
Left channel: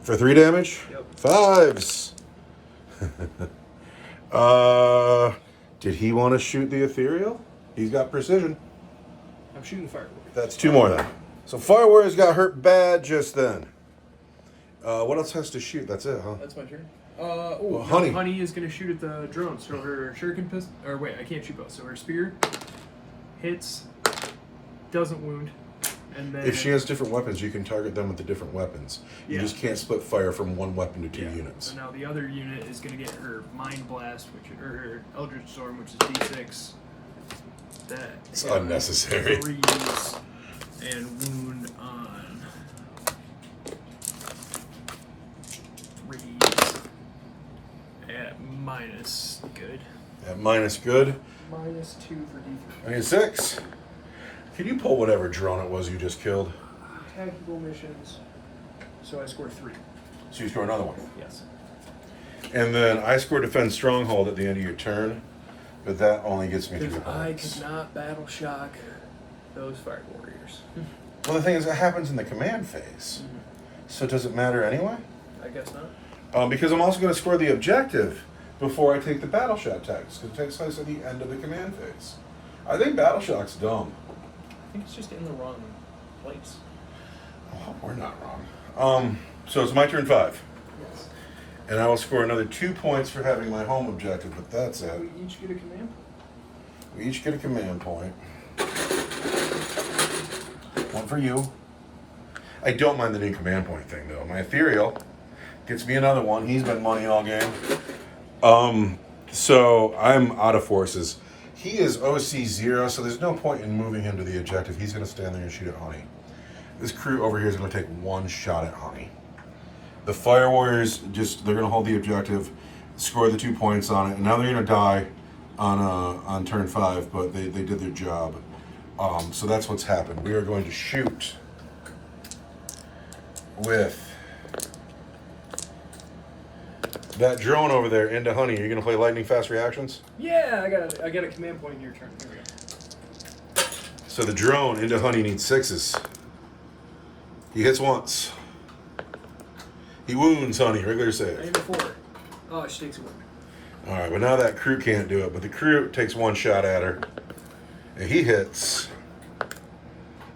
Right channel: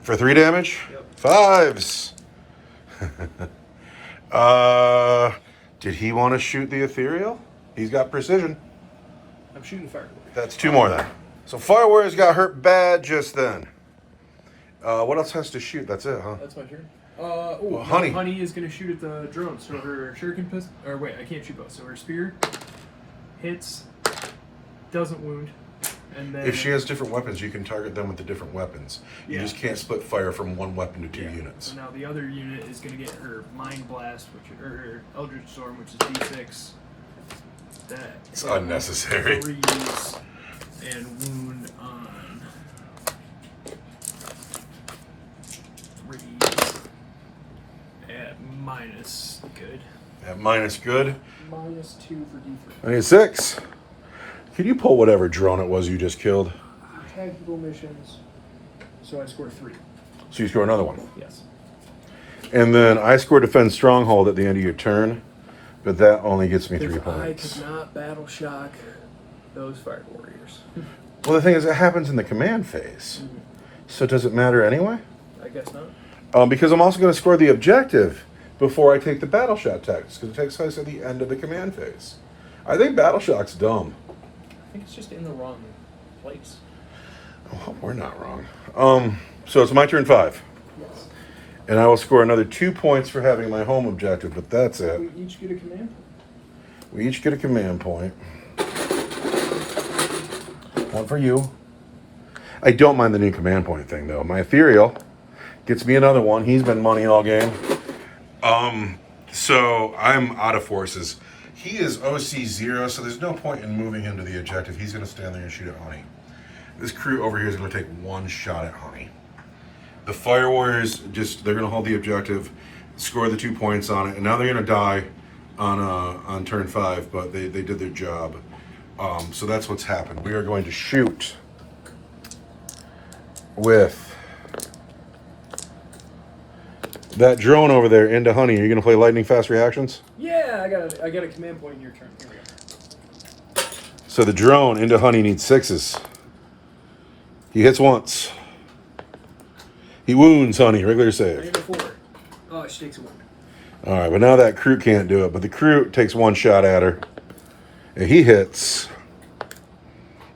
for 3 damage. Yep. 5s. Did he want to shoot the ethereal? He's got precision. I'm shooting the Fire Warrior. That's 2 more then. So Fire Warriors got hurt bad just then. What else has to shoot? That's it, huh? That's my turn. Honey. Honey is going to shoot at the drone. So her Shuriken pistol, or wait, I can't shoot both. So her spear hits, doesn't wound, and then If she has different weapons, you can target them with the different weapons. You Yeah. just can't split fire from one weapon to 2 Yeah. units. So now the other unit is going to get her Mind Blast, or her Eldritch Storm, which is D6. That It's unnecessary. Freeze and wound on 3 at minus good. At minus good, -2 for D3. I need 6. Can you pull whatever drone it was you just killed? Tactical missions. So I scored 3. So you score another one. Yes. And then I score Defend Stronghold at the end of your turn, but that only gets me 3 If I points. could not battle shock those Fire Warriors. Well, the thing is, it happens in the command phase. So does it matter anyway? I guess not. Because I'm also going to score the objective before I take the battle shot tactics, because it takes place at the end of the command phase. I think battle shock's dumb. I think it's just in the wrong place. Oh, we're not wrong. So it's my turn 5. Yes. And I will score another 2 points for having my home objective, but that's it. We each get a command. We each get a command point. One for you. I don't mind the new command point thing, though. My Ethereal gets me another one. He's been money all game. So I'm out of forces. He is OC 0, so there's no point in moving him to the objective. He's going to stand there and shoot at Honey. This crew over here is going to take one shot at Honey. The Fire Warriors, they're going to hold the objective, score the 2 points on it, and now they're going to die on turn 5, but they did their job. So that's what's happened. We are going to shoot with that drone over there into Honey. You're going to play lightning fast reactions? Yeah, I got a command point in your turn. Here we go. So the drone into Honey needs 6s. He hits once. He wounds Honey, regular I save. get a 4. Oh, she takes a 1. All right, but now that crew can't do it, but the crew takes one shot at her. And he hits.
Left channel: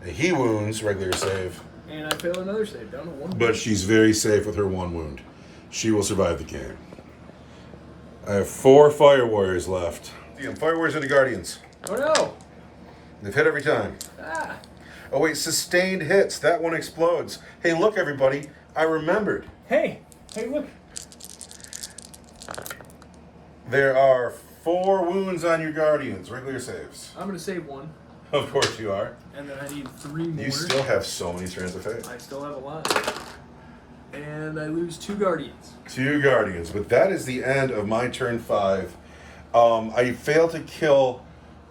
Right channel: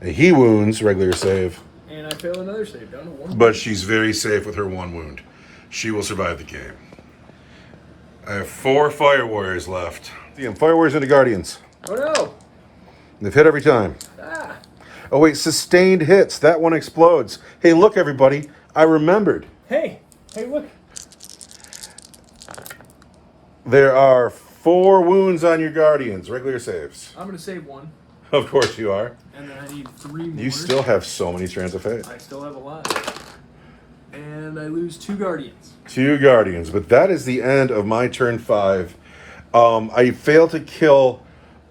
And he wounds, regular save. And I fail another save, down to 1. But she's very safe with her 1 wound. She will survive the game. I have 4 Fire Warriors left. Fire Warriors into Guardians. Oh no! They've hit every time. Ah! Oh wait, sustained hits. That one explodes. Hey, look everybody. I remembered. Hey, look. There are 4 wounds on your Guardians. Regular saves. I'm gonna save 1. Of course you are. And then I need 3 more. You still have so many strands of fate. I still have a lot. And I lose 2 Guardians. 2 Guardians, but that is the end of my turn 5. I failed to kill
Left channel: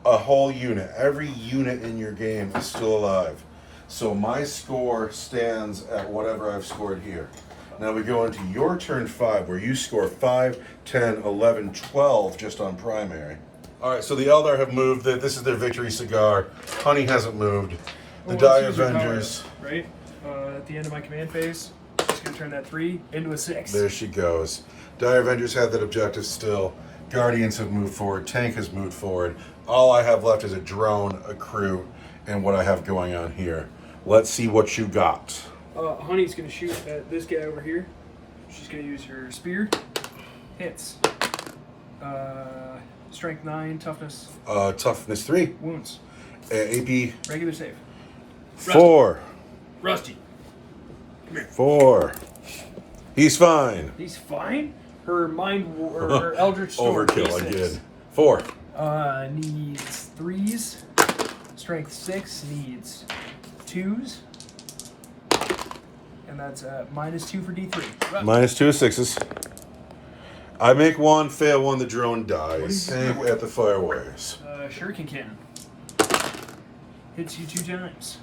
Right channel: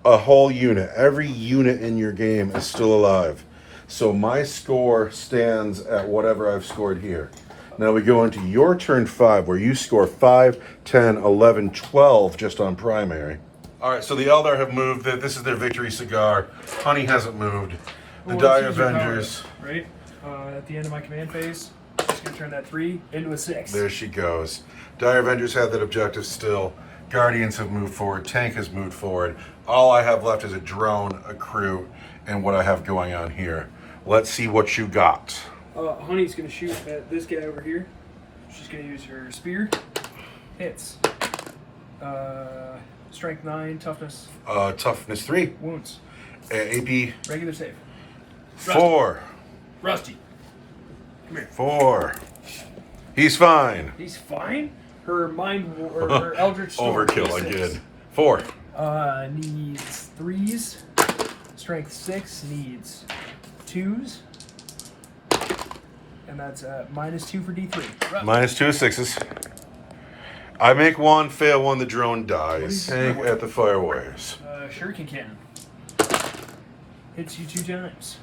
a whole unit. Every unit in your game is still alive. So my score stands at whatever I've scored here. Now we go into your turn 5 where you score 5, 10, 11, 12 just on primary. All right, so the Eldar have moved. This is their victory cigar. Honey hasn't moved. The Die Avengers. Right? At the end of my command phase, just gonna turn that 3 into a 6. There she goes. Die Avengers have that objective still. Guardians have moved forward. Tank has moved forward. All I have left is a drone, a crew, and what I have going on here. Let's see what you got. Honey's gonna shoot at this guy over here. She's gonna use her spear. Hits. Strength 9, toughness. Toughness 3. Wounds. AP Regular save. 4. Rusty. Come here. 4. He's fine. He's fine. Her her Eldritch Storm. Overkill again. 4. Needs 3s. Strength 6 needs 2s. And that's -2 for D3. -2 6s. I make 1, fail 1, the drone dies. Tank at the Fire Warriors. Shuriken Cannon. Hits you 2 times.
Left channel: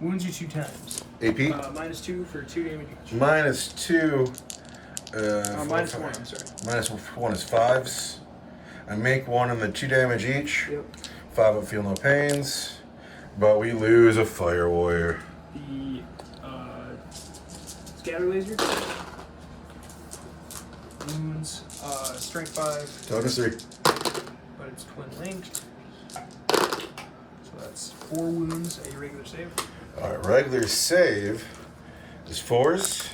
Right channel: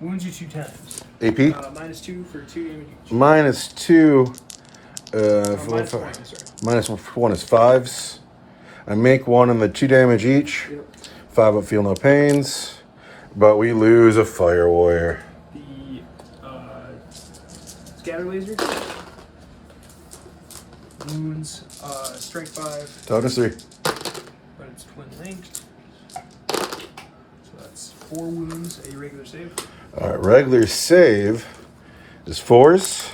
Wounds you 2 times. AP? -2 for 2 damage each. -2. -1, I'm sorry. -1 is 5s. I make 1 and the 2 damage each. Yep. 5 up, feel no pains. But we lose a Fire Warrior. The scatter laser. Wounds, strength 5. Toughness 3. But it's twin linked. So that's 4 wounds, a regular save. Alright, regular save is 4s.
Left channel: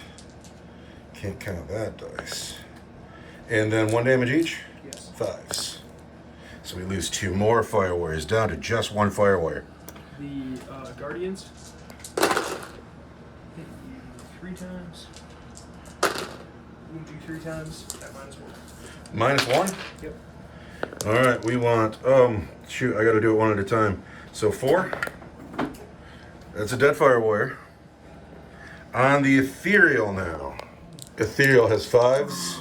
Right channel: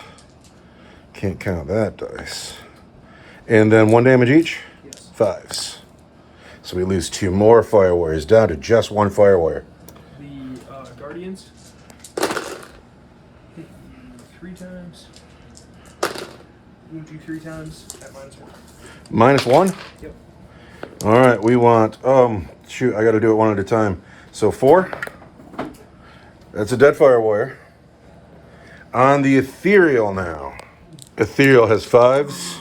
Can't count that dice. And then 1 damage each? Yes. 5s. So we lose 2 more Fire Warriors, down to just 1 Fire Warrior. The Guardians hit you 3 times. Wound you 3 times at -1. -1? Yep. Alright, we want, shoot, I gotta do it one at a time. So 4. That's a dead Fire Warrior. On the Ethereal now. Ethereal has 5s.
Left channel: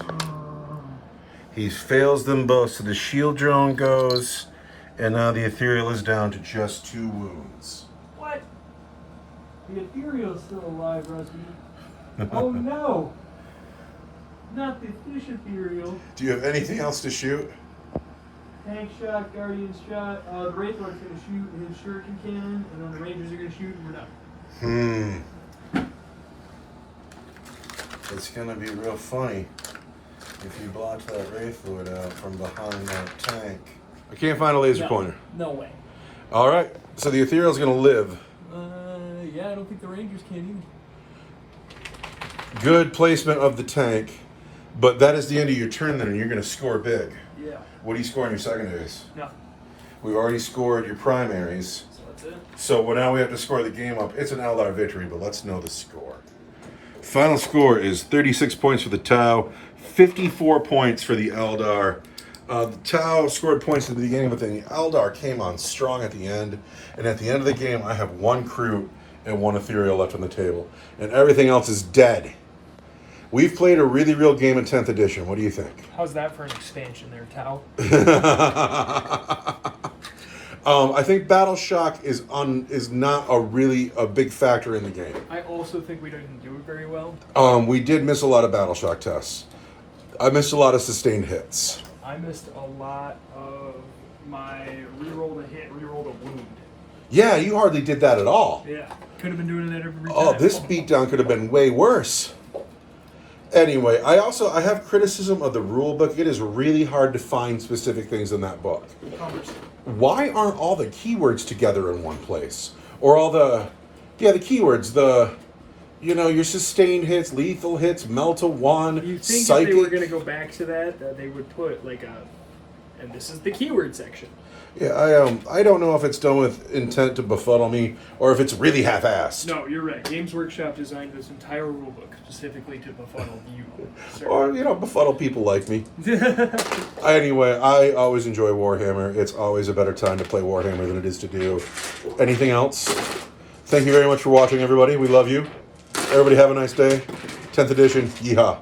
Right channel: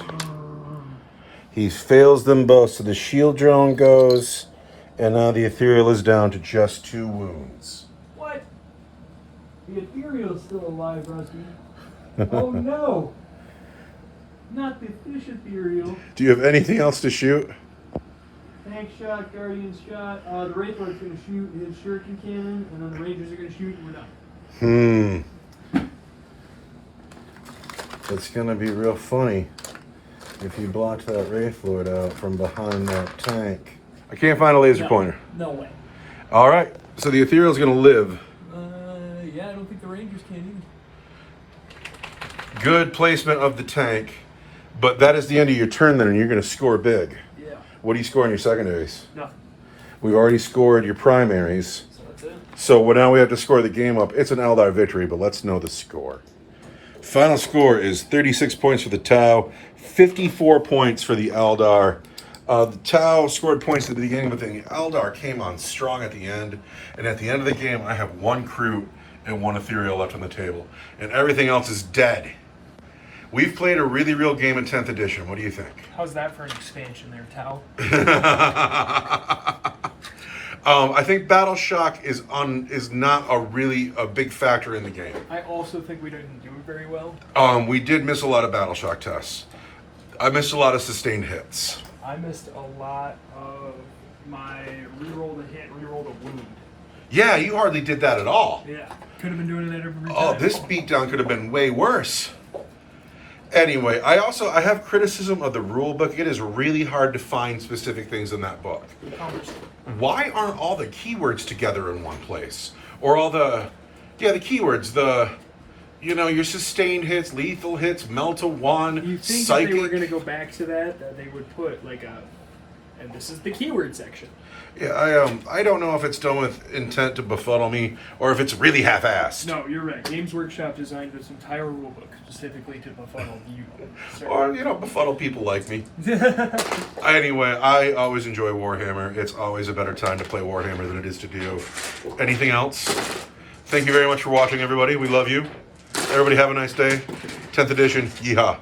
He fails them both, so the shield drone goes, and now the Ethereal is down to just 2 wounds. What? The Ethereal is still alive, Rusty. Oh no! Not the fish Ethereal. Do you have anything else to shoot? Tank shot, Guardian shot. The Wraith Lord's gonna shoot his Shuriken Cannon, and then the Rangers are gonna shoot, and we're done. It's gonna be real funny if you block that Wraith Lord out from behind that tank. I can't find a laser pointer. No way. Alright, so the Ethereal's gonna live. Yeah, I don't think the Rangers can either. Good placement of the tank, but that is the end of your turn then, and you're gonna score big. Yeah. What do you score in your secondaries? Nothing. We already scored your primaries. So that's it. So now we have to score the game up. It's an Eldar victory, but let's know the score. Final score is 36 points for the Tau, 54 points for the Eldar. The Tau scored points at the beginning, but then the Eldar came on strong at the end. And at the end of the game, I have 1 crew and 1 ethereal left on the table. And everything else is dead. We've played a really real game in 10th edition. What do you think? How's that for an expansion there, Tau? I think Battle Shock is not a big factor in the game. I also think we didn't do it very well. We did miss a lot of Battle Shock tests. I missed a lot of sustained hits. I missed a lot of my reroll to hit, reroll to wound. Yeah, you hardly did that at all. Yeah, could have been doing that every time. Oh, this beatdown could have been way worse. Anyway, I have criticism of the rule book. It is really hard to find specific things in that book. Why aren't all the keywords together in one place? Or all the keywords, your sustained hits, lethal hits, melt to 1, You think psychic. if they were going to go back to that they would put and this is the keyword section. Yeah, I don't know if it's done with intent to befuddle me or if it's really half-assed. No, you're right. Games Workshop designed this entire rulebook specifically to befuddle you. Or, befuddle people like me. Anyway, I always enjoy Warhammer. It's always a better time to play Warhammer than it is to do anything else. Thank you very much for watching, everybody. We love you. Everybody have a nice day. 10th edition. Yeehaw.